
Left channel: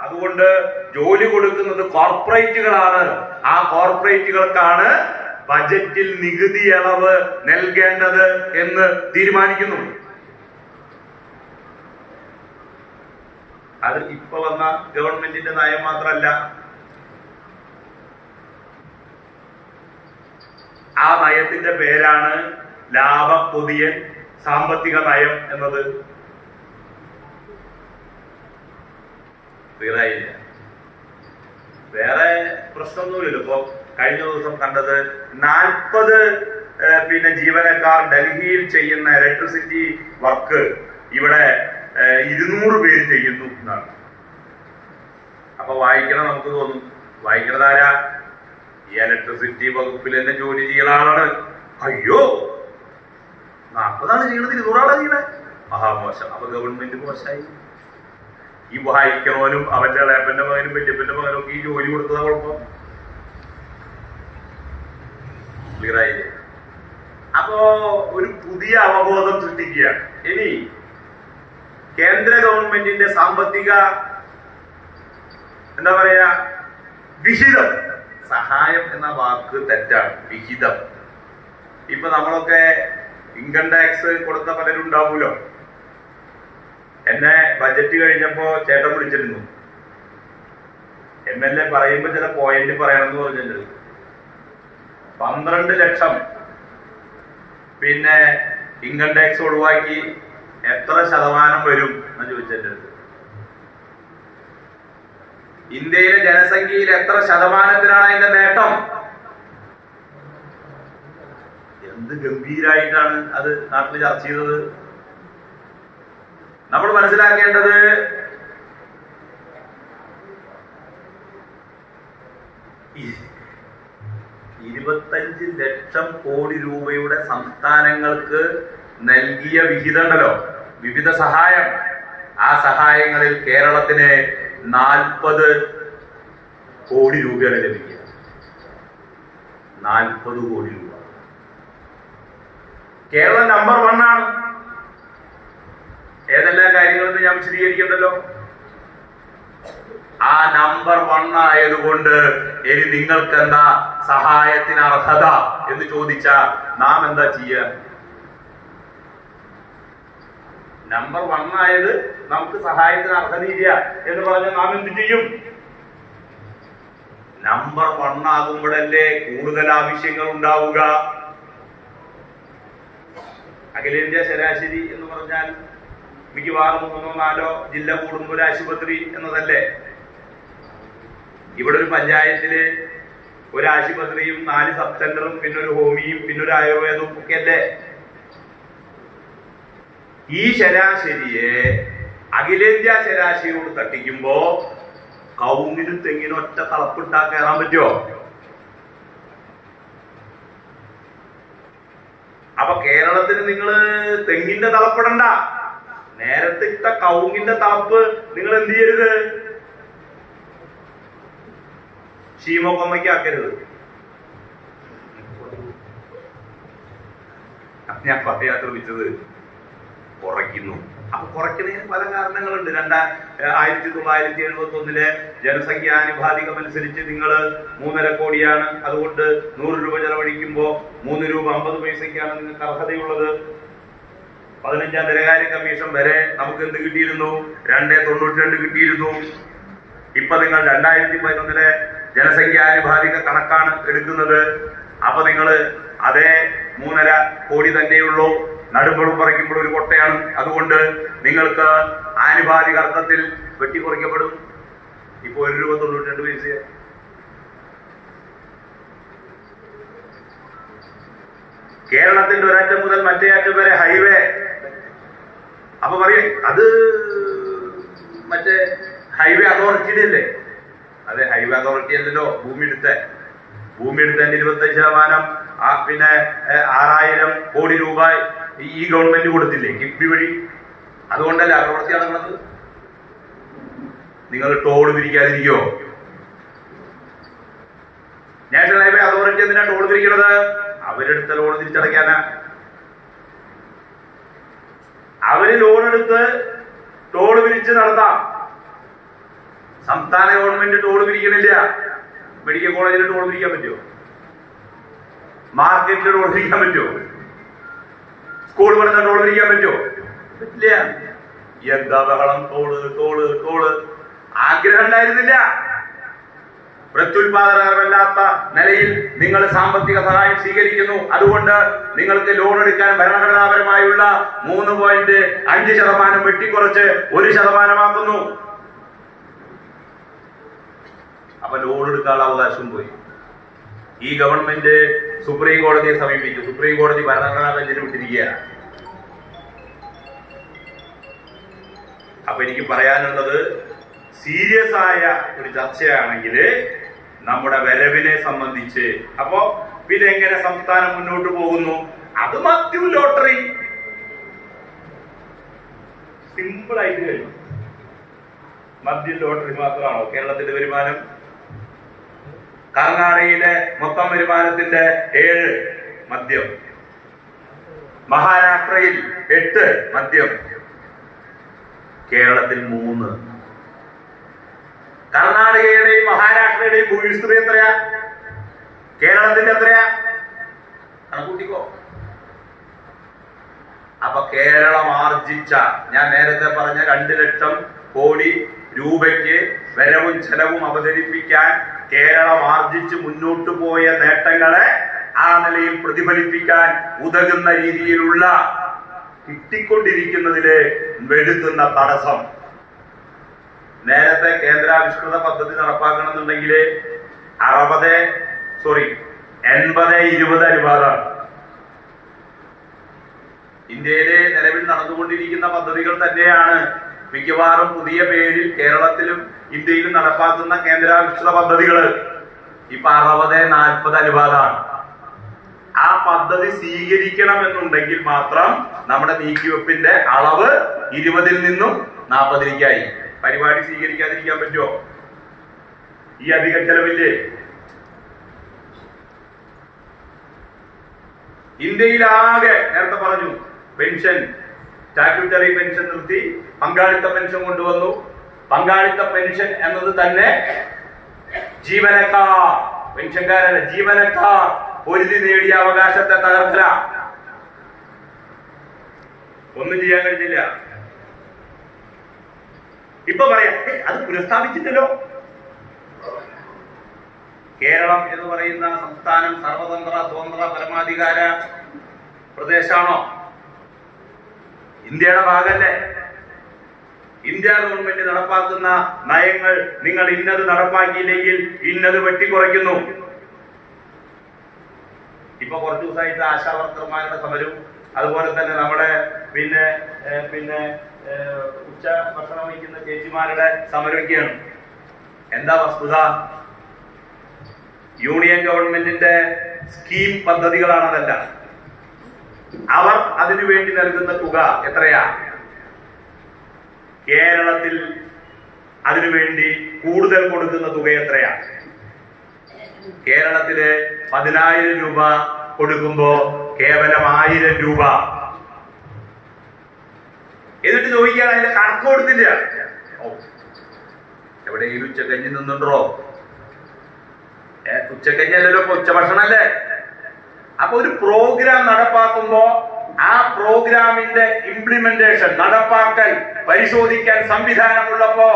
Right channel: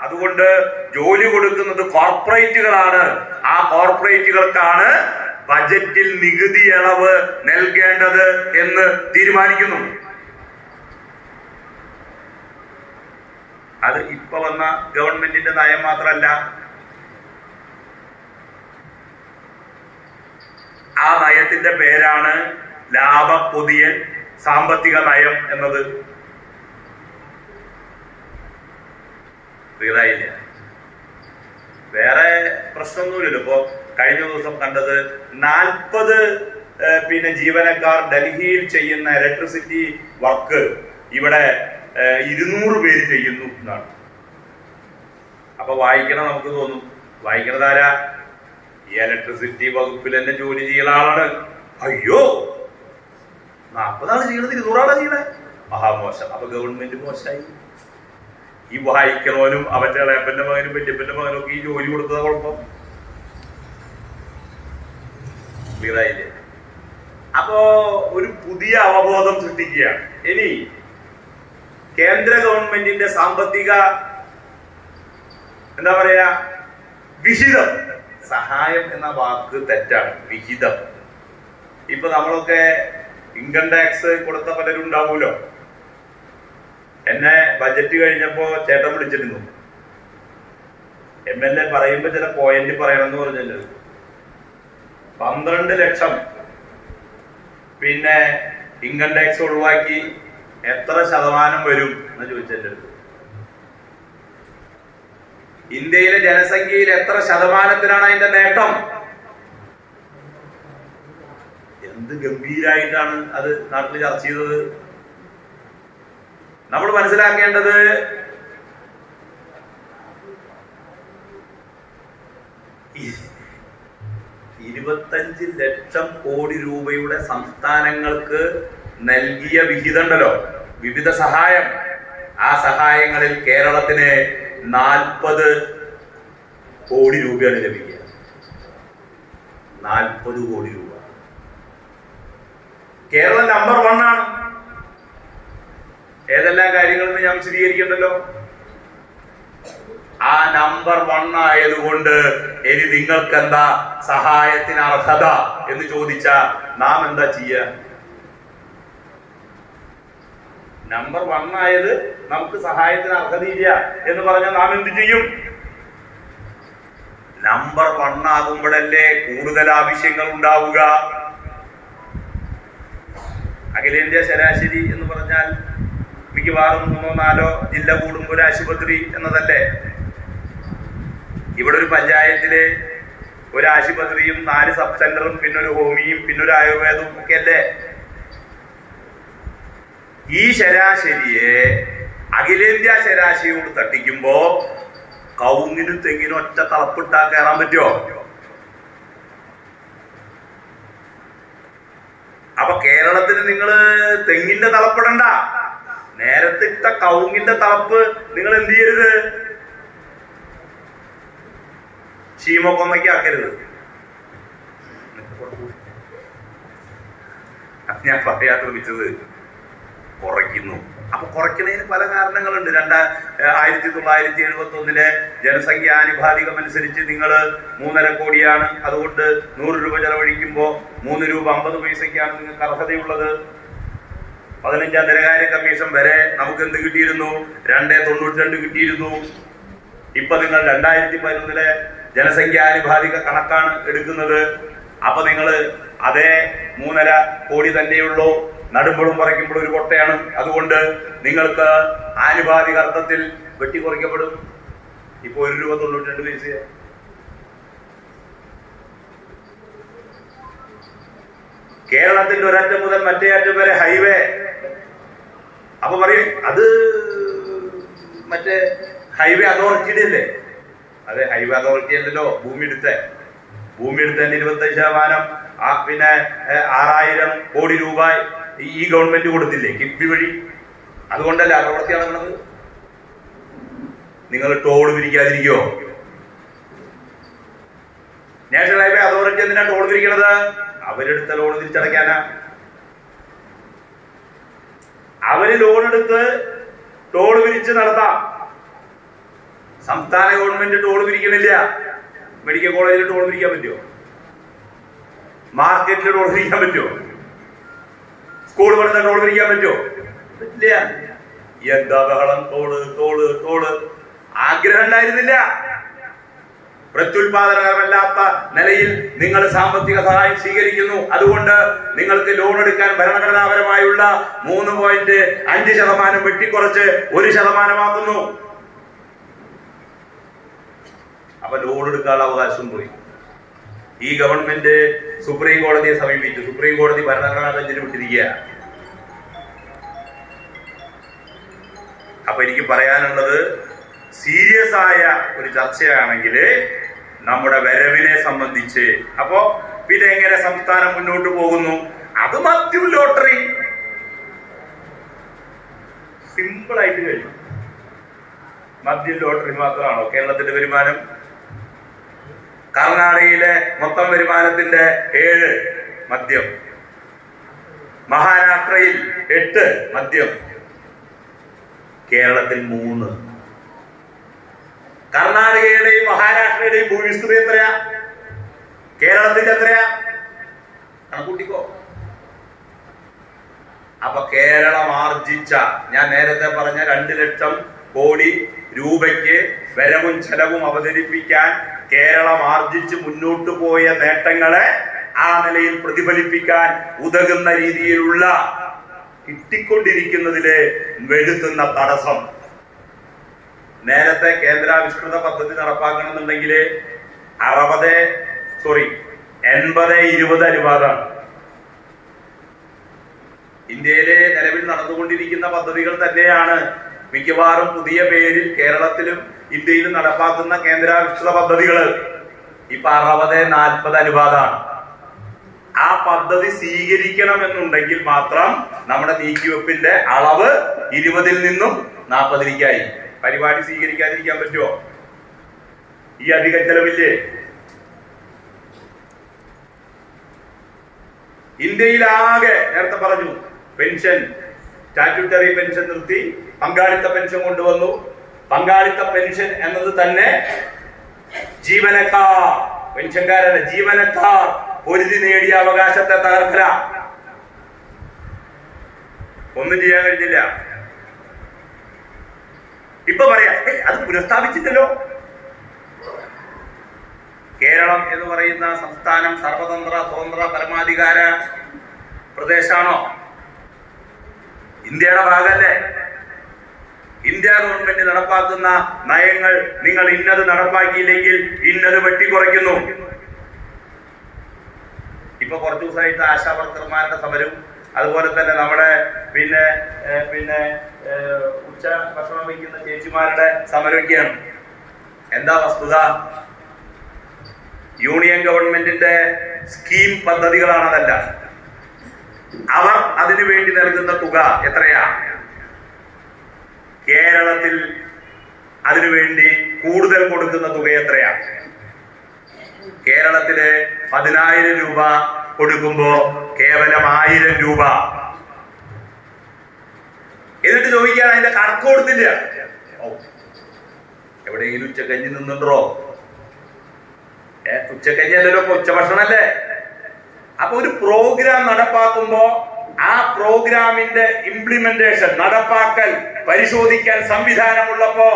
അതുകൊണ്ട് ജോലി കൊടുക്കുന്നത് കോർപ്പറേറ്റുകളാണ്. ആ കോർപ്പറേറ്റുകൾക്കാണ് ബജറ്റിൽ നികുതി ഇളവ് നൽകേണ്ടത് എന്ന് തീരുമാനിക്കുന്നു. അത് ഇപ്പൊ വന്ന ഗവൺമെന്റിന്റെ നയം മാത്രമല്ല, ആ നയത്തിന്റെ പേരാണ് ലാഭപ്പൊതിയൽ സാമ്പത്തിക നയം എന്നത്. ക്ലിയറായില്ല? വേറെ പ്രശ്നമൊന്നുമില്ലല്ലോ. ഇപ്പൊ കഴിഞ്ഞ ദിവസം കണ്ടത് 40 ജീവനക്കാർ ഡൽഹിയിൽ ചെയ്യുന്ന ഇലക്ട്രിസിറ്റി വർക്ക് ഇവിടെ 200 പേര് ചെയ്യുന്നു എന്നാണ്. അപ്പൊ വായിക്കണം, നമുക്ക് തോന്നും വായിക്കണതാരാ? ഈ ഇലക്ട്രിസിറ്റി വകുപ്പിൽ തന്നെ ജോലി ചെയ്യുന്ന ആളാണ്. അയ്യോ, 40 ആള് ചെയ്യണത് 200 ആളാ ചെയ്യണേ, മഹാമോശം. അപ്പൊ ഗവൺമെന്റ് മോശമായി. ഈ വായിക്കണവനും അവന്റെ ഇളയപ്പന്റെ മകനും വല്യപ്പന്റെ മകനും ഒക്കെ ഈ ജോലി കൊടുത്തതാ കുഴപ്പം. ക്ലിയറായില്ലേ? അപ്പോ ഒരു പുതിയ അവബോധം സൃഷ്ടിക്കുകയാണ്. ഇനി കേന്ദ്ര ഗവൺമെന്റിന്റെ സാമ്പത്തിക എന്താ പറയാ വിഹിതം, സഹായം എന്ന വാക്ക് തെറ്റാണ്, വിഹിതം. ഇപ്പൊ നമ്മളൊക്കെ ഇൻകം ടാക്സ് കൊടുത്ത പലരും ഉണ്ടാവൂലോ. എന്നെ ബജറ്റ് കഴിഞ്ഞപ്പോ ചേട്ടൻ വിളിച്ചിരുന്നു. MLA പറയുമ്പോ ചില പോയിന്റ് പറയണം എന്ന് പറഞ്ഞത്. 12 ലക്ഷം ഇൻകം ടാക്സ് ഒഴിവാക്കി എത്ര ശതമാനം വരും എന്ന് ചോദിച്ചത്. ഇന്ത്യയിലെ ജനസംഖ്യയിൽ എത്ര ശതമാനത്തിനാണ് അതിന്റെ നേട്ടം? എന്ത് ഗംഭീരായിട്ടാണ് അത് നാട്ടിൽ ചർച്ച ചെയ്തത്. നമ്മൾ മനസ്സിലാക്കേണ്ടത് ഈ 25 ലക്ഷം കോടി രൂപയുടെ സംസ്ഥാനങ്ങൾക്ക് നൽകിയ വിഹിതം ഉണ്ടല്ലോ, വിവിധ സഹായം. ആ സഹായങ്ങളിൽ കേരളത്തിന് 40 കോടി രൂപയാണ് ലഭിക്കുക. 40 കോടി രൂപ. കേരളം നമ്പർ 1 ആണ്. ഏതെല്ലാം കാര്യങ്ങളെന്ന് ഞാൻ വിശദീകരിക്കണ്ടല്ലോ. ആ നമ്പർ 1 ആയതുകൊണ്ട് ഇനി നിങ്ങൾക്ക് എന്താ സഹായത്തിന് അർഹത എന്ന് ചോദിച്ചാ നാം എന്താ ചെയ്യുക? നമ്പർ 1 ആയത് നമുക്ക് സഹായത്തിന് അർഹതയില്ല എന്ന് പറഞ്ഞാൽ നാം എന്ത് ചെയ്യും? നമ്പർ 1 ആകുമ്പോഴല്ലേ കൂടുതൽ ആവശ്യങ്ങൾ ഉണ്ടാവുക. അഖിലേന്ത്യാ ശരാശരി എന്ന് പറഞ്ഞാൽ മിക്കവാറും 3-4 ജില്ല കൂടുമ്പോൾ ഒരു ആശുപത്രി എന്നതല്ലേ. ഇവിടെ ഒരു പഞ്ചായത്തില് ഒരു ആശുപത്രിയും 4 സബ് സെന്ററും ഒരു ഹോമിയും ഒരു ആയുർവേദവും ഒക്കെ അല്ലേ. ഈ ശരാശരിയെ അഖിലേന്ത്യാ ശരാശരിയോട് തട്ടിക്കുമ്പോ കവുങ്ങിനും തെങ്ങിനും ഒറ്റ തളപ്പിട്ടാ കയറാൻ പറ്റുമോ? അപ്പൊ കേരളത്തിന് നിങ്ങള് തെങ്ങിന്റെ തളപ്പിടണ്ട, നേരത്തെ ഇട്ട കവുങ്ങിന്റെ തളപ്പ് നിങ്ങൾ എന്ത് ചെയ്യരുത്? ശീമക്കൊന്നയ്ക്ക് ആക്കരുത്. ഞാൻ പറയാൻ ശ്രമിച്ചത് കുറയ്ക്കുന്നു. അപ്പൊ കുറയ്ക്കുന്നതിന് പല കാരണങ്ങളുണ്ട്. 1971 ജനസംഖ്യാനുപാതികം അനുസരിച്ച് നിങ്ങൾ 3.5 കോടിയാണ്. അതുകൊണ്ട് 100 രൂപ ചെലവഴിക്കുമ്പോ 3 രൂപ 50 പൈസക്കാണ് നിങ്ങൾക്ക് അർഹതയുള്ളത്. 15ാം ധനകാര്യ കമ്മീഷൻ വരെ നമുക്ക് എന്ത് കിട്ടിയിരുന്നു? 2.92 കിട്ടിയിരുന്നു. ഇപ്പൊ നിങ്ങൾ 2011 ജനസംഖ്യാനുപാതിക കണക്കാണ് എടുക്കുന്നത്. അപ്പൊ നിങ്ങൾ അതേ 3.5 കോടി തന്നെയുള്ളൂ. നടുമ്പോഴും പറിക്കുമ്പോഴും ഒരു കൊട്ടയാണ്. അതുകൊണ്ട് നിങ്ങൾക്ക് ആനുപാതിക അർത്ഥത്തിൽ വെട്ടിക്കുറയ്ക്കപ്പെടും. ഇപ്പൊ 1 രൂപ 92 പൈസ. കേരളത്തിന്റെ ഒരറ്റം മുതൽ മറ്റേ അറ്റം വരെ ഹൈവേ. അപ്പൊ പറയും അത് മറ്റേ ഹൈവേ അതോറിറ്റിയുടെ അല്ലേ? അതെ, ഹൈവേ അതോറിറ്റി അല്ലല്ലോ ഭൂമി എടുത്തതിന് 25% 6000 കോടി രൂപ ഈ ഗവൺമെന്റ് കൊടുത്തില്ലേ കിഫ്ബി വഴി? അതുകൊണ്ടല്ലേ പ്രവൃത്തി നടക്കുന്നത്. നിങ്ങൾ ടോൾ പിരിക്കാതിരിക്കോ? നാഷണൽ ഹൈവേ അതോറിറ്റി എന്തിനാ ടോൾ പിരിക്കണത്? അവരെടുത്ത ലോൺ തിരിച്ചടയ്ക്കാനാ. അവര് ലോൺ എടുത്ത് ടോൾ പിരിച്ച് നടത്താം. സംസ്ഥാന ഗവൺമെന്റ് ടോൾ പിരിക്കണില്ല. മെഡിക്കൽ കോളേജിൽ ടോൾ പിരിക്കാൻ പറ്റുമോ? മാർക്കറ്റിൽ ടോൾ പിരിക്കാൻ പറ്റുമോ? സ്കൂൾ പഠന ടോൾ പിരിക്കാൻ പറ്റുമോ? പറ്റില്ല. എന്താ ബഹളം? ടോള് ടോള് ടോള്. ആഗ്രഹം ഉണ്ടായിരുന്നില്ല. പ്രത്യുൽപാദനകരമല്ലാത്ത നിലയിൽ നിങ്ങൾ സാമ്പത്തിക സഹായം സ്വീകരിക്കുന്നു. അതുകൊണ്ട് നിങ്ങൾക്ക് ലോൺ എടുക്കാൻ ഭരണഘടനാപരമായുള്ള 3.5% വെട്ടിക്കുറച്ച് 1% അപ്പൊ ലോൺ എടുക്കാനുള്ള അവകാശം പോയി. ഈ ഗവൺമെന്റ് സുപ്രീം കോടതിയെ സമീപിച്ചു. സുപ്രീം കോടതി ഭരണഘടനാ ബെഞ്ചിന് വിട്ടിരിക്കുക. അപ്പൊ എനിക്ക് പറയാനുള്ളത്, സീരിയസ് ആയ ഒരു ചർച്ചയാണെങ്കിൽ നമ്മുടെ വരവിനെ സംബന്ധിച്ച്, അപ്പോ പിന്നെ എങ്ങനെ സംസ്ഥാനം മുന്നോട്ട് പോകുന്നു? അത് മദ്യം ലോട്ടറി സിമ്പിൾ ആയിട്ട് കഴിഞ്ഞു. മദ്യം ലോട്ടറി മാത്രമാണോ കേരളത്തിന്റെ വരുമാനം? കർണാടകയിലെ മൊത്തം വരുമാനത്തിന്റെ 7 മദ്യം, മഹാരാഷ്ട്രയിൽ 8 മദ്യം, കേരളത്തിൽ 3. കർണാടകയുടെയും മഹാരാഷ്ട്രയുടെയും ഭൂവിസ്തൃതി എത്രയാ? കേരളത്തിന്റെ എത്രയാ? കണക്കൂട്ടിക്കോ. അപ്പൊ കേരളം ആർജിച്ച, ഞാൻ നേരത്തെ പറഞ്ഞ 2 ലക്ഷം കോടി രൂപയ്ക്ക് വരവും ചെലവും അവതരിപ്പിക്കാൻ കേരളം ആർജിച്ച് മുന്നോട്ടു പോയ നേട്ടങ്ങളെ ആ നിലയിൽ പ്രതിഫലിപ്പിക്കാൻ ഉതകുന്ന രീതിയിലുള്ള കിട്ടിക്കൊണ്ടിരിക്കുന്നതിലെ വരുത്തുന്ന തടസ്സം. നേരത്തെ കേന്ദ്രാവിഷ്കൃത പദ്ധതി നടപ്പാക്കണമെന്നുണ്ടെങ്കിൽ 80-20 അനുപാതമാണ്. ഇന്ത്യയിലെ നിലവിൽ നടന്നുകൊണ്ടിരിക്കുന്ന പദ്ധതികൾ തന്നെയാണ് മിക്കവാറും പുതിയ പേരിൽ കേരളത്തിലും ഇന്ത്യയിലും നടപ്പാക്കുന്ന കേന്ദ്രാവിഷ്കൃത പദ്ധതികൾ. ഇപ്പൊ 60-40 അനുപാതമാണ്. ആ പദ്ധതി സ്വീകരിക്കണമെന്നുണ്ടെങ്കിൽ മാത്രം നമ്മുടെ നീക്കിവെപ്പിന്റെ അളവ് 20-ൽ നിന്നും 40-ലേക്കായി. പരിപാടി സ്വീകരിക്കാതിരിക്കാൻ പറ്റുമോ? ഈ അധിക ചെലവില്ലേ? ഇന്ത്യയിലാകെ നേരത്തെ പറഞ്ഞു, പെൻഷൻ, സ്റ്റാറ്റ്യൂട്ടറി പെൻഷൻ നിർത്തി പങ്കാളിത്ത പെൻഷൻ കൊണ്ടുവന്നു. പങ്കാളിത്ത പെൻഷൻ എന്നത് തന്നെ ജീവനക്കാർ, പെൻഷൻകാരല്ല, ജീവനക്കാർ പൊരുതി നേടിയ അവകാശത്തെ തകർക്കല. ഒന്നും ചെയ്യാൻ കഴിഞ്ഞില്ല. ഇപ്പൊ പറയാ അത് പുനഃസ്ഥാപിച്ചിട്ടല്ലോ. കേരളം എന്ന് പറയുന്ന സംസ്ഥാനം സർവതന്ത്ര സ്വതന്ത്ര പരമാധികാര പ്രദേശമാണോ? ഇന്ത്യയുടെ ഭാഗമല്ലേ? ഇന്ത്യ ഗവൺമെന്റ് നടപ്പാക്കുന്ന നയങ്ങൾ നിങ്ങൾ ഇന്നത് നടപ്പാക്കിയില്ലെങ്കിൽ ഇന്നത് വെട്ടിക്കുറയ്ക്കുന്നു. ഇപ്പൊ കുറച്ചു ദിവസമായിട്ട് ആശാ വർക്കർമാരുടെ സമരവും അതുപോലെ തന്നെ നമ്മുടെ പിന്നെ ഉച്ച ഭക്ഷണം വയ്ക്കുന്ന ചേച്ചിമാരുടെ സമരമൊക്കെയാണ്. എന്താ വസ്തുത? യൂണിയൻ ഗവൺമെന്റിന്റെ സ്കീം പദ്ധതികളാണതല്ല. അവർ അതിനു വേണ്ടി നൽകുന്ന തുക എത്രയാ? കേരളത്തിൽ അതിനുവേണ്ടി കൂടുതൽ കൊടുക്കുന്ന തുക എത്രയാ? കേരളത്തില് 10,000 രൂപ കൊടുക്കുമ്പോ കേവലം 1000 രൂപ. എന്നിട്ട് ചോദിക്കാൻ അതിന്റെ കണക്ക് കൊടുത്തില്ല. എവിടെയെങ്കിലും ഉച്ചക്കഞ്ഞി നിന്നുണ്ടോ? ഉച്ചക്കഞ്ഞി അല്ലല്ലോ, ഉച്ചഭക്ഷണല്ലേ. അപ്പൊ ഒരു പ്രോഗ്രാം നടപ്പാക്കുമ്പോ ആ പ്രോഗ്രാമിന്റെ ഇംപ്ലിമെന്റേഷൻ, നടപ്പാക്കൽ പരിശോധിക്കാൻ സംവിധാനമുള്ളപ്പോ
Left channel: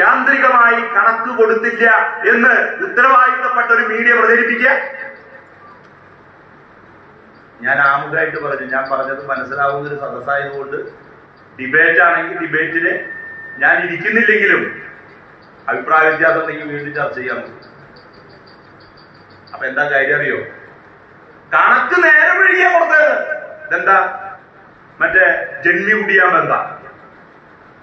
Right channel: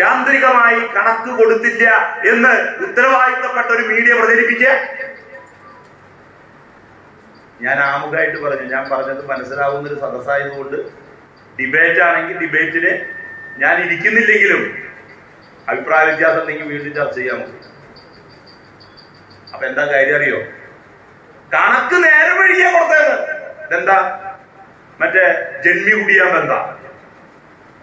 യാന്ത്രികമായി കണക്ക് കൊടുത്തില്ല എന്ന് ഉത്തരവാദിത്തപ്പെട്ട ഒരു മീഡിയ പ്രചരിപ്പിക്കുക. ഞാൻ ആമുഖമായിട്ട് പറഞ്ഞു, ഞാൻ പറഞ്ഞത് മനസ്സിലാവുന്ന ഒരു സദസ്സായതുകൊണ്ട് ഡിബേറ്റ് ആണെങ്കിൽ ഡിബേറ്റിന് ഞാൻ ഇരിക്കുന്നില്ലെങ്കിലും അഭിപ്രായ വ്യത്യാസം ഉണ്ടെങ്കിൽ വീണ്ടും ചർച്ച ചെയ്യാൻ മതി. അപ്പൊ എന്താ കാര്യം അറിയോ? കണക്ക് നേരെ വഴിയാ കൊടുത്തത്. ഇതെന്താ? മറ്റേ ജന്മി കുടിയാൻ ബന്ധാ.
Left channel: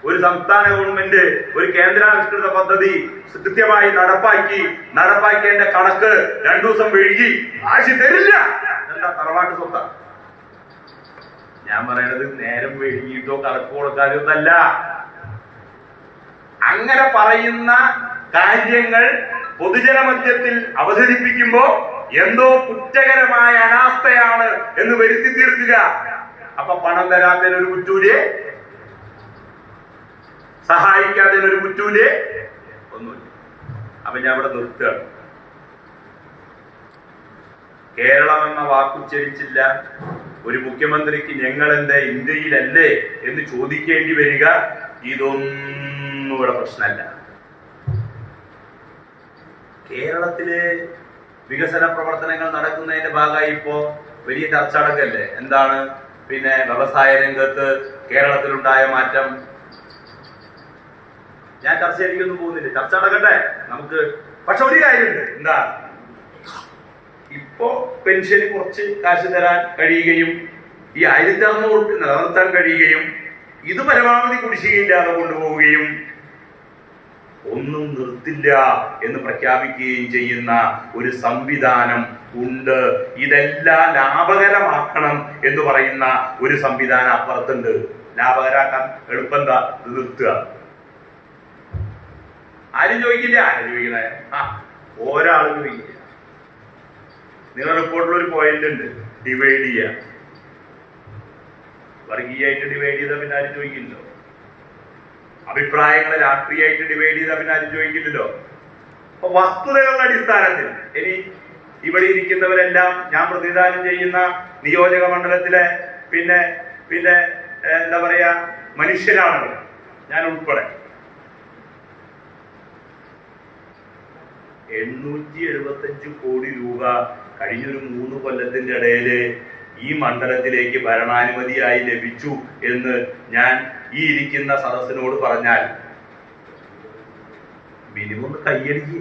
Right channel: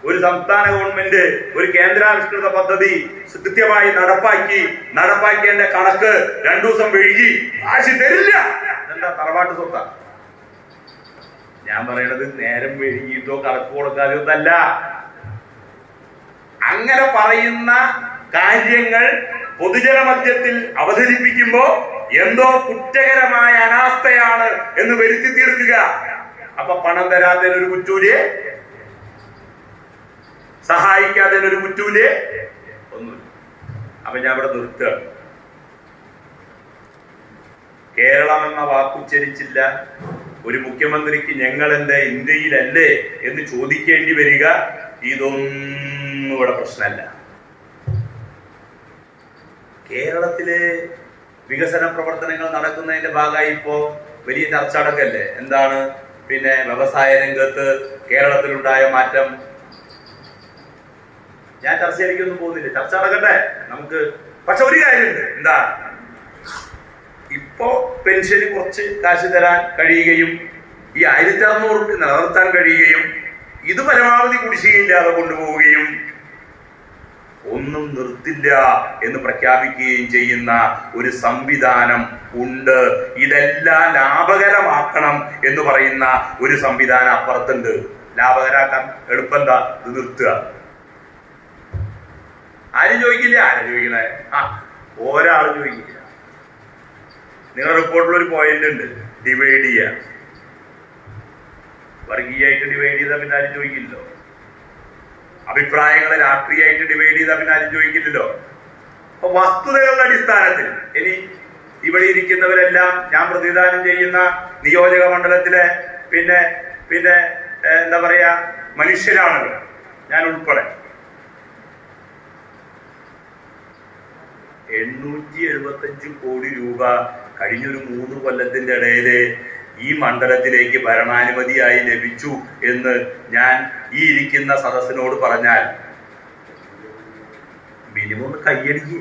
ഒരു സംസ്ഥാന ഗവൺമെന്റ് ഒരു കേന്ദ്രാവിഷ്കൃത പദ്ധതി കൃത്യമായി നടപ്പാക്കിയതിന്റെ കണക്ക് 2 ദിവസം വൈകി കാശ് തരില്ല. എന്താ? തറവാട്ട് സ്വത്താ. ഞാൻ പറയണത് നേരം വൈകിട്ടോ കണക്ക് കൊടുക്കാതെ ഒന്നല്ല. അങ്ങനെ പറയുന്ന കാര്യങ്ങൾ പൊതുജന മധ്യത്തിൽ അവതരിപ്പിക്കുമ്പോ എന്തോ കുറ്റകരമായ അനാസ്ഥയാണ് എന്ന് വരുത്തി തീർക്കുക. അപ്പൊ പണം തരാത്തതിനൊരു കുറ്റൂല്, സഹായിക്കാത്തതിനൊരു കുറ്റൂല് ഒന്നുമില്ല. അപ്പൊ ഞാൻ ഇവിടെ നിർത്തുകയാണ്. കേരളം എന്ന വാക്കുച്ചരിച്ചില്ല ഒരു മുഖ്യമന്ത്രിക്ക് ഞങ്ങൾ എന്താ ഇന്ത്യയിലല്ലേ എന്ന് ചോദിക്കേണ്ടി വരിക ഇതൊന്നും ഇവിടെ പ്രശ്നമല്ല. കേരളത്തില് വികസന പ്രവർത്തനങ്ങൾ നടക്കുന്നതിന്റെ ഭാഗമായി ഇപ്പോ വലിയ ചർച്ച നടക്കല്ലേ. എന്താണ്? പിന്നെ വ്യവസായ രംഗത്ത് കേരളത്തിലുണ്ടായ മാറ്റം. ഞാൻ ചർച്ചയിലേക്കൊന്നും പോകുന്നില്ല, ചർച്ച നടക്കട്ടെ നമുക്ക്. പക്ഷെ ഒരു കാര്യമുണ്ട്, എന്താ? ഇപ്പോ പെൻഷന് കുറച്ച് കാശ് തരാൻ കഴിയുകയും ഈ 1600 നിലനിർത്താൻ കഴിയുകയും ഇത് പരമാവധി കുടിശ്ശികയില്ലാതെ കൊണ്ടുപോവുകയും ഒന്നും നിർത്തില്ല എന്ന് പ്രഖ്യാപിക്കുകയും ചെയ്യുന്ന ഒരു സംവിധാനം ഉണ്ട്. ഇതെല്ലാം ലാഭകരമാക്കണം എന്ന് പറയുന്ന ഒരു സംവിധാനം അപ്പുറത്തുണ്ട്. ലാഭകരാക്കാൻ എളുപ്പം എന്താ? ഇത് നിർത്തുക. ആരും ചോദിക്കില്ല. ആരും ചോദിക്കണേ? ഒരാളും ചോദിക്കില്ല. നിങ്ങളുടെ റിപ്പോർട്ടിൽ ഒരു പോയിന്റ് ഉണ്ട്, ഡിവൈഡ് ചെയ്യുക. വർഗീയമായിട്ട് ഡിവൈഡ് ചെയ്താൽ പിന്നെ ആരും ചോദിക്കില്ലല്ലോ. അഭിപ്രായങ്ങളെ രാഷ്ട്രീയമായിട്ട് ഡിവൈഡ് ചെയ്താൽ പിന്നെ ആരും ചോദിക്കില്ലല്ലോ. അപ്പൊ വസ്തുതകളുടെ അടിസ്ഥാനത്തിൽ ഇനി ഇവിടെ ഇരിക്കുന്നവരെല്ലാം ഞാൻ പ്രതിദാനം ചെയ്യുന്ന നിയോജക മണ്ഡലത്തിലെ പിന്നെ പിന്നെ എന്താ പറയാ മനുഷ്യരാണല്ലോ, ഞാൻ ഉൾപ്പെടെ. 875 കോടി രൂപ കഴിഞ്ഞൊരു 3 കൊല്ലത്തിന്റെ ഇടയില് ഈ മണ്ഡലത്തിലേക്ക് ഭരണാനുമതിയായി ലഭിച്ചു എന്ന് ഞാൻ ഈ ഇരിക്കുന്ന സദസ്സിനോട് പറഞ്ഞാൽ മിനിമം ഒന്ന് കയ്യടിക്ക്.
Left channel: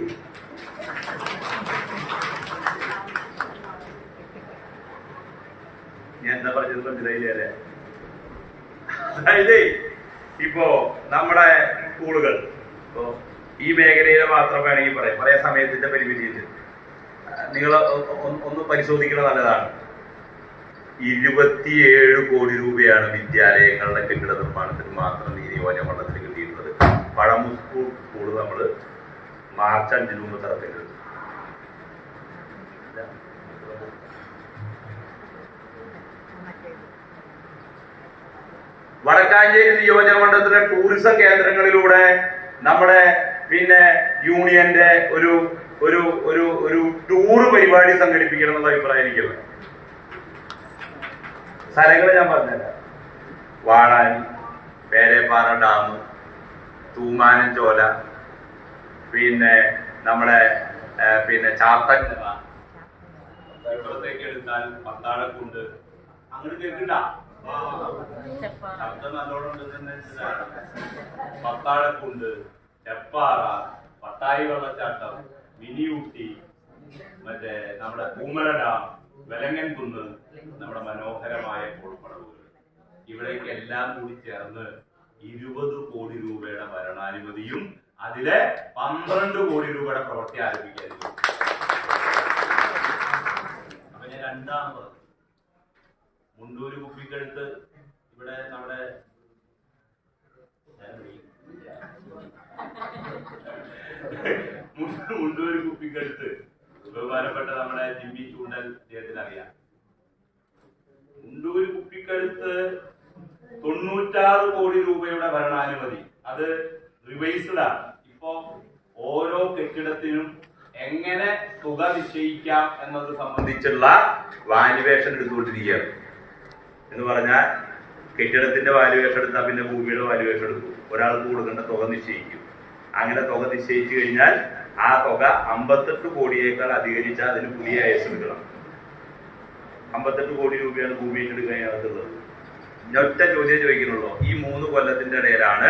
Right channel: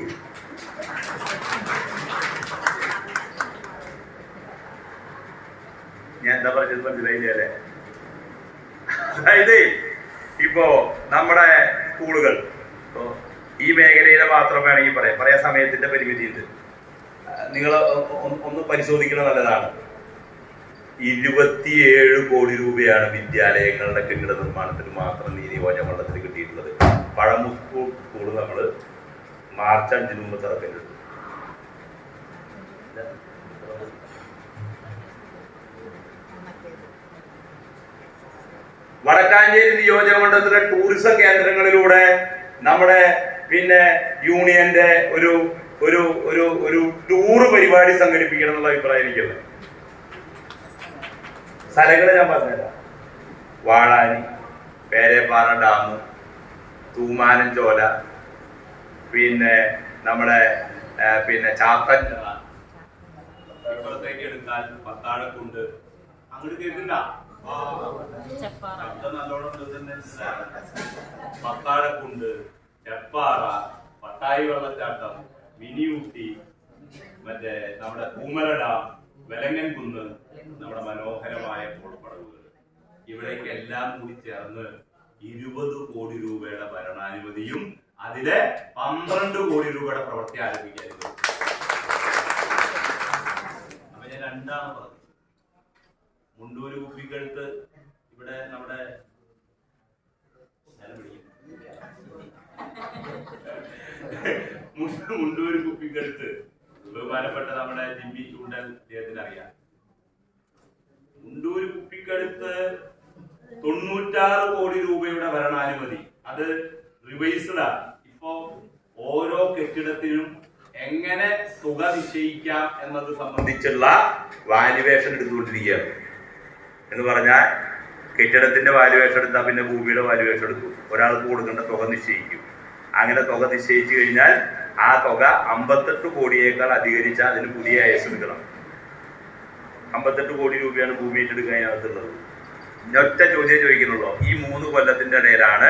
ഞാൻ എന്താ പറഞ്ഞത് മനസ്സിലായില്ലേ? അതായത് ഇപ്പോ നമ്മുടെ സ്കൂളുകൾ, ഇപ്പോ ഈ മേഖലയിലെ മാത്രം വേണമെങ്കിൽ പറയാൻ സമയത്തിന്റെ പരിമിതിയുണ്ട്. നിങ്ങൾ ഒന്ന് പരിശോധിക്കുന്നത് നല്ലതാണ്. 27 കോടി രൂപയാണ് വിദ്യാലയങ്ങളുടെ കെട്ടിട നിർമ്മാണത്തിന് മാത്രം ഈ നിയോജകമണ്ഡലത്തിൽ കിട്ടിയിട്ടുള്ളത്. പഴമൂർ സ്കൂൾ നമ്മൾ മാർച്ച് 5 മുമ്പ് തുറക്കരുത്. വടക്കാഞ്ചേരി നിയോജകമണ്ഡലത്തിലെ ടൂറിസം കേന്ദ്രങ്ങളിലൂടെ നമ്മുടെ പിന്നെ യൂണിയന്റെ ഒരു ഒരു ഒരു ഒരു ടൂറ് പരിപാടി സംഘടിപ്പിക്കണം എന്നുള്ള അഭിപ്രായം എനിക്കുള്ളത്. സ്ഥലങ്ങൾ ഞാൻ പറഞ്ഞുതരാം. വാഴാനി, പേരേപ്പാറ ഡാം, തൂമാനം ചോല, പിന്നെ നമ്മുടെ പിന്നെ ചാത്തഞ്ചിറ, ഇപ്പുറത്തേക്ക് എടുത്താൽ പത്താഴക്കുണ്ട്. അങ്ങോട്ട് കേൾക്കണ്ട, ശബ്ദം നല്ലോണം പത്താഴക്കുണ്ട്, ചെപ്പാറ, പട്ടായി വെള്ളച്ചാട്ടം, മിനിയൂട്ടി, മറ്റേ നമ്മുടെ പൂമല ഡാം, വെലങ്ങൻ കുന്ന്, നമ്മുടെ മനോഹരമായ കോൾപ്പടവുകൾ, ഇവിടേക്ക് എല്ലാം കൂടി ചേർന്ന് 20 കോടി രൂപയുടെ ഭരണാനുമതിയും അതിലെ 12 കോടി രൂപയുടെ പ്രവൃത്തി ആരംഭിക്കായിരുന്നു. അപ്പൊ ഞാൻ രണ്ടാമത് മുണ്ടൂര് കുപ്പിക്കടുത്ത് ഇവിടെ നമ്മുടെ മുണ്ടൂര് കുപ്പിക്കടുത്ത് ബഹുമാനപ്പെട്ട നമ്മുടെ ജിമ്മി ചൂണ്ടൽ അദ്ദേഹത്തിന് അറിയാം. മുണ്ടൂര് കുപ്പിക്കടുത്ത് 96 കോടി രൂപയുടെ ഭരണാനുമതി, അത് റിവൈസ്ഡാണ്. ഇപ്പൊ ഓരോ കെട്ടിടത്തിനും എങ്ങനെ തുക നിശ്ചയിക്കാം എന്നത് സംബന്ധിച്ചുള്ള വാല്യുവേഷൻ എടുത്തുകൊണ്ടിരിക്കുകയാണ്. എന്ന് പറഞ്ഞാൽ കെട്ടിടത്തിന്റെ വാല്യുവേഷൻ എടുത്താൽ പിന്നെ ഭൂമിയുടെ വാല്യുവേഷൻ എടുക്കും. ഒരാൾക്ക് കൊടുക്കേണ്ട തുക നിശ്ചയിക്കും. അങ്ങനെ തുക നിശ്ചയിച്ചു കഴിഞ്ഞാൽ ആ തുക 58 കോടിയേക്കാൾ അധികരിച്ചാൽ അതിന് പുതിയ അയസ് എടുക്കണം. 58 കോടി രൂപയാണ് ഭൂമി ഏറ്റെടുക്കാൻ അതിനകത്തുള്ളത്. ഒറ്റ ചോദ്യം ചോദിക്കുന്നുള്ളൂ. ഈ 3 കൊല്ലത്തിന്റെ ഇടയിലാണ്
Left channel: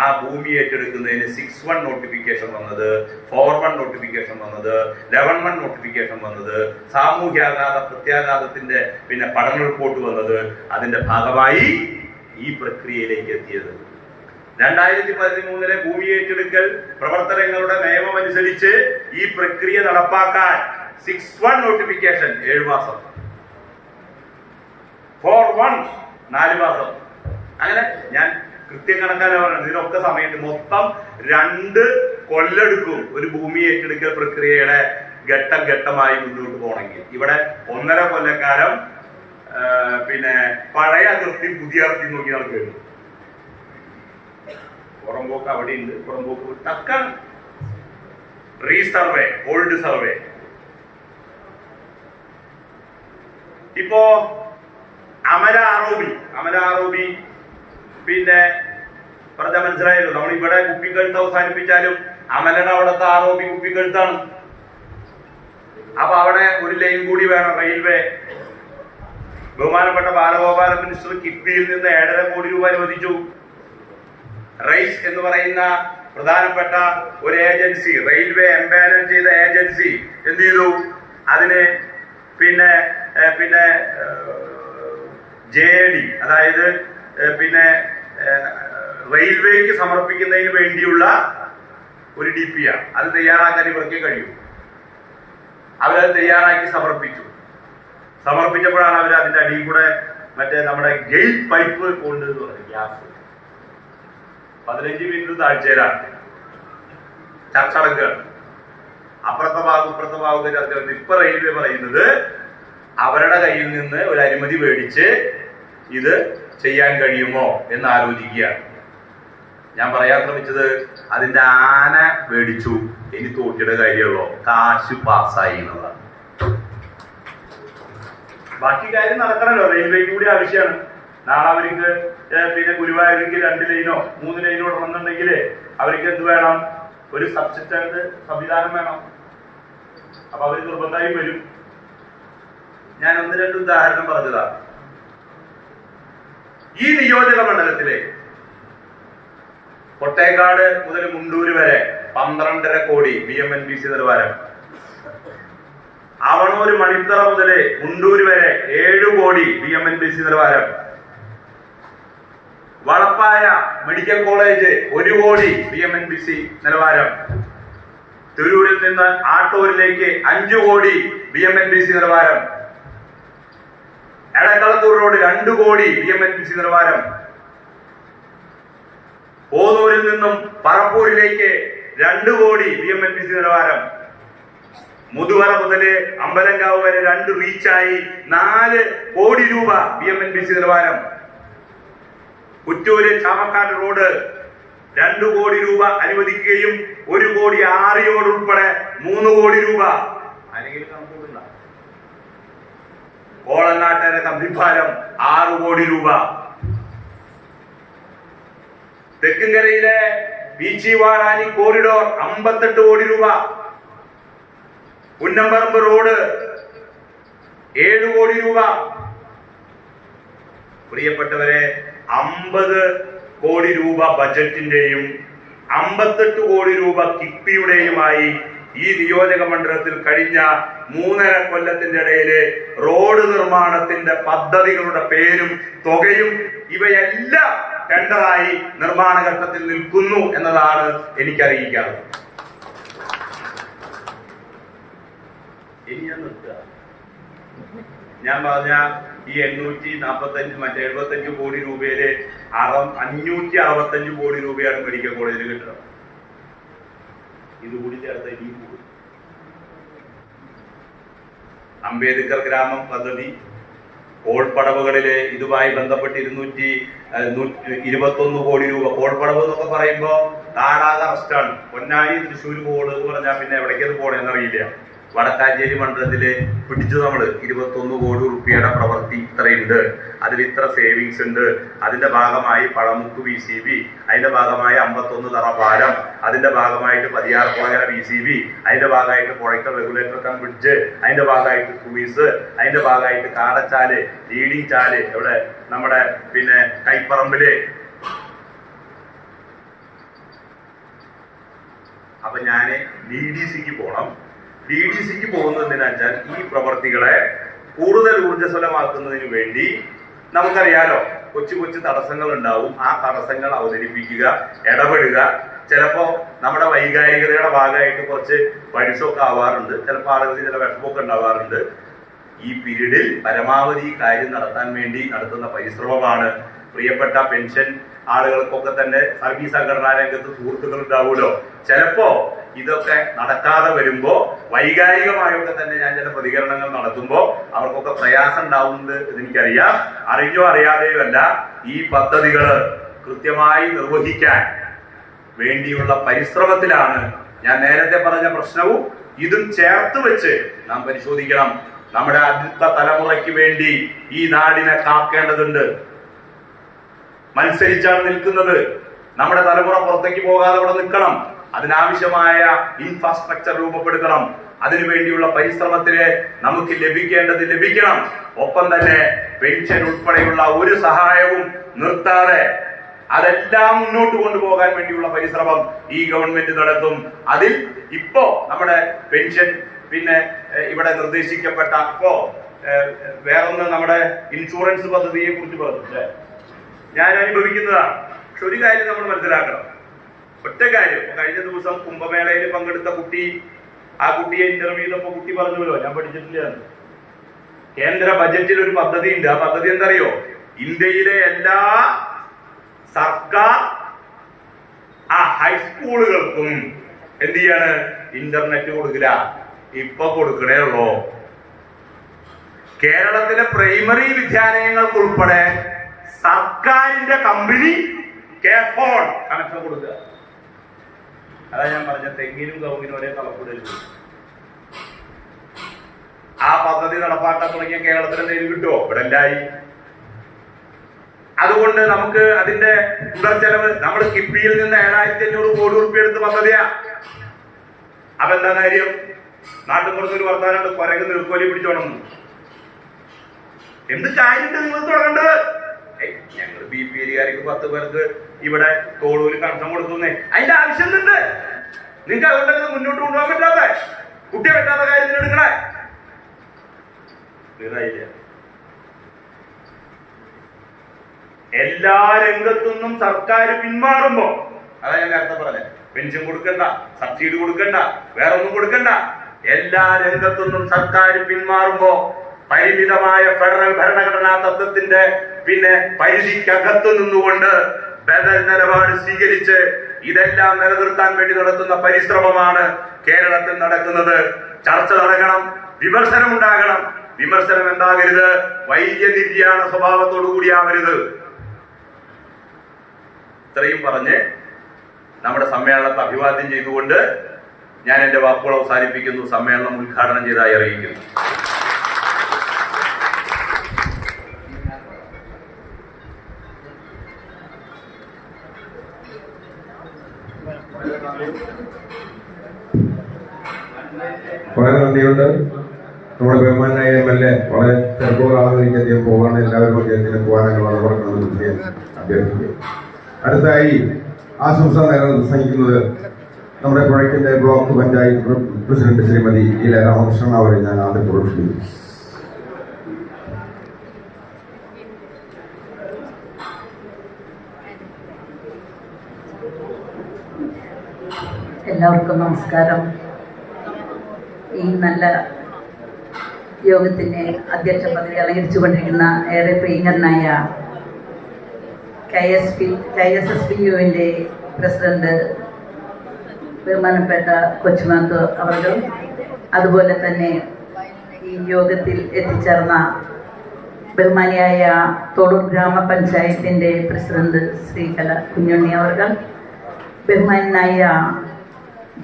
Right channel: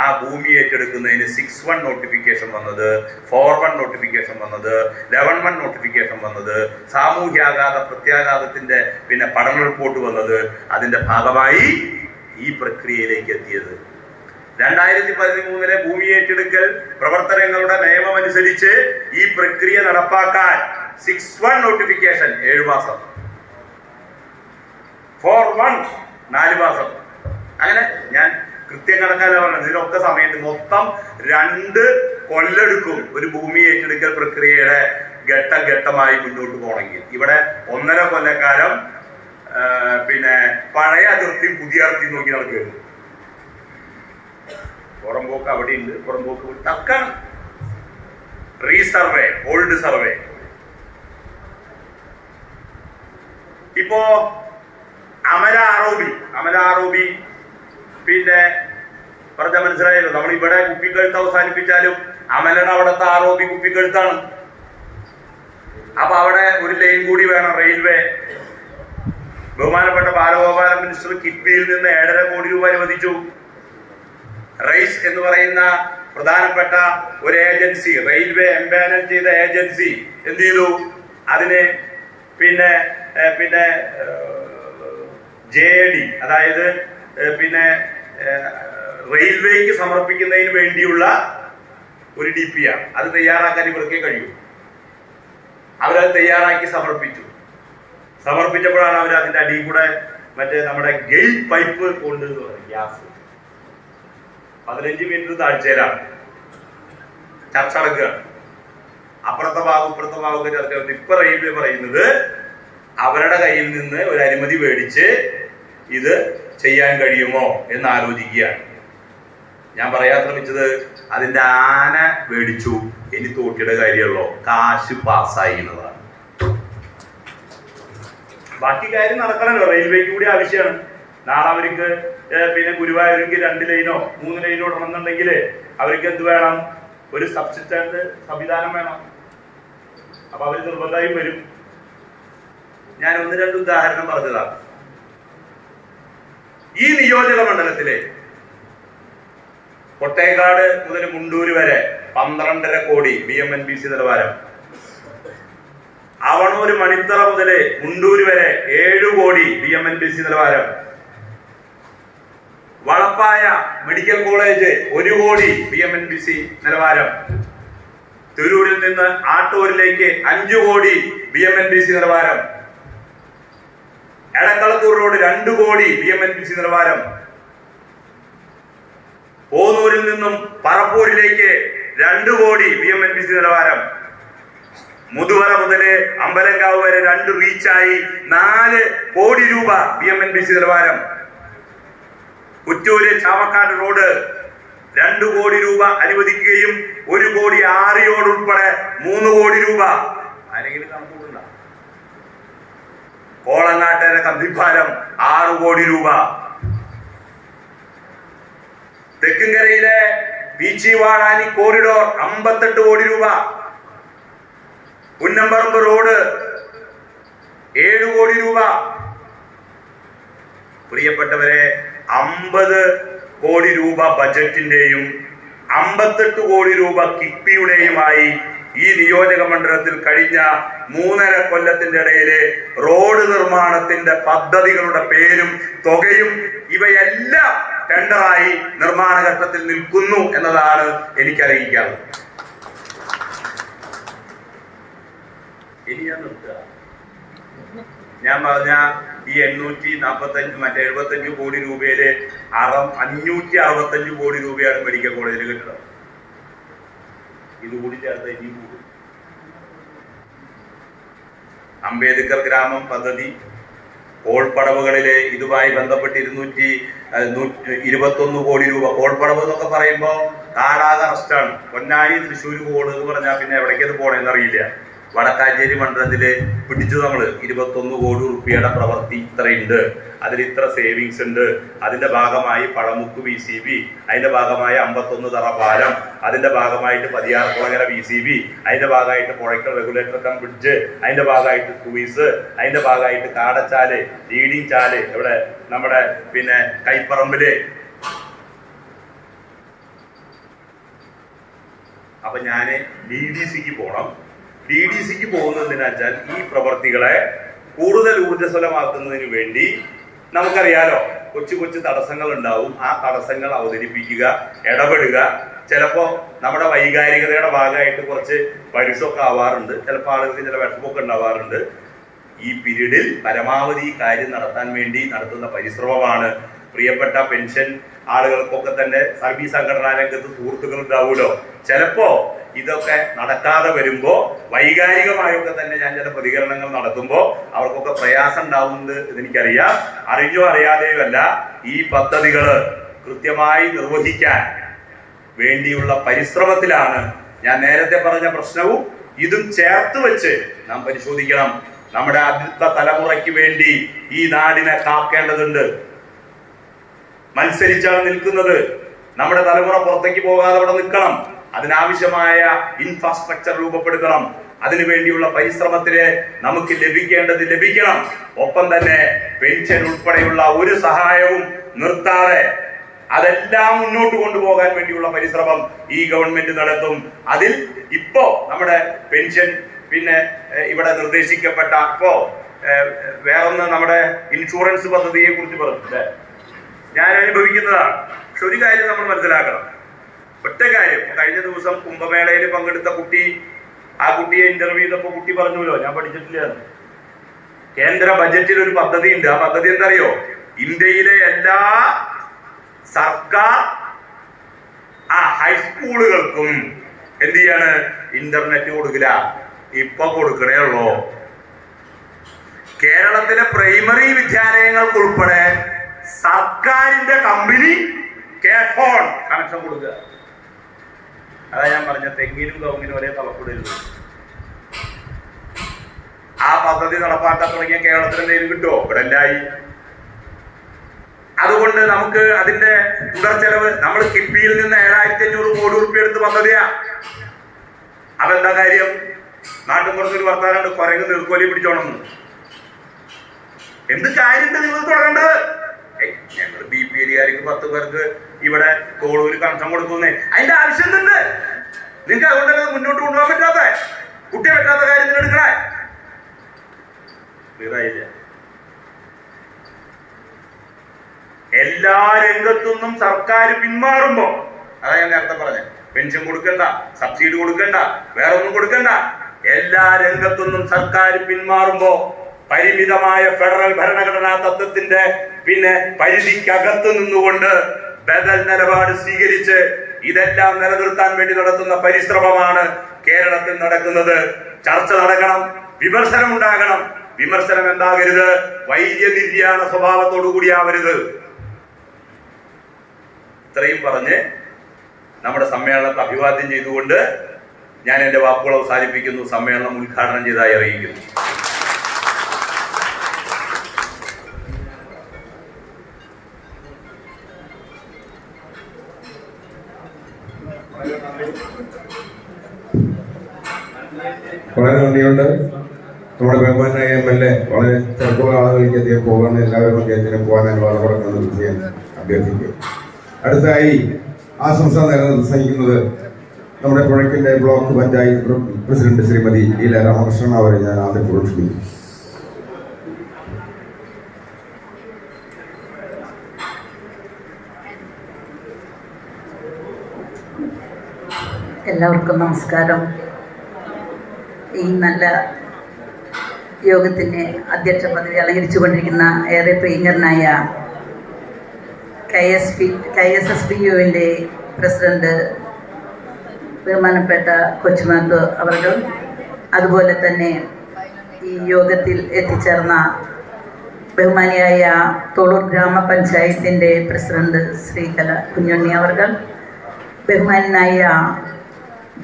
ആ ഭൂമി ഏറ്റെടുക്കുന്നതിന് 6-1 നോട്ടിഫിക്കേഷൻ വന്നത്, 4-1 നോട്ടിഫിക്കേഷൻ വന്നത്, 11-1 നോട്ടിഫിക്കേഷൻ വന്നത്, സാമൂഹ്യാഘാത പ്രത്യാഘാതത്തിന്റെ പിന്നെ പഠന റിപ്പോർട്ട് വന്നത്. അതിന്റെ ഭാഗമായി ഈ പ്രക്രിയയിലേക്ക് എത്തിയത് 2013 ഭൂമി ഏറ്റെടുക്കൽ പ്രവർത്തനങ്ങളുടെ നിയമം അനുസരിച്ച് ഈ പ്രക്രിയ നടപ്പാക്കാൻ 6-1 നോട്ടിഫിക്കേഷൻ 7 മാസം, 4-1 4 മാസം. അങ്ങനെ ഞാൻ കൃത്യം കണക്കാണ് പറഞ്ഞത്. ഇതിനൊക്കെ സമയത്ത് മൊത്തം 2 കൊല്ലെടുക്കും ഒരു ഭൂമി ഏറ്റെടുക്കൽ പ്രക്രിയയുടെ ഘട്ടം ഘട്ടമായി മുന്നോട്ട് പോകണമെങ്കിൽ. ഇവിടെ 1.5 കൊല്ലക്കാലം പിന്നെ പഴയ അതിർത്തി പുതിയ അതിർത്തി നോക്കി നടക്കുകയാണ്. പുറമ്പോക്ക് അവിടെ ഉണ്ട്, പുറമ്പോക്ക് ടക്കാണ്. Resurvey, old survey. ഇപ്പോ അമല ആറോബി പിന്നെ പറഞ്ഞ മനസ്സിലായല്ലോ. നമ്മൾ ഇവിടെ കുപ്പിക്കഴുത്ത് അവസാനിപ്പിച്ചാലും അമലയുടെ അവിടുത്തെ ആറോബി കുപ്പിക്കഴുത്താണ്. അപ്പൊ അവിടെ ഒരു ലൈൻ കൂടി വേണം, റെയിൽവേ. ബഹുമാനപ്പെട്ട ബാലഗോപാല മിനിസ്റ്റർ കിഫ്ബിയിൽ നിന്ന് 7.5 കോടി രൂപ അനുവദിച്ചു. റൈസ് എന്ന് പറയുന്ന പ്രധാനപ്പെട്ട ഒരു ഏജൻസി, റെയിൽവേ എംപാനൽ ചെയ്ത ഏജൻസി എന്ത് ചെയ്തു? അതിന് പിന്നെ JAD, അതായത് പിന്നെ റെയിൽവേക്ക് സമർപ്പിക്കുന്നതിന് വേണ്ടിയുള്ള ഒരു DPR അത് തയ്യാറാക്കാൻ ഇവർക്ക് കഴിയൂ. അവരത് തയ്യാറാക്കി സമർപ്പിച്ചപ്പോഴാണ് അവർ അതിന്റെ അടിയിൽ കൂടെ മറ്റേ നമ്മുടെ ഗെയിൽ പൈപ്പ് കൊണ്ട് ഗ്യാസ് 15 മിനിറ്റ് താഴ്ചയിലാണ് ചർച്ച നടക്കുകയാണ്. അപ്പുറത്തെ ഭാഗമൊക്കെ ചർച്ച നടത്തി. ഇപ്പൊ റെയിൽവേ പറയുന്നത് അവരുടെ കയ്യിൽ നിന്ന് ഒരു അനുമതി മേടിച്ച് ഇത് ചെയ്യാൻ കഴിയുമോ എന്ന് ആലോചിക്കുകയാണ്. ഞാൻ പറയാൻ ശ്രമിച്ചത് അതിന്റെ ആന മേടിച്ചു, ഇനി തോട്ടിയുടെ കാര്യമുള്ളൂ, കാശ് പാസ്സായി എന്നതാണ്. ബാക്കി കാര്യം നടക്കണല്ലോ, റെയിൽവേക്ക് കൂടി ആവശ്യമാണ്. നാളെ അവർക്ക് പിന്നെ ഗുരുവായൂർക്ക് 2 ലൈനോ 3 ലൈനോ ഇടണമെന്നുണ്ടെങ്കിൽ അവർക്ക് എന്ത് വേണം? ഒരു സബ്സിസ്റ്റന്റ് സംവിധാനം വേണം. അപ്പൊ അവർ നിർബന്ധമായും വരും. ഞാൻ 1-2 ഉദാഹരണം പറഞ്ഞതാണ്. ഈ നിയോജക മണ്ഡലത്തിലെ കൊട്ടേക്കാട് മുതൽ മുണ്ടൂര് വരെ 12.5 കോടി BMNBC നിലവാരം. അവണൂര് മണിത്തറ മുതൽ മുണ്ടൂര് വരെ 7 കോടി BMNBC നിലവാരം. വളപ്പായ മെഡിക്കൽ കോളേജ് 1 കോടി BMNBC നിലവാരം. തിരൂരിൽ നിന്ന് ആട്ടൂരിലേക്ക് 5 കോടി BMNBC നിലവാരം. എടക്കളത്തൂർ റോഡ് 2 കോടി BMNBC നിലവാരം. പോന്നൂരിൽ നിന്നും പറപ്പൂരിലേക്ക് 2 കോടി BMNBC നിലവാരം. മുതുവറ മുതല് അമ്പലങ്കാവ് വരെ 2 റീച്ചായി 4 കോടി രൂപ BMNBC നിലവാരം. കുറ്റൂര് ചാമക്കാട് റോഡ് 2 കോടി രൂപ അനുവദിക്കുകയും 1 കോടി ആറിയോട് ഉൾപ്പെടെ 3 കോടി രൂപ. ആരെങ്കിലും കണക്കുകൂടണ്ട. കോളങ്ങാട്ടര കമ്പിപ്പാലം 6 കോടി രൂപ. തെക്കുംകരയിലെ പീച്ചിവാടാനി കോറിഡോർ 58 കോടി രൂപ. പുന്നമ്പറമ്പ് റോഡ് 7 കോടി രൂപ. പ്രിയപ്പെട്ടവരെ, 50 കോടി രൂപ ബജറ്റിന്റെയും 58 കോടി രൂപ കിഫ്ബിയുടെയുമായി ഈ നിയോജക മണ്ഡലത്തിൽ കഴിഞ്ഞ 3.5 കൊല്ലത്തിന്റെ ഇടയില് റോഡ് നിർമ്മാണത്തിന്റെ പദ്ധതികളുടെ പേരും തുകയും ഇവയെല്ലാം ടെൻഡറായി നിർമ്മാണ ഘട്ടത്തിൽ നിൽക്കുന്നു എന്നതാണ് എനിക്കറിയിക്കാറുള്ളത്. ഇനി ഞാൻ നിർത്തുക. ഞാൻ പറഞ്ഞ ഈ 875 കോടി രൂപയില് 565 കോടി രൂപയാണ് മെഡിക്കൽ കോളേജിൽ കിട്ടുന്നത്. ഇതുകൂടി ചേർത്ത് ഇനിയും കൂടും. അംബേദ്കർ ഗ്രാമം പദ്ധതി, കോൾപ്പടവുകളില് ഇതുമായി ബന്ധപ്പെട്ട് 221 കോടി രൂപ. കോൾപ്പടവ് എന്നൊക്കെ പറയുമ്പോ താടാക റെസ്റ്റാണ്. പൊന്നാനി തൃശ്ശൂർ കോട് എന്ന് പറഞ്ഞാൽ പിന്നെ എവിടേക്കത് പോണേന്ന് അറിയില്ല. വടക്കാഞ്ചേരി മണ്ഡലത്തില് പിടിച്ചു നമ്മൾ 21 കോടി റുപ്യയുടെ പ്രവൃത്തി ഇത്രയുണ്ട്, അതിൽ ഇത്ര സേവിങ്സ് ഉണ്ട്. അതിന്റെ ഭാഗമായി പഴമുക്ക് VCB, അതിന്റെ ഭാഗമായി 51 തറ പാലം, അതിന്റെ ഭാഗമായിട്ട് 16 കോളര VCB, അതിന്റെ ഭാഗമായിട്ട് പുഴയ്ക്കൽ റെഗുലേറ്റർ കം ബ്രിഡ്ജ്, അതിന്റെ ഭാഗമായിട്ട് ക്രൂയിസ്, അതിന്റെ ഭാഗമായിട്ട് കാടച്ചാല്, ലീഡിങ് ചാല്, ഇവിടെ നമ്മുടെ പിന്നെ കൈപ്പറമ്പില്. അപ്പൊ ഞാന് DDCക്ക് പോണം. DDCക്ക് പോകുന്നതെന്ന് വെച്ചാൽ ഈ പ്രവർത്തികളെ കൂടുതൽ ഊർജ്ജസ്വലമാക്കുന്നതിന് വേണ്ടി നമുക്കറിയാലോ കൊച്ചു കൊച്ചു തടസ്സങ്ങൾ ഉണ്ടാവും. ആ തടസ്സങ്ങൾ അവതരിപ്പിക്കുക, ഇടപെടുക. ചിലപ്പോ നമ്മുടെ വൈകാരികതയുടെ ഭാഗമായിട്ട് കുറച്ച് പരുഷമൊക്കെ ആവാറുണ്ട്. ചിലപ്പോൾ ആളുകൾക്ക് ചില വിഷമമൊക്കെ ഉണ്ടാവാറുണ്ട്. ഈ പീരീഡിൽ പരമാവധി കാര്യം നടത്താൻ വേണ്ടി നടത്തുന്ന പരിശ്രമമാണ്. പ്രിയപ്പെട്ട പെൻഷൻ ആളുകൾക്കൊക്കെ തന്നെ സർവീസ് സംഘടനാ രംഗത്ത് സുഹൃത്തുക്കൾ ഉണ്ടാവുമല്ലോ. ചിലപ്പോ ഇതൊക്കെ നടക്കാതെ വരുമ്പോ വൈകാരികമായൊക്കെ തന്നെ ഞാൻ ചില പ്രതികരണങ്ങൾ നടത്തുമ്പോൾ അവർക്കൊക്കെ പ്രയാസം ഉണ്ടാവുന്നത് എനിക്കറിയാം. അറിഞ്ഞോ അറിയാതെയോ അല്ല, ഈ പദ്ധതികൾ കൃത്യമായി നിർവഹിക്കാൻ വേണ്ടിയുള്ള പരിശ്രമത്തിലാണ്. ഞാൻ നേരത്തെ പറഞ്ഞ പ്രശ്നവും ഇതും ചേർത്ത് വെച്ച് നാം പരിശോധിക്കണം. നമ്മുടെ അടുത്ത തലമുറയ്ക്ക് വേണ്ടി ഈ നാടിനെ കാക്കേണ്ടതുണ്ട്. മത്സരിച്ചാണ് നിൽക്കുന്നത്. നമ്മുടെ തലമുറ പുറത്തേക്ക് പോകാതെ അവിടെ നിൽക്കണം. അതിനാവശ്യമായ ഇൻഫ്രാസ്ട്രക്ചർ രൂപപ്പെടുത്തണം. അതിനുവേണ്ടിയുള്ള പരിശ്രമത്തില് നമുക്ക് ലഭിക്കേണ്ടത് ലഭിക്കണം. ഒപ്പം തന്നെ പെൻഷൻ ഉൾപ്പെടെയുള്ള ഒരു സഹായവും നിർത്താതെ അതെല്ലാം മുന്നോട്ട് കൊണ്ടുപോകാൻ വേണ്ടിയുള്ള പരിശ്രമം ഈ ഗവൺമെന്റ് നടത്തും. അതിൽ ഇപ്പോ നമ്മുടെ പെൻഷൻ പിന്നെ ഇവിടെ നിർദ്ദേശിക്കപ്പെട്ട ഇപ്പോ വേറൊന്ന് നമ്മുടെ ഇൻഷുറൻസ് പദ്ധതിയെ കുറിച്ച് പറഞ്ഞില്ലേ, ഞാൻ അനുഭവിക്കുന്നതാണ്. പക്ഷെ ഒരു കാര്യം നമ്മൾ മനസ്സിലാക്കണം. ഒറ്റ കാര്യം, കഴിഞ്ഞ ദിവസം കുംഭമേളയിൽ പങ്കെടുത്ത കുട്ടി, ആ കുട്ടിയെ ഇന്റർവ്യൂ ചെയ്തപ്പോ കുട്ടി പറഞ്ഞല്ലോ, ഞാൻ പഠിച്ചിട്ടില്ല. കേന്ദ്ര ബജറ്റിൽ ഒരു പദ്ധതി ഉണ്ട്. ആ പദ്ധതി എന്തറിയോ? ഇന്ത്യയിലെ എല്ലാ സർക്കാർ ഹൈസ്കൂളുകൾക്കും എന്ത് ചെയ്യാണ്? ഇന്റർനെറ്റ് കൊടുക്കില്ല. ഇപ്പൊ കൊടുക്കണേ ഉള്ളൂ. കേരളത്തിലെ പ്രൈമറി വിദ്യാലയങ്ങൾക്ക് ഉൾപ്പെടെ സർക്കാരിന്റെ കമ്പനി കെഫോൺ കണക്ഷൻ കൊടുക്കുക. അതാ ഞാൻ പറഞ്ഞ തെങ്ങിനും കവുങ്ങിനും ഒരേ തളപ്പെടരുത്. ആ പദ്ധതി നടപ്പാക്കാൻ തുടങ്ങിയ കേരളത്തിൽ എന്തെങ്കിലും കിട്ടുമോ? ഇവിടെ എല്ലായി. അതുകൊണ്ട് നമുക്ക് അതിന്റെ തുടർ ചെലവ് നമ്മൾ കിഫ്ബിയിൽ നിന്ന് 7500 കോടി രൂപ എടുത്ത് പദ്ധതിയാ. അപ്പൊ എന്താ കാര്യം? നാട്ടിൻ പുറത്തൊരു വർത്താനുണ്ട്, കുരങ്ങ് നീർക്കോലി പിടിച്ചോണം. എന്ത് കാര്യമുണ്ട് നിങ്ങൾ തുടങ്ങേണ്ടത്? ഞങ്ങൾ BP ഏരിയക്കാർക്ക് 10 പേർക്ക് ഇവിടെ തോളൂര് കണക്ഷൻ കൊടുക്കുന്നേ. അതിന്റെ ആവശ്യം എന്തുണ്ട് നിങ്ങൾക്ക്? അതുകൊണ്ടല്ലേ മുന്നോട്ട് കൊണ്ടുപോകാൻ പറ്റാത്ത, കുട്ടിയെ പറ്റാത്ത കാര്യത്തിന് എടുക്കണേ. ക്ലിയറായില്ല? എല്ലാ രംഗത്തുനിന്നും സർക്കാർ പിന്മാറുമ്പോ, അതാ ഞാൻ നേരത്തെ പറഞ്ഞ, പെൻഷൻ കൊടുക്കണ്ട, സബ്സിഡി കൊടുക്കണ്ട, വേറെ ഒന്നും കൊടുക്കണ്ട, എല്ലാ രംഗത്തുനിന്നും സർക്കാർ പിന്മാറുമ്പോ പരിമിതമായ ഫെഡറൽ ഭരണഘടനാ തത്വത്തിന്റെ പിന്നെ പരിധിക്കകത്തു നിന്നുകൊണ്ട് ബദൽ നിലപാട് സ്വീകരിച്ച് ഇതെല്ലാം നിലനിർത്താൻ വേണ്ടി നടത്തുന്ന പരിശ്രമമാണ് കേരളത്തിൽ നടക്കുന്നത്. ചർച്ച നടക്കണം, വിമർശനം ഉണ്ടാകണം. വിമർശനം എന്താകരുത്? വൈദ്യ നിര്യാണ സ്വഭാവത്തോടു കൂടിയാവരുത്. ഇത്രയും പറഞ്ഞ് നമ്മുടെ സമ്മേളനത്തെ അഭിവാദ്യം ചെയ്തുകൊണ്ട് ഞാൻ എന്റെ വാക്കുകൾ അവസാനിപ്പിക്കുന്നു. സമ്മേളനം ഉദ്ഘാടനം ചെയ്തതായി അറിയിക്കുന്നു. വളരെ നന്ദിയുണ്ട്. നമ്മുടെ ബഹുമാനായ MLA വളരെ തിരക്കുള്ള ആളുകളിലേക്ക് അദ്ദേഹം പോകാണ്. എല്ലാവരും അദ്ദേഹത്തിന് പോകാനായി വളരെ നന്ദി ചെയ്യാൻ അഭ്യർത്ഥിക്കും. അടുത്തായി ആശംസ നേരം പ്രസംഗിക്കുന്നത് നമ്മുടെ പുഴയ്ക്കൻ്റെ block panchayat president Srimathi E Ramakrishnan അവരെ ഞാൻ ആദ്യപൂർവ്വം ക്ഷണിക്കുന്നു. എല്ലാവർക്കും നമസ്കാരം. ഈ നല്ല യോഗത്തിന് അധ്യക്ഷ പദവി അലങ്കരിച്ചുകൊണ്ടിരിക്കുന്ന ഏറെ പ്രിയങ്കരനായ KSSPU-വിൻ്റെ പ്രസിഡന്റ് ബഹുമാനപ്പെട്ട കൊച്ചുമാത്ത് അവർ, അതുപോലെ തന്നെ ഈ യോഗത്തിൽ എത്തിച്ചേർന്ന ബഹുമാനിയായ തോളൂർ ഗ്രാമപഞ്ചായത്തിൻ്റെ പ്രസിഡന്റ് ശ്രീ കുഞ്ഞുണ്ണി അവർ, ബഹുമാനായ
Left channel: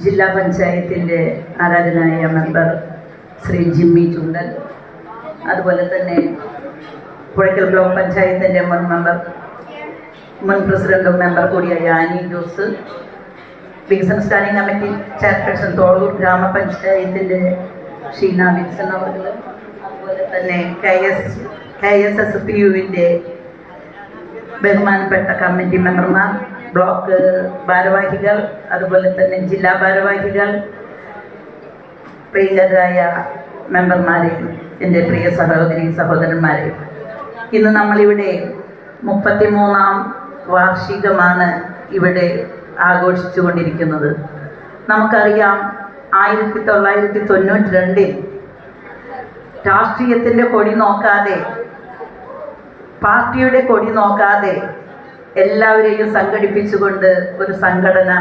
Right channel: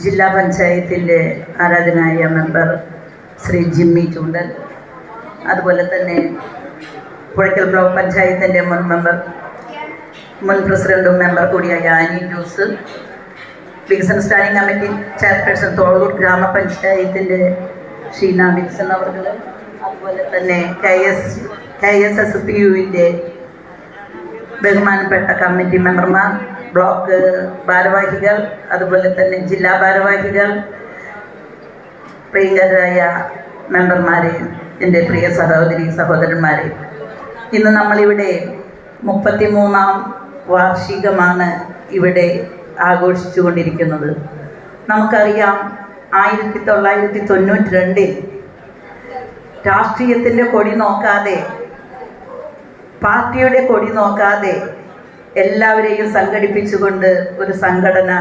ജില്ലാ പഞ്ചായത്തിൻ്റെ ആരാധനായ മെമ്പർ ശ്രീ ജിമ്മി ചൂണ്ടൽ, അതുപോലെ തന്നെ പുഴയ്ക്കൽ ബ്ലോക്ക് പഞ്ചായത്തിൻ്റെ മുൻ പ്രസിഡന്റും മെമ്പർ കൂടിയായ ആനി ജോസ്, വികസന സ്റ്റാൻഡിംഗ് കമ്മിറ്റി ചെയർപേഴ്സൺ തോളൂർ ഗ്രാമപഞ്ചായത്തിൻ്റെ ഷീന വിൽസൺ അവർ, അതുപോലെ തന്നെ KSSPU-വിൻ്റെ ബഹുമാനപ്പെട്ട കമ്മിറ്റി മെമ്പർമാർ, ബ്ലോക്ക് ഭാരവാഹികൾ, അതുപോലെ തന്നെ ജില്ലാ ഭാരവാഹികൾ, പ്രിയങ്കരായ മെമ്പർമാരെ, എൻ്റെ പ്രിയ സഹോദരന്മാരെ, ഇന്ന് നമ്മളിവിടെ 33ാം വാർഷികമാണ് ഇവിടെ ആഘോഷിച്ചു കൊണ്ടിരിക്കുന്നത്. നമുക്കറിയാം 1992 രാഷ്ട്രീയത്തിൻ്റെ കൊടി നോക്കാതെ, പാർട്ടിയുടെ കൊടി നോക്കാതെ എല്ലാവരെയും സംഘടിപ്പിച്ചുകൊണ്ട് ഒരു സംഘടന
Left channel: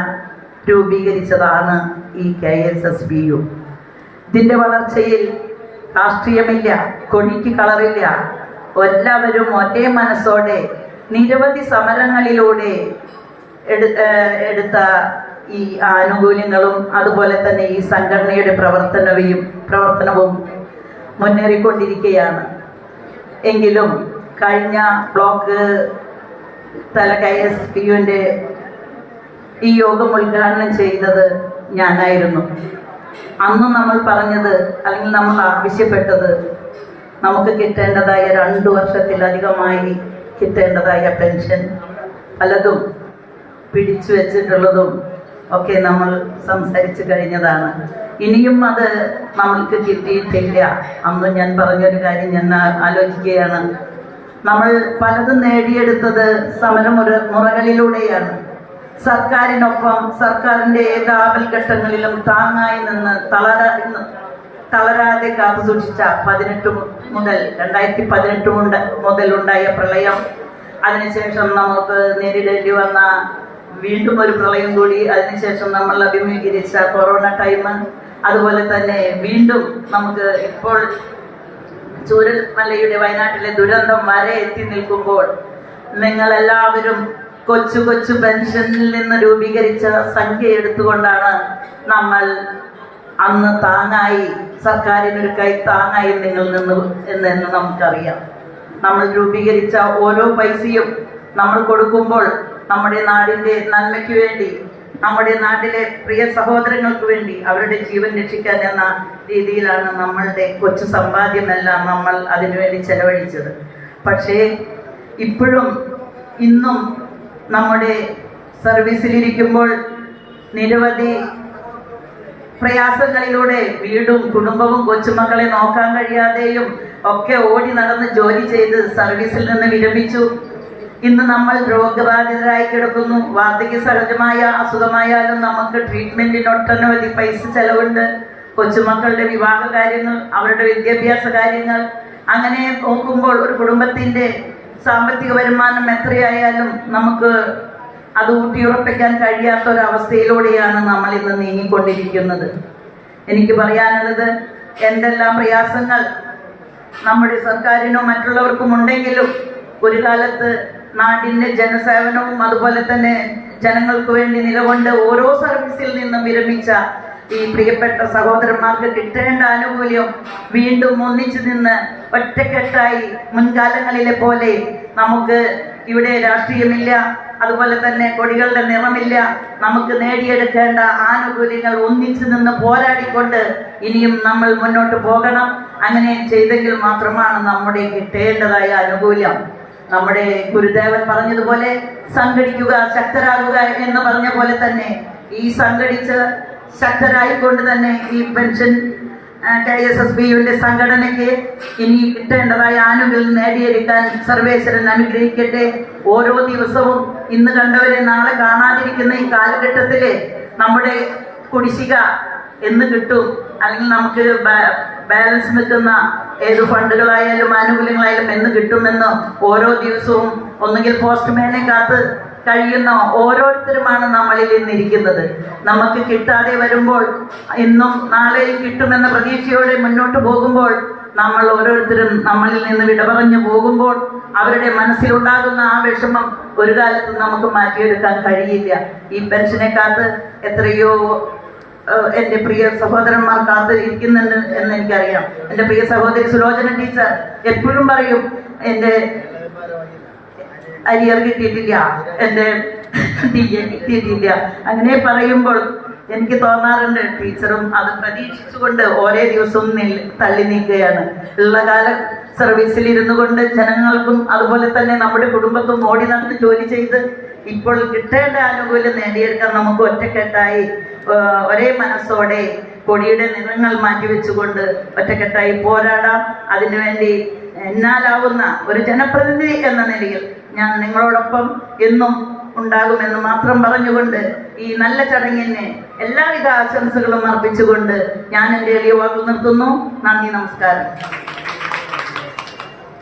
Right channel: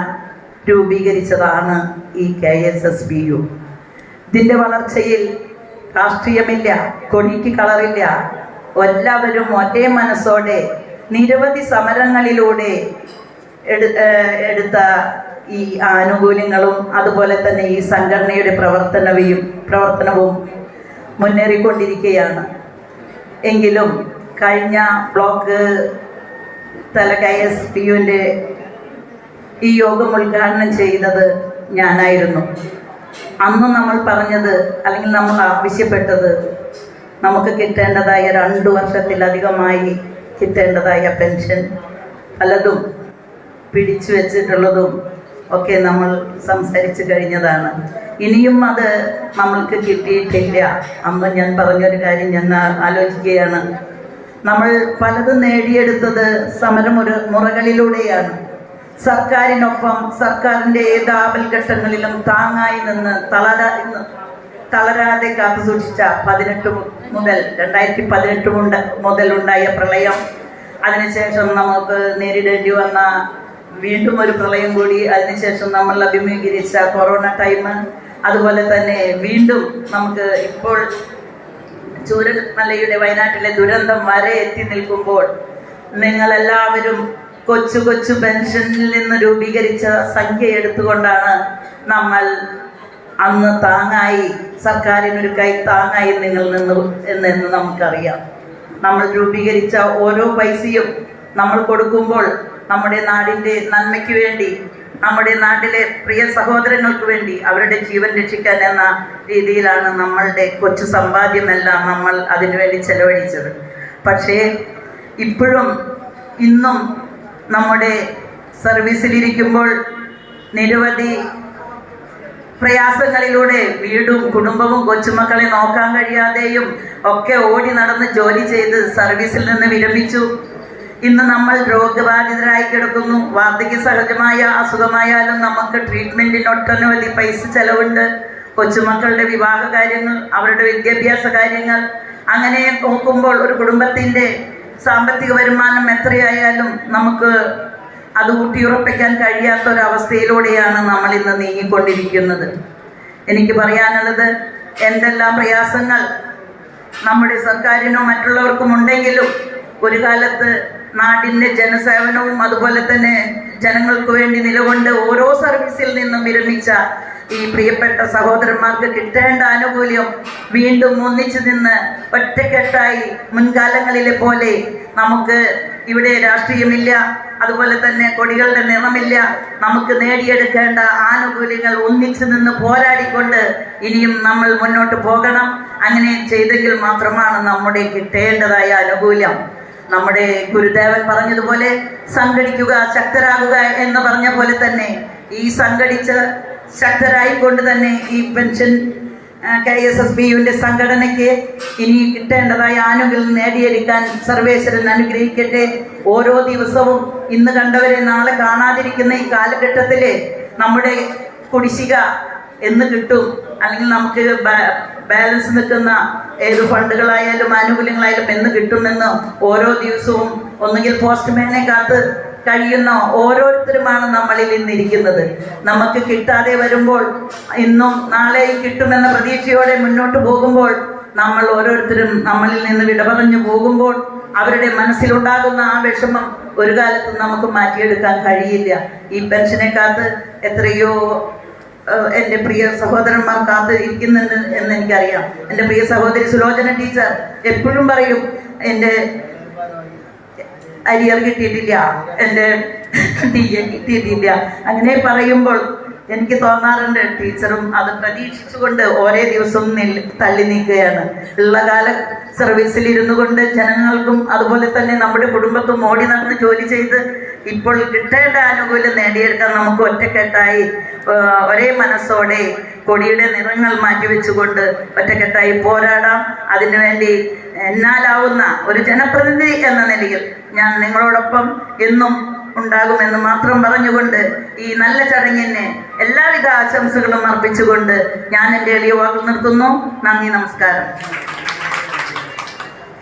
രൂപീകരിച്ചതാണ് ഈ KSSBU. ഇതിൻ്റെ വളർച്ചയിൽ രാഷ്ട്രീയമില്ല, കൊടിക്ക് കളറില്ല. എല്ലാവരും ഒരേ മനസ്സോടെ നിരവധി സമരങ്ങളിലൂടെ എടുത്ത ഈ ആനുകൂല്യങ്ങളും അതുപോലെ തന്നെ ഈ സംഘടനയുടെ പ്രവർത്തനവും മുന്നേറിക്കൊണ്ടിരിക്കുകയാണ്. എങ്കിലും കഴിഞ്ഞ ബ്ലോക്ക് തല KSBUവിൻ്റെ ഈ യോഗം ഉദ്ഘാടനം ചെയ്തത് ഞാനായിരുന്നു. അന്ന് നമ്മൾ പറഞ്ഞത്, അല്ലെങ്കിൽ നമ്മൾ ആവശ്യപ്പെട്ടത്, നമുക്ക് കിട്ടേണ്ടതായ 2 വർഷത്തിലധികമായി കിട്ടേണ്ടതായ പെൻഷൻ പലതും പിടിച്ചു വെച്ചിട്ടുള്ളതും ഒക്കെ നമ്മൾ സംസാരിച്ചു കഴിഞ്ഞതാണ്. ഇനിയും അത് നമ്മൾക്ക് കിട്ടിയിട്ടില്ല. അന്ന് ഞാൻ പറഞ്ഞൊരു കാര്യം ഞാൻ ആലോചിക്കുകയാണ്. നമ്മൾ പലതും നേടിയെടുത്തത് സമരമുറകളിലൂടെയാണ്. സർക്കാരിനൊപ്പം, സർക്കാരിൻ്റെ ഏത് ആപൽഘട്ടങ്ങളിലും താങ്ങായി നിന്ന് തളരാതെ കാത്തു സൂക്ഷിച്ച 2018 മുതലുണ്ടായ പ്രളയം, അതിനുശേഷം നമുക്ക് നേരിടേണ്ടി വന്ന വീണ്ടും ഒരു പ്രളയം കൂടി, അതിനുശേഷം നമ്മൾ അഭിമുഖീകരിച്ച കൊറോണ ടൈം, അതുപോലെ തന്നെ വീണ്ടും നമുക്ക് ഇപ്പോൾ ചൂരൽമലയുടെ വയനാട്ടിലെ ദുരന്തം വരെ എത്തി നിൽക്കുമ്പോൾ നിങ്ങളെല്ലാവരും കൊച്ചു കൊച്ചു പെൻഷനിൽ നിന്ന് രൂപീകരിച്ച സംഖ്യ എടുത്തുകൊണ്ടാണ് നമ്മൾ അന്ന് താങ്ങായി, സർക്കാരിനൊരു കൈ താങ്ങായി നിങ്ങൾ നിന്നു എന്ന് നമുക്കറിയാം. നമ്മൾ രൂപീകരിച്ച ഓരോ പൈസയും നമ്മൾ കൊടുക്കുമ്പോൾ നമ്മുടെ നാടിൻ്റെ നന്മയ്ക്ക് വേണ്ടി, നമ്മുടെ നാട്ടിലെ പ്രിയ സഹോദരങ്ങൾക്ക് വേണ്ടി, അവരുടെ ജീവൻ രക്ഷിക്കാൻ എന്ന രീതിയിലാണ് നമ്മളുടെ കൊച്ചു സമ്പാദ്യമെല്ലാം നമ്മൾ അതിനുവേണ്ടി ചെലവഴിച്ചത്. പക്ഷേ ഇപ്പോഴും ഇന്നും നമ്മുടെ സർവീസിലിരിക്കുമ്പോൾ നിരവധി പ്രയാസങ്ങളിലൂടെ വീടും കുടുംബവും കൊച്ചുമക്കളെ നോക്കാൻ കഴിയാതെയും ഒക്കെ ഓടി നടന്ന് ജോലി ചെയ്ത് സർവീസിൽ നിന്ന് വിരമിച്ചു. ഇന്ന് നമ്മൾ രോഗബാധിതരായി കിടക്കുന്നു. വാർദ്ധക്യ സഹജമായ അസുഖമായാലും നമുക്ക് ട്രീറ്റ്മെന്റിന് ഒട്ടനവധി പൈസ ചെലവുണ്ട്. കൊച്ചുമക്കളുടെ വിവാഹ കാര്യങ്ങൾ, അവരുടെ വിദ്യാഭ്യാസ കാര്യങ്ങൾ, അങ്ങനെ നോക്കുമ്പോൾ ഒരു കുടുംബത്തിൻ്റെ സാമ്പത്തിക വരുമാനം എത്രയായാലും നമുക്ക് അത് ഊട്ടിയുറപ്പിക്കാൻ കഴിയാത്തൊരവസ്ഥയിലൂടെയാണ് നമ്മൾ ഇന്ന് നീങ്ങിക്കൊണ്ടിരിക്കുന്നത്. എനിക്ക് പറയാനുള്ളത്, എന്തെല്ലാം പ്രയാസങ്ങൾ നമ്മുടെ സർക്കാരിനോ മറ്റുള്ളവർക്കും ഉണ്ടെങ്കിലും ഒരു കാലത്ത് നാടിൻ്റെ ജനസേവനവും അതുപോലെ തന്നെ ജനങ്ങൾക്ക് വേണ്ടി നിലകൊണ്ട് ഓരോ സർവീസിൽ നിന്നും വിരമിച്ച ഈ പ്രിയപ്പെട്ട സഹോദരന്മാർക്ക് കിട്ടേണ്ട ആനുകൂല്യം വീണ്ടും ഒന്നിച്ചു നിന്ന് ഒറ്റക്കെട്ടായി മുൻകാലങ്ങളിലെ പോലെ നമുക്ക് ഇവിടെ രാഷ്ട്രീയമില്ല, അതുപോലെ തന്നെ കൊടികളുടെ നിറമില്ല, നമുക്ക് നേടിയെടുക്കേണ്ട ആനുകൂല്യങ്ങൾ ഒന്നിച്ചു നിന്ന് പോരാടിക്കൊണ്ട് ഇനിയും നമ്മൾ മുന്നോട്ട് പോകണം. അങ്ങനെ ചെയ്തെങ്കിൽ മാത്രമാണ് നമ്മുടെ കിട്ടേണ്ടതായ ആനുകൂല്യം. നമ്മുടെ ഗുരുദേവൻ പറഞ്ഞതുപോലെ സംഘടിക്കുക, ശക്തരാകുക എന്ന് പറഞ്ഞ പോലെ തന്നെ ഈ സംഘടിച്ച് ശക്തരായിക്കൊണ്ട് തന്നെ ഈ പെൻഷൻ KSSBUവിൻ്റെ സംഘടനയ്ക്ക് ഇനി കിട്ടേണ്ടതായ ആനുകൂല്യം നേടിയെടുക്കാൻ സർവേശ്വരൻ അനുഗ്രഹിക്കട്ടെ. ഓരോ ദിവസവും ഇന്ന് കണ്ടവരെ നാളെ കാണാതിരിക്കുന്ന ഈ കാലഘട്ടത്തിൽ നമ്മുടെ കുടിശ്ശിക എന്ന് കിട്ടും, അല്ലെങ്കിൽ നമുക്ക് ബാലൻസ് നിൽക്കുന്ന ഏത് ഫണ്ടുകളായാലും ആനുകൂല്യങ്ങളായാലും എന്ന് കിട്ടുമെന്ന് ഓരോ ദിവസവും ഒന്നുകിൽ പോസ്റ്റ്മാനെ കാത്ത് കഴിയുന്ന ഓരോരുത്തരുമാണ് നമ്മളിൽ ഇന്നിരിക്കുന്നത്. നമുക്ക് കിട്ടാതെ വരുമ്പോൾ ഇന്നും നാളെയും കിട്ടുമെന്ന പ്രതീക്ഷയോടെ മുന്നോട്ട് പോകുമ്പോൾ നമ്മൾ ഓരോരുത്തരും നമ്മളിൽ നിന്ന് വിട പറഞ്ഞു പോകുമ്പോൾ അവരുടെ മനസ്സിലുണ്ടാകുന്ന ആ വിഷമം ഒരു കാലത്തും നമുക്ക് മാറ്റിയെടുക്കാൻ കഴിയില്ല. ഈ പെൻഷനെ കാത്ത് എത്രയോ എൻ്റെ പ്രിയ സഹോദരന്മാർ കാത്ത് ഇരിക്കുന്നുണ്ട് എന്ന് എനിക്കറിയാം. എൻ്റെ പ്രിയ സഹോദരി സുലോചന ടീച്ചർ എപ്പോഴും പറയും, എൻ്റെ അരിയർ കിട്ടിയിട്ടില്ല, എൻ്റെ കിട്ടിയിട്ടില്ല. അങ്ങനെ പറയുമ്പോൾ എനിക്ക് തോന്നാറുണ്ട്, ടീച്ചറും അത് പ്രതീക്ഷിച്ചുകൊണ്ട് ഓരോ ദിവസവും തള്ളി നീക്കുകയാണ്. ഉള്ള കാലം സർവീസിൽ ഇരുന്നു കൊണ്ട് ജനങ്ങൾക്കും അതുപോലെ തന്നെ നമ്മുടെ കുടുംബത്തും ഓടി നടന്ന് ജോലി ചെയ്ത് ഇപ്പോൾ കിട്ടേണ്ട ആനുകൂല്യം നേടിയെടുക്കാൻ നമുക്ക് ഒറ്റക്കെട്ടായി ഒരേ മനസ്സോടെ കൊടിയുടെ നിറങ്ങൾ മാറ്റിവെച്ചുകൊണ്ട് ഒറ്റക്കെട്ടായി പോരാടാം. അതിനുവേണ്ടി എന്നാലാവുന്ന ഒരു ജനപ്രതിനിധി എന്ന നിലയിൽ ഞാൻ നിങ്ങളോടൊപ്പം എന്നും ഉണ്ടാകുമെന്ന് മാത്രം പറഞ്ഞുകൊണ്ട് ഈ നല്ല ചടങ്ങിന് എല്ലാവിധ ആശംസകളും അർപ്പിച്ചുകൊണ്ട് ഞാൻ എൻ്റെ എളിയ വാക്കുകൾ നിർത്തുന്നു. നന്ദി, നമസ്കാരം.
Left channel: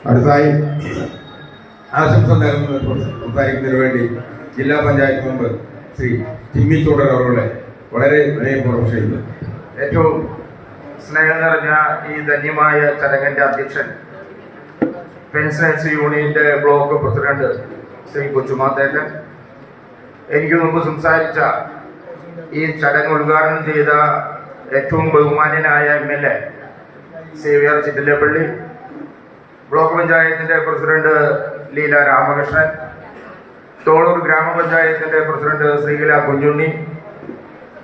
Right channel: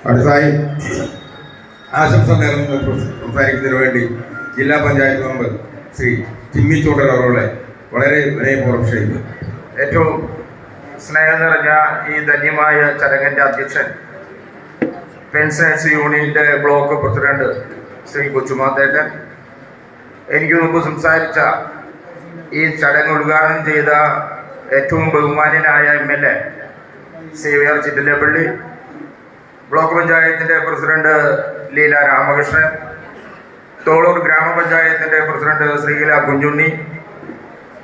അടുത്തായി ആശംസ സംസാരിക്കുന്നതിന് വേണ്ടി ജില്ലാ പഞ്ചായത്ത് മെമ്പർ ശ്രീ ജിമ്മി ചൂണ്ടൽ അവരുടെ വളരെ വിനയപൂർവ്വം ക്ഷണിക്കുന്നു. ഏറ്റവും സ്നേഹം നിറഞ്ഞ ഈ ധന്യമായ ചടങ്ങിൻ്റെ അധ്യക്ഷൻ പെൻഷനേഴ്സ് യൂണിയന്റെ ബ്ലോക്ക് പ്രസിഡന്റ് ശ്രീ കൊച്ചുമാത്തേട്ടൻ, എനിക്ക് മുമ്പ് സംസാരിച്ച ഈ ചടങ്ങ് ഉദ്ഘാടനം ചെയ്ത ഏറ്റവും ബഹുമാന്യനായ MLA സേവ്യർ ചിറ്റിലപ്പള്ളി, ബ്ലോക്ക് പഞ്ചായത്തിൻ്റെ പ്രസിഡന്റ് ലീല രാമകൃഷ്ണൻ, തോളൂർ ഗ്രാമപഞ്ചായത്തിൻ്റെ പ്രസിഡന്റ് ശ്രീകല കുഞ്ഞുണ്ണി,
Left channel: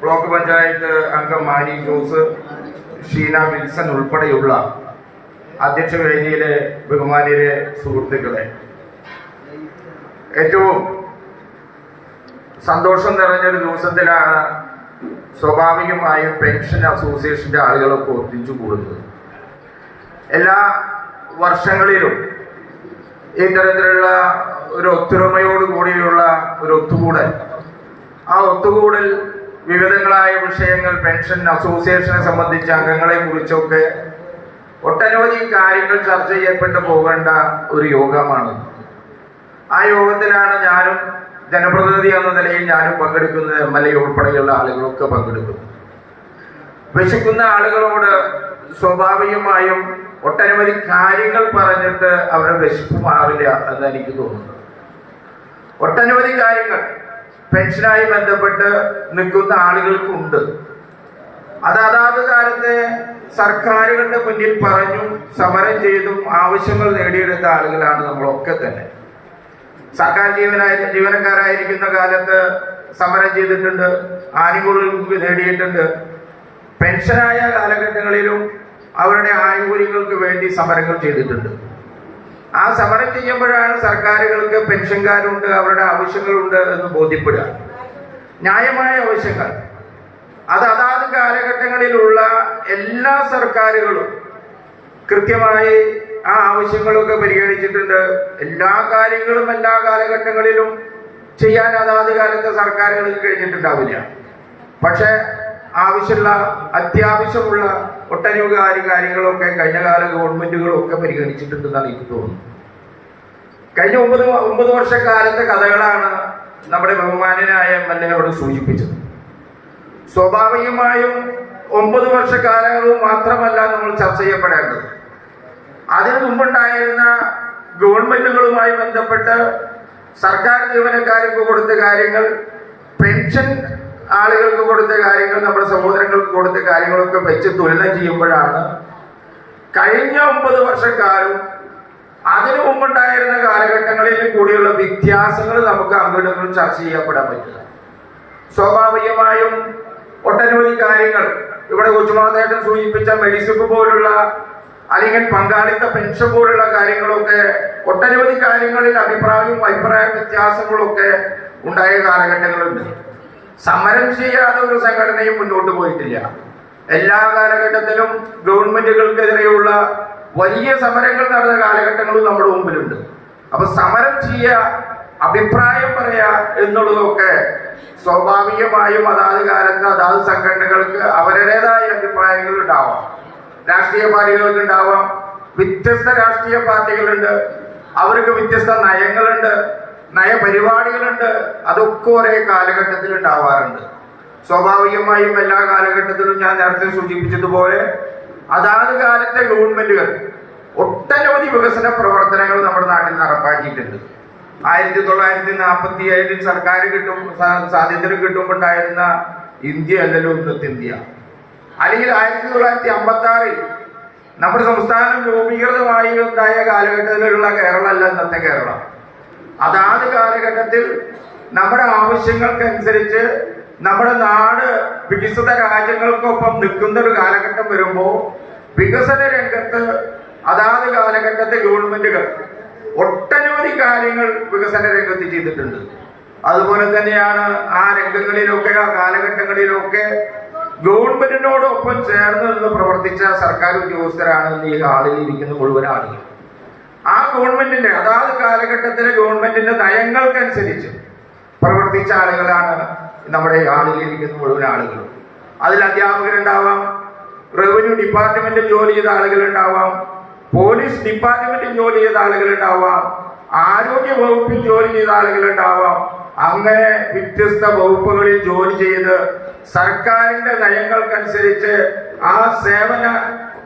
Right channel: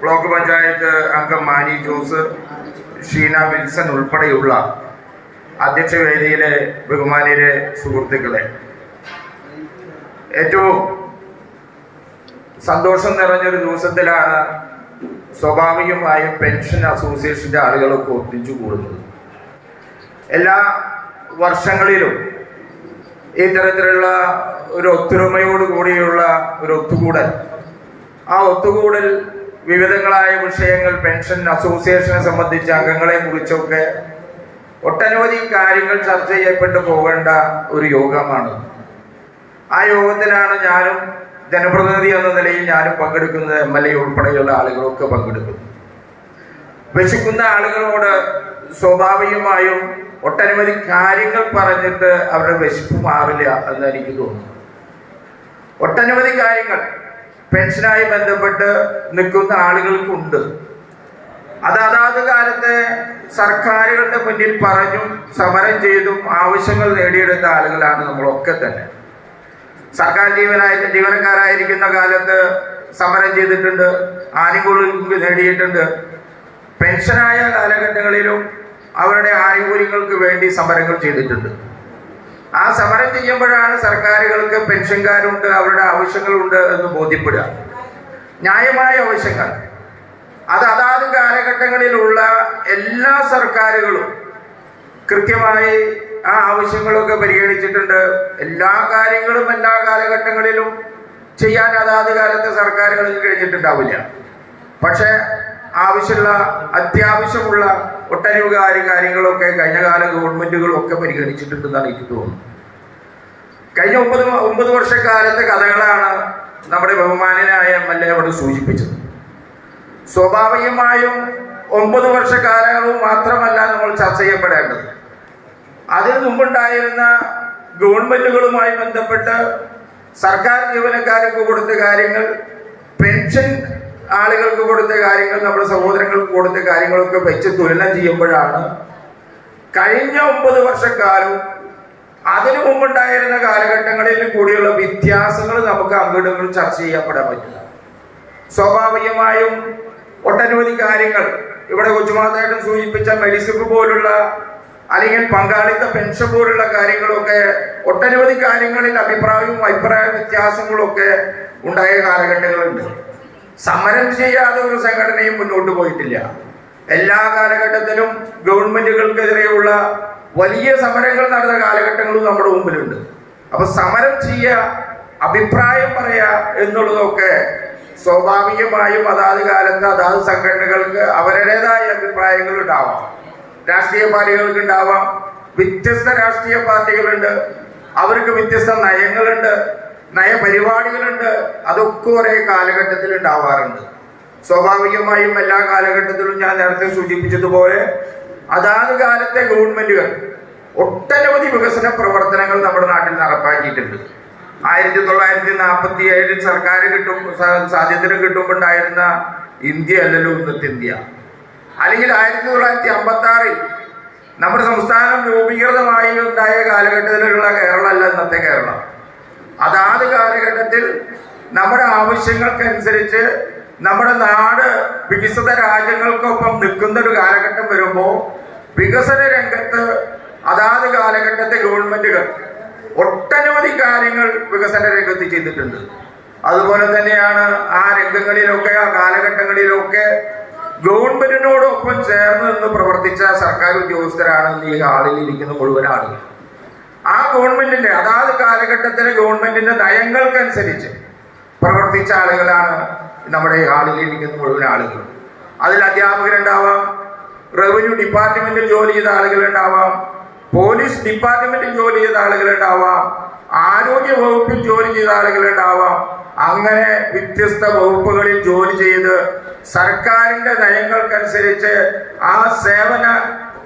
ബ്ലോക്ക് പഞ്ചായത്ത് അംഗം മാനി ജോസ്, ഷീന വിൽസൺ ഉൾപ്പെടെയുള്ള അധ്യക്ഷ വേദിയിലെ ബഹുമാന്യരെ, സുഹൃത്തുക്കളെ, ഏറ്റവും സന്തോഷം നിറഞ്ഞൊരു ദിവസത്തിലാണ് സ്വാഭാവികമായും പെൻഷൻ അസോസിയേഷൻ്റെ ആളുകളൊക്കെ ഒന്നിച്ചു കൂടുന്നത്. എല്ലാ വർഷങ്ങളിലും ഈ തരത്തിലുള്ള ഒരു ഒത്തൊരുമയോട് കൂടിയുള്ള ഒരു ഒത്തുകൂടൽ, ആ ഒത്തുകൂടൽ വിവിധങ്ങളായ വിഷയങ്ങൾ, പെൻഷൻ അസോസിയേഷനെ സംബന്ധിച്ച അംഗങ്ങളെ കുറിച്ചൊക്കെ ഒട്ടനവധി കാര്യങ്ങൾ ചർച്ച ചെയ്യപ്പെട്ടു പോകേണ്ട ഒരു യോഗമാണ്. ആ യോഗത്തിലാണ് ഞാനും ജനപ്രതിനിധി എന്ന നിലയിൽ ഞാനും പങ്കെടുക്കുന്നത്, MLA ഉൾപ്പെടെയുള്ള ആളുകളൊക്കെ പങ്കെടുക്കുന്നു. വിശക്കുന്ന ആളുകളോട് സ്വാഭാവികമായും ഒട്ടനവധി കാര്യങ്ങൾ പറഞ്ഞിട്ട് അവരുടെ വിശപ്പ് മാറില്ല എന്ന് എനിക്ക് തോന്നുന്നു. ഒട്ടനവധി കാര്യങ്ങൾ പെൻഷനായി ബന്ധപ്പെട്ട് നിൽക്കുന്ന ആളുകൾക്കുണ്ട്. അതാത് കാലത്തെ സർക്കാരുകളുടെ മുന്നിൽ പറഞ്ഞും സമരം ചെയ്തും ആവശ്യങ്ങൾ നേടിയെടുത്ത ആളുകളാണ് നമ്മളൊക്കെ തന്നെ. സർക്കാർ ജീവനക്കാരായിരിക്കുന്ന കാലത്ത് സമരം ചെയ്തിട്ടുണ്ട്, ആനുകൂല്യങ്ങൾ നേടിയിട്ടുണ്ട്. പെൻഷനായ കാലഘട്ടങ്ങളിലും അവരുടെ ആനുകൂല്യങ്ങൾക്ക് വേണ്ടി സമരങ്ങൾ ചെയ്തിട്ടുണ്ട്. ആ സമരം ചെയ്യുമ്പോഴാണ് സർക്കാരുകൾക്ക് പെൻഷൻകാരുണ്ട്, അവരുടെ ആവശ്യങ്ങളുണ്ട് എന്ന് ബോധ്യപ്പെടുക. ന്യായമായ ആവശ്യങ്ങൾ അതാത് കാലഘട്ടങ്ങളിലുള്ള എല്ലാ സർക്കാരുകളും കൃത്യമായി ആ ആവശ്യങ്ങളൊക്കെ പരിഗണിച്ചിട്ടുണ്ട്. എല്ലാ കാര്യങ്ങളും എല്ലാ കാലഘട്ടങ്ങളിലും ചെയ്യാൻ അതാത് കാലത്തെ സർക്കാരുകൾക്ക് കഴിഞ്ഞിട്ടുണ്ടാവില്ല. പക്ഷേ അത്യാവശ്യമുള്ള ഒട്ടനവധി കാര്യങ്ങളൊക്കെ കഴിഞ്ഞ കാല ഗവൺമെന്റുകളൊക്കെ പരിഗണിച്ചിട്ടുണ്ടെന്നാണ് എനിക്ക് തോന്നുന്നത്. കഴിഞ്ഞ 9 വർഷക്കാലത്തെ കഥകളാണ് നമ്മുടെ ബഹുമാനനായ MLA അവിടെ സൂചിപ്പിച്ചത്. സ്വാഭാവികമായും 9 വർഷക്കാലവും മാത്രമല്ല നമ്മൾ ചർച്ച ചെയ്യപ്പെടേണ്ടത്. അതിനു മുമ്പുണ്ടായിരുന്ന ഗവൺമെന്റുകളുമായി ബന്ധപ്പെട്ട് സർക്കാർ ജീവനക്കാർക്ക് കൊടുത്ത കാര്യങ്ങൾ, പെൻഷൻ ആളുകൾക്ക് കൊടുത്ത കാര്യങ്ങൾ, നമ്മുടെ സഹോദരങ്ങൾക്ക് കൊടുത്ത കാര്യങ്ങളൊക്കെ വെച്ച് തുലനം ചെയ്യുമ്പോഴാണ് കഴിഞ്ഞ 9 വർഷക്കാലം അതിനു മുമ്പുണ്ടായിരുന്ന കാലഘട്ടങ്ങളിൽ കൂടിയുള്ള വ്യത്യാസങ്ങൾ നമുക്ക് അങ്ങോട്ടും ചർച്ച ചെയ്യപ്പെടാൻ പറ്റില്ല. സ്വാഭാവികമായും ഒട്ടനവധി കാര്യങ്ങൾ ഇവിടെ കൊച്ചുമാതായിട്ട് സൂചിപ്പിച്ച മെഡിസിപ്പ് പോലുള്ള അല്ലെങ്കിൽ പങ്കാളിത്ത പെൻഷൻ പോലുള്ള കാര്യങ്ങളൊക്കെ ഒട്ടനവധി കാര്യങ്ങളിൽ അഭിപ്രായ വ്യത്യാസങ്ങളൊക്കെ ഉണ്ടായ കാലഘട്ടങ്ങളുണ്ട്. സമരം ചെയ്യാതെ ഒരു സംഘടനയും മുന്നോട്ട് പോയിട്ടില്ല. എല്ലാ കാലഘട്ടത്തിലും ഗവൺമെന്റുകൾക്കെതിരെയുള്ള വലിയ സമരങ്ങൾ നടന്ന കാലഘട്ടങ്ങളും നമ്മുടെ മുമ്പിലുണ്ട്. അപ്പൊ സമരം ചെയ്യുക, അഭിപ്രായം പറയുക എന്നുള്ളതൊക്കെ സ്വാഭാവികമായും അതാത് കാലത്ത് അതാത് സംഘടനകൾക്ക് അവരുടേതായ അഭിപ്രായങ്ങൾ ഉണ്ടാവാം. രാഷ്ട്രീയ പാർട്ടികൾക്ക് ഉണ്ടാവാം. വ്യത്യസ്ത രാഷ്ട്രീയ പാർട്ടികളുണ്ട്, അവർക്ക് വ്യത്യസ്ത നയങ്ങളുണ്ട്, നയപരിപാടികളുണ്ട്. അതൊക്കെ ഒരേ കാലഘട്ടത്തിൽ ഉണ്ടാവാറുണ്ട്. സ്വാഭാവികമായും എല്ലാ കാലഘട്ടത്തിലും ഞാൻ നേരത്തെ സൂചിപ്പിച്ചതുപോലെ അതാത് കാലത്തെ ഗവൺമെന്റുകൾ ഒട്ടനവധി വികസന പ്രവർത്തനങ്ങൾ നമ്മുടെ നാട്ടിൽ നടപ്പാക്കിയിട്ടുണ്ട്. 1947 സർക്കാർ സ്വാതന്ത്ര്യം കിട്ടുമ്പോണ്ടായിരുന്ന ഇന്ത്യ അല്ലല്ലോ ഇന്നത്തെ ഇന്ത്യ. അല്ലെങ്കിൽ 1956 നമ്മുടെ സംസ്ഥാനം രൂപീകൃതമായി ഉണ്ടായ കാലഘട്ടത്തിലുള്ള കേരളമല്ല ഇന്നത്തെ കേരളം. അതാത് കാലഘട്ടത്തിൽ നമ്മുടെ ആവശ്യങ്ങൾക്കനുസരിച്ച് നമ്മുടെ നാട് വികസിത രാജ്യങ്ങൾക്കൊപ്പം നിൽക്കുന്ന ഒരു കാലഘട്ടം വരുമ്പോൾ വികസന രംഗത്ത് അതാത് കാലഘട്ടത്തെ ഗവൺമെന്റുകൾ ഒട്ടനവധി കാര്യങ്ങൾ വികസന രംഗത്ത് ചെയ്തിട്ടുണ്ട്. അതുപോലെ തന്നെയാണ് ആ രംഗങ്ങളിലൊക്കെ ആ കാലഘട്ടങ്ങളിലൊക്കെ ഗവൺമെന്റിനോടൊപ്പം ചേർന്ന് നിന്ന് പ്രവർത്തിച്ച സർക്കാർ ഉദ്യോഗസ്ഥരാണ് ഈ ഹാളിൽ ഇരിക്കുന്ന മുഴുവൻ ആളുകൾ. ആ ഗവൺമെന്റിന്റെ അതാത് കാലഘട്ടത്തിലെ ഗവൺമെന്റിന്റെ നയങ്ങൾക്കനുസരിച്ച് പ്രവർത്തിച്ച ആളുകളാണ് നമ്മുടെ ഈ ഹാളിൽ ഇരിക്കുന്ന മുഴുവൻ ആളുകൾ. അതിൽ അധ്യാപകരുണ്ടാവാം, റവന്യൂ ഡിപ്പാർട്ട്മെന്റിൽ ജോലി ചെയ്ത ആളുകളുണ്ടാവാം, പോലീസ് ഡിപ്പാർട്ട്മെന്റിൽ ജോലി ചെയ്ത ആളുകളുണ്ടാവാം, ആരോഗ്യ വകുപ്പിൽ ജോലി ചെയ്ത ആളുകളുണ്ടാവാം. അങ്ങനെ വ്യത്യസ്ത വകുപ്പുകളിൽ ജോലി ചെയ്ത് സർക്കാരിന്റെ നയങ്ങൾക്കനുസരിച്ച് ആ സേവന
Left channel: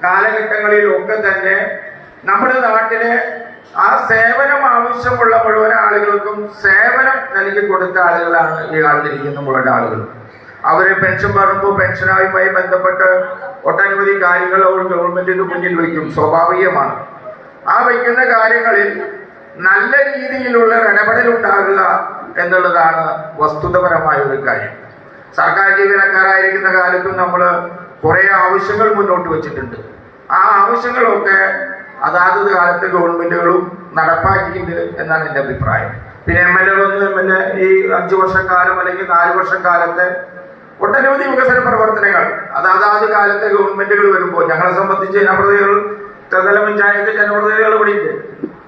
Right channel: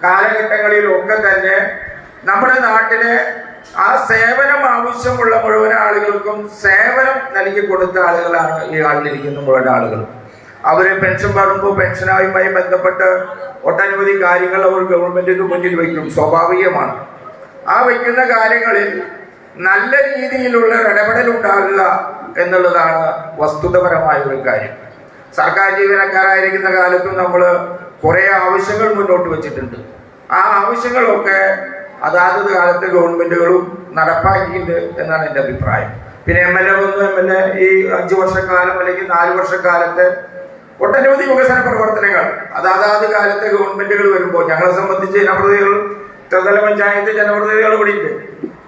കാലഘട്ടങ്ങളിലൊക്കെ തന്നെ നമ്മുടെ നാട്ടിലെ ആ സേവനം ആവശ്യമുള്ള മുഴുവൻ ആളുകൾക്കും സേവനം നൽകി കൊടുത്ത ആളുകളാണ് ഈ ആളിലിരിക്കുന്ന മുഴുവൻ ആളുകൾ. അവര് പെൻഷൻ പറയുമ്പോൾ പെൻഷനായുമായി ബന്ധപ്പെട്ട് ഒട്ടനവധി കാര്യങ്ങൾ അവർ ഗവൺമെന്റിന് മുന്നിൽ വയ്ക്കും, സ്വാഭാവികമാണ്. ആ വയ്ക്കുന്ന കാര്യങ്ങളിൽ നല്ല രീതിയിലുള്ള ഇടപെടൽ ഉണ്ടാകുക എന്നുള്ളതാണ് വസ്തുതപരമായ ഒരു കാര്യം. സർക്കാർ ജീവനക്കാരായിരിക്കുന്ന കാലത്തും നമ്മൾ കുറേ ആവശ്യങ്ങൾ മുന്നോട്ട് വെച്ചിട്ടുണ്ട്. ആ ആവശ്യങ്ങളൊക്കെ അതാത് കാലത്ത് ഗവൺമെന്റുകളും നടപ്പാക്കിയിട്ടുണ്ട് എന്നാണ് എൻ്റെ അഭിപ്രായം. പിന്നെ MLA വന്നു, MLA ഈ 5 വർഷക്കാലം അല്ലെങ്കിൽ 4 വർഷക്കാലത്തെ ഒട്ടനവധി വികസന പ്രവർത്തനങ്ങൾ അതാത് കാലത്തെ ഗവൺമെന്റുകൾ വരുമ്പോൾ ഞങ്ങളെ സംബന്ധിച്ച് ജനപ്രതിനിധികൾ, ത്രിതല പഞ്ചായത്ത് ജനപ്രതിനിധികൾ ഇവിടെ ഉണ്ട്.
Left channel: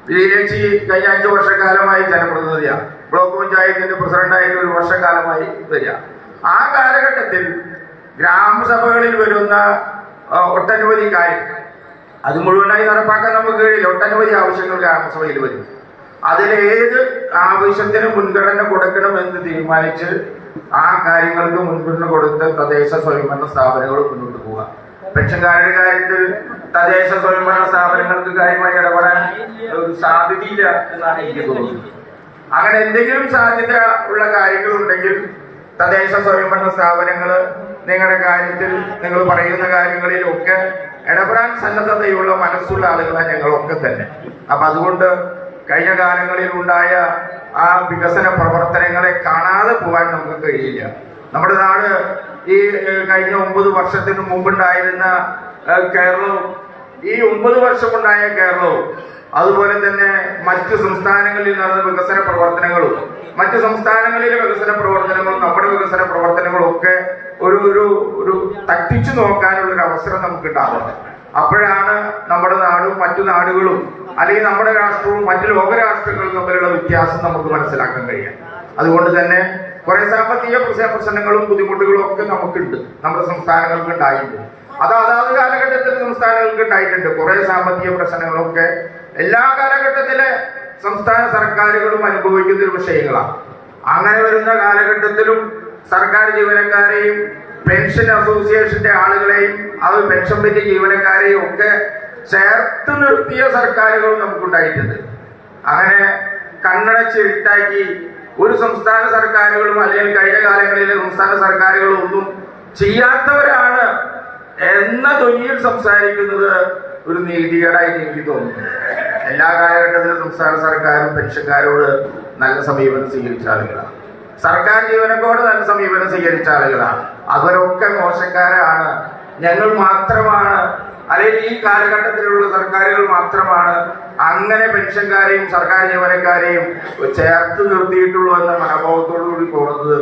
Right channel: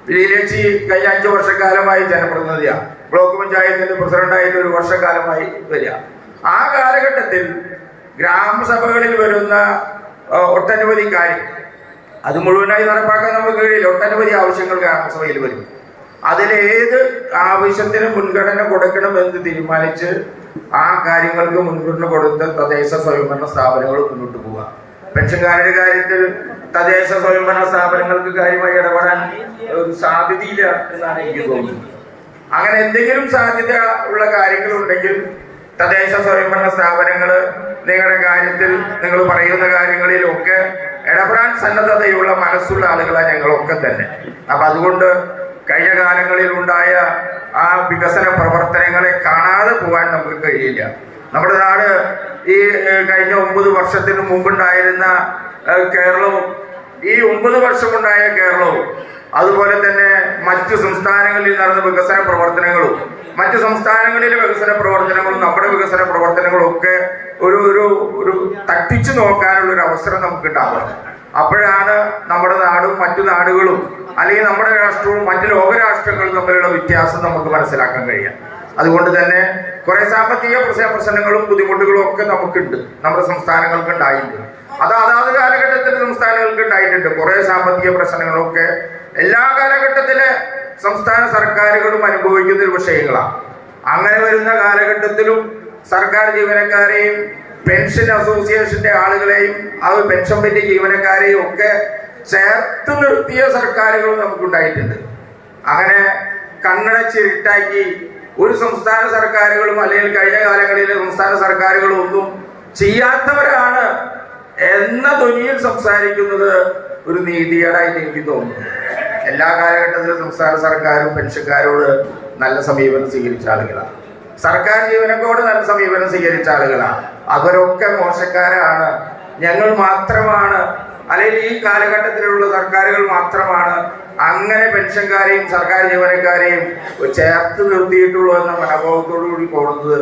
വില്ലേജ് കഴിഞ്ഞ 5 വർഷക്കാലമായി ജനപ്രതിനിധിയാണ്, ബ്ലോക്ക് പഞ്ചായത്തിന്റെ പ്രസിഡന്റായിട്ട് 1 വർഷക്കാലമായി വരിക. ആ കാലഘട്ടത്തിൽ ഗ്രാമസഭകളിൽ വരുന്ന ഒട്ടനവധി കാര്യം അത് മുഴുവനായി നടപ്പാക്കാൻ നമുക്ക് കഴിയില്ല. ഒട്ടനവധി ആവശ്യങ്ങൾ ഗ്രാമസഭയിൽ വരും. അതിലേത് ആവശ്യത്തിന് മുൻഗണന കൊടുക്കണമെന്ന് തീരുമാനിച്ച് ആ കാര്യങ്ങൾക്ക് മുൻഗണന കൊടുത്ത് തദ്ദേശ സ്വയംഭരണ സ്ഥാപനങ്ങൾ മുന്നോട്ട് പോവുക. പെൻഷൻകാരുടെ കാര്യത്തിൽ തദ്ദേശ സ്വയംഭരണ സ്ഥാപനങ്ങൾക്ക് കാര്യമായി ഇടപെടാൻ ഒരു സാധ്യതയില്ല എന്നാണ് എനിക്ക് തോന്നുന്നത്. അങ്ങനെ എന്തെങ്കിലും സാധ്യത ഉള്ള കാര്യങ്ങളുണ്ടെങ്കിൽ തദ്ദേശ സ്വയംഭരണ സ്ഥാപനങ്ങൾ നിങ്ങളുടെ കാര്യത്തിൽ നിങ്ങൾ പറയുന്ന കാര്യങ്ങളിലൊക്കെ ഇടപെടാൻ സന്നദ്ധതയുള്ള മനസ്സുള്ള ആളുകളാണ് ഞങ്ങളൊക്കെ തന്നെ. അപ്പൊ അതുകൊണ്ട് കഴിഞ്ഞ കാലങ്ങളിൽ ഉണ്ടായ ആ വികസന പ്രവർത്തനങ്ങളെ കാണാതെ പോകാൻ നമുക്ക് കഴിയില്ല. നമ്മുടെ നാട് ഈ കഴിഞ്ഞ 9 വർഷത്തിന് മുമ്പുണ്ടായിരുന്ന കേരളവും ഈ 9 വർഷമുണ്ടായ കേരളവും അതുപോലെ തന്നെ മറ്റ് സംസ്ഥാനങ്ങളിൽ നടന്ന വികസന പ്രവർത്തനങ്ങളും മറ്റ് സംസ്ഥാനങ്ങളിലെ വികസന പ്രവർത്തനങ്ങളും നമ്മുടെ വികസന പ്രവർത്തനങ്ങളും ഒക്കെ ഒരു തട്ടിച്ചു നോക്കാനുള്ള ഒരു അവസരം നമുക്ക് ഉണ്ടാവണം. അപ്പോഴാണ് നമ്മുടെ നാടും മറ്റു നാടുകളും അല്ലെങ്കിൽ നമ്മുടെ രാഷ്ട്രവും മറ്റു ലോകരാഷ്ട്രങ്ങളും തമ്മിലുള്ള വ്യത്യാസം നമുക്ക് മനസ്സിലാക്കാൻ കഴിയാം. അതുകൊണ്ട് തന്നെ കുറെ സാമ്പത്തിക പ്രശ്നങ്ങളും ബുദ്ധിമുട്ടുകളും ഒക്കെ നമുക്കുണ്ട്, നമ്മുടെ സംസ്ഥാനങ്ങൾക്ക് ഉണ്ടായിട്ടുണ്ട്. അതാത് കാലഘട്ടത്തിൽ സംസ്ഥാനങ്ങൾക്ക് ഉണ്ടായിട്ടുണ്ട്. കുറെ സാമ്പത്തിക പ്രശ്നങ്ങളൊക്കെ എല്ലാ കാലഘട്ടത്തിലെ സംസ്ഥാന സർക്കാരുകളും അനുഭവിക്കുന്ന ഒരു വിഷയങ്ങളാണ്. അങ്ങനെ വരുന്ന കാലഘട്ടത്തിലും സർക്കാർ ജീവനക്കാരെയും പെൻഷൻ അസോസിയേഷന്റെ ആളുകളെയും അത് പെൻഷൻ പറ്റിയ ജീവനക്കാരെയും ഒക്കെ ചേർത്ത് നിർത്തിയ സർക്കാരുകൾ നമുക്കുണ്ടായിട്ടുണ്ട്. അങ്ങനെ കണ്ണടച്ചിരുട്ടാക്കി ഒരു സംസ്ഥാന സർക്കാരുകളും അല്ലെങ്കിൽ കഴിഞ്ഞ കാലങ്ങളിലെ സംസ്ഥാന സർക്കാരുകളും ഒന്നും ചെയ്യാത്തവരാണ് എന്ന ധ്വനിയിൽ സംസാരിക്കുന്നത് ഒരു നീതികേടായിട്ട് എനിക്ക് തോന്നുന്നു. എല്ലാ കാലഘട്ടത്തിലും സംസ്ഥാന സർക്കാരും പെൻഷൻകാരോട് നല്ല സമീപനം സ്വീകരിച്ച ആളുകളാണ്, സർക്കാർ ജീവനക്കാരോട് നല്ല സമീപനം സ്വീകരിച്ച ആളുകളാണ്. അവരൊക്കെ മോശക്കാരാണ്, ഞങ്ങൾ മാത്രമാണ് അല്ലെങ്കിൽ ഈ കാലഘട്ടത്തിലുള്ള സർക്കാരുകൾ മാത്രമാണ് അങ്ങനെ പെൻഷൻകാരെയും സർക്കാർ ജീവനക്കാരെയും ചേർത്ത് നിർത്തിയിട്ടുള്ളൂ എന്ന മനോഭാവത്തോടു കൂടി പോകുന്നത്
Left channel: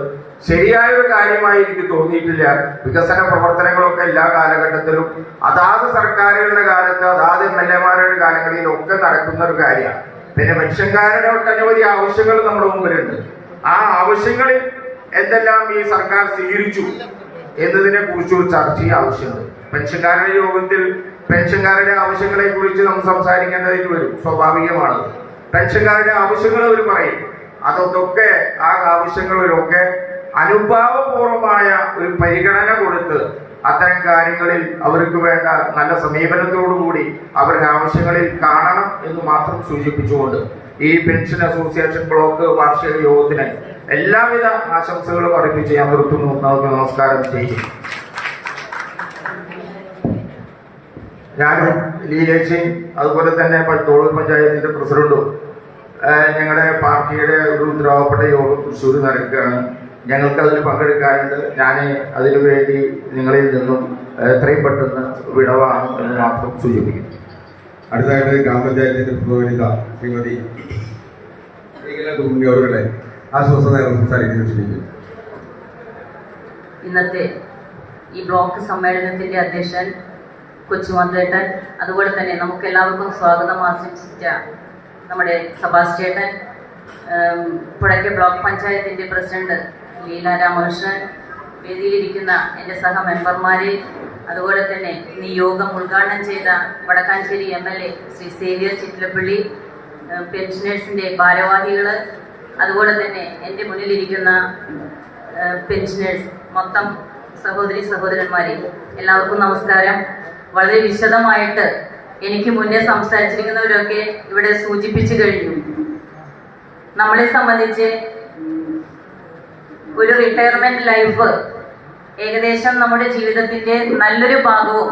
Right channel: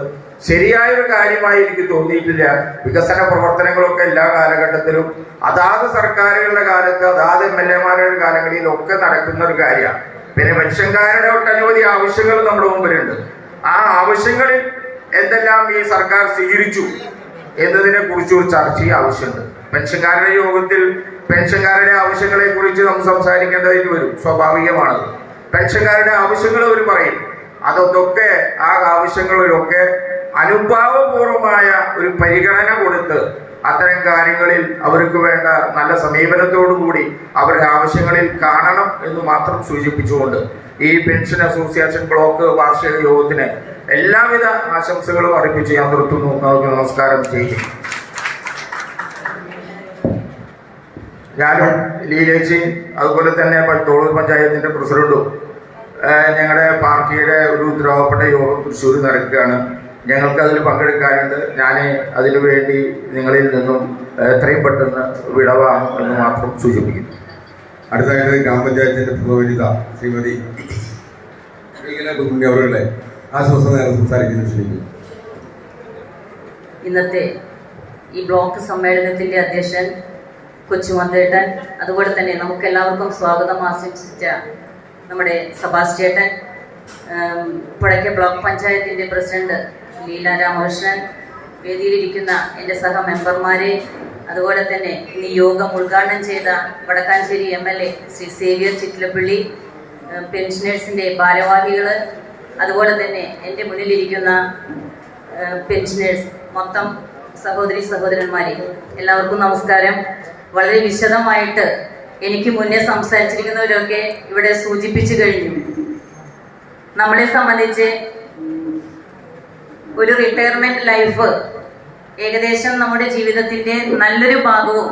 ശരിയായൊരു കാര്യമായി എനിക്ക് തോന്നിയിട്ടില്ല. വികസന പ്രവർത്തനങ്ങളൊക്കെ എല്ലാ കാലഘട്ടത്തിലും അതാത് സർക്കാരുകളുടെ കാലത്ത് അതാത് MLA-മാരുടെ കാലങ്ങളിലൊക്കെ നടക്കുന്ന ഒരു കാര്യമാണ്. പിന്നെ പെൻഷൻകാരുടെ ഒട്ടനവധി ആവശ്യങ്ങൾ നമ്മുടെ മുമ്പിലുണ്ട്. ആ ആവശ്യങ്ങളിൽ എന്തെല്ലാം ഈ സർക്കാർ സ്വീകരിച്ചു എന്നതിനെ കുറിച്ച് ഒരു ചർച്ച ആവശ്യമുണ്ട്. പെൻഷൻകാരുടെ യോഗത്തിൽ പെൻഷൻകാരുടെ ആവശ്യങ്ങളെ കുറിച്ച് നമുക്ക് സംസാരിക്കേണ്ടതായിട്ട് വരും, സ്വാഭാവികമാണ്. പെൻഷൻകാരുടെ ആവശ്യങ്ങൾ അവർ പറയും, അതൊക്കെ ആ ആവശ്യങ്ങളിലൊക്കെ അനുഭാവപൂർവമായ ഒരു പരിഗണന കൊടുത്ത് അത്തരം കാര്യങ്ങളിൽ അവർക്ക് വേണ്ട നല്ല സമീപനത്തോടു കൂടി അവരുടെ ആവശ്യങ്ങളിൽ കാണണം എന്ന് മാത്രം സൂചിപ്പിച്ചുകൊണ്ട് ഈ പെൻഷൻ അസോസിയേഷൻ ബ്ലോക്ക് വാർഷിക യോഗത്തിന് എല്ലാവിധ ആശംസകളും അർപ്പിച്ച് ഞാൻ നിർത്തുന്നു. നമസ്കാരം ചെയ്യും. ഞാനും ലീലേച്ചി അതുപോലെ തന്നെ തോളൂർ പഞ്ചായത്തിന്റെ പ്രസിഡന്റും ഞങ്ങളുടെ പാർട്ടിയുടെ ഒരു ഉത്തരവാദപ്പെട്ട യോഗം തൃശ്ശൂർ നടക്കുകയാണ്. ഞങ്ങൾക്ക് അതിൽ പങ്കെടുക്കാനുണ്ട്. ഞാൻ അതിനു വേണ്ടി നിങ്ങളിൽ നിന്നും എത്രയും പെട്ടെന്ന് വിടവാണ് എന്ന് മാത്രം സൂചിപ്പിക്കുന്നു. അടുത്തതായിട്ട് ഗ്രാമപഞ്ചായത്തിന്റെ പ്രതിനിധി ശ്രീമതി അവരുടെ ആശ്വാസം സംസാരിക്കുന്നു ക്ഷണിക്കുന്നു. ഇന്നത്തെ ഈ ബ്ലോക്ക് സമ്മേളനത്തിന്റെ അധ്യക്ഷൻ കൊച്ചുമന്തേട്ടൻ, അതുപോലെ തന്നെ നമുക്ക് എല്ലാവർക്കും സ്വാഗതം ആശംസിച്ച നമ്മുടെ സബാസ്റ്റ്യേട്ടൻ, പുഴയ്ക്കൽ ബ്ലോക്ക് പഞ്ചായത്തിന്റെ പ്രസിഡന്റ് ലീല രാമകൃഷ്ണൻ, വേദിയിലിരിക്കുന്ന എൻ്റെ സഹ മെമ്പർമാരെ, അതുപോലെ തന്നെ ഇന്ന് യോഗം ഉദ്ഘാടനം ചെയ്ത വടക്കാഞ്ചേരി MLA ശ്രീ സേവ്യർ ചിറ്റിലപ്പള്ളി, പെൻഷനേഴ്സിൻ്റെ ഭാരവാഹികൾ, അതുപോലെ തന്നെ എൻ്റെ മുന്നിലിരിക്കുന്ന പെൻഷനേഴ്സ്, മൊത്തം സഹോദരി സഹോദരന്മാരെ, എല്ലാവർക്കും നമസ്കാരം. വളരെ വിശദമായിട്ട് എനിക്ക് മുന്നേ സംസാരിച്ചിരിക്കുന്നവരൊക്കെ ഇവിടെ സൂചിപ്പിച്ചു കഴിഞ്ഞു. നമ്മളെ സംബന്ധിച്ച് ഒരു റിട്ടയർമെന്റ് ലൈഫ് ഏകദേശം നമ്മുടെ ജീവിതത്തിന്റെ നല്ലൊരു ഭാഗവും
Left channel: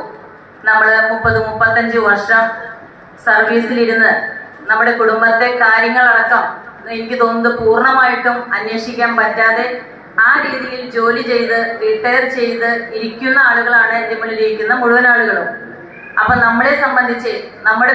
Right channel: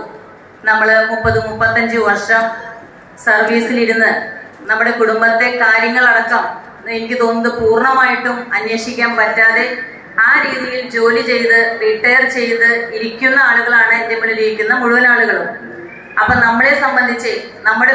നമ്മൾ 30-35 വർഷം സർവീസിലിരുന്ന് നമ്മുടെ കുടുംബത്തെ കാര്യങ്ങളടക്കം എനിക്ക് തോന്നുന്നത് പൂർണ്ണമായിട്ടും അന്വേഷിക്കാൻ പറ്റാതെ ആ രീതിയിൽ ജോലി ചെയ്ത് റിട്ടയർ ചെയ്ത് ഇരിക്കുന്ന ആളുകളാണ് എൻ്റെ മുന്നിലിരിക്കുന്ന മുഴുവൻ ആളുകളും. അപ്പൊ നമ്മളെ സംബന്ധിച്ച് നമ്മുടെ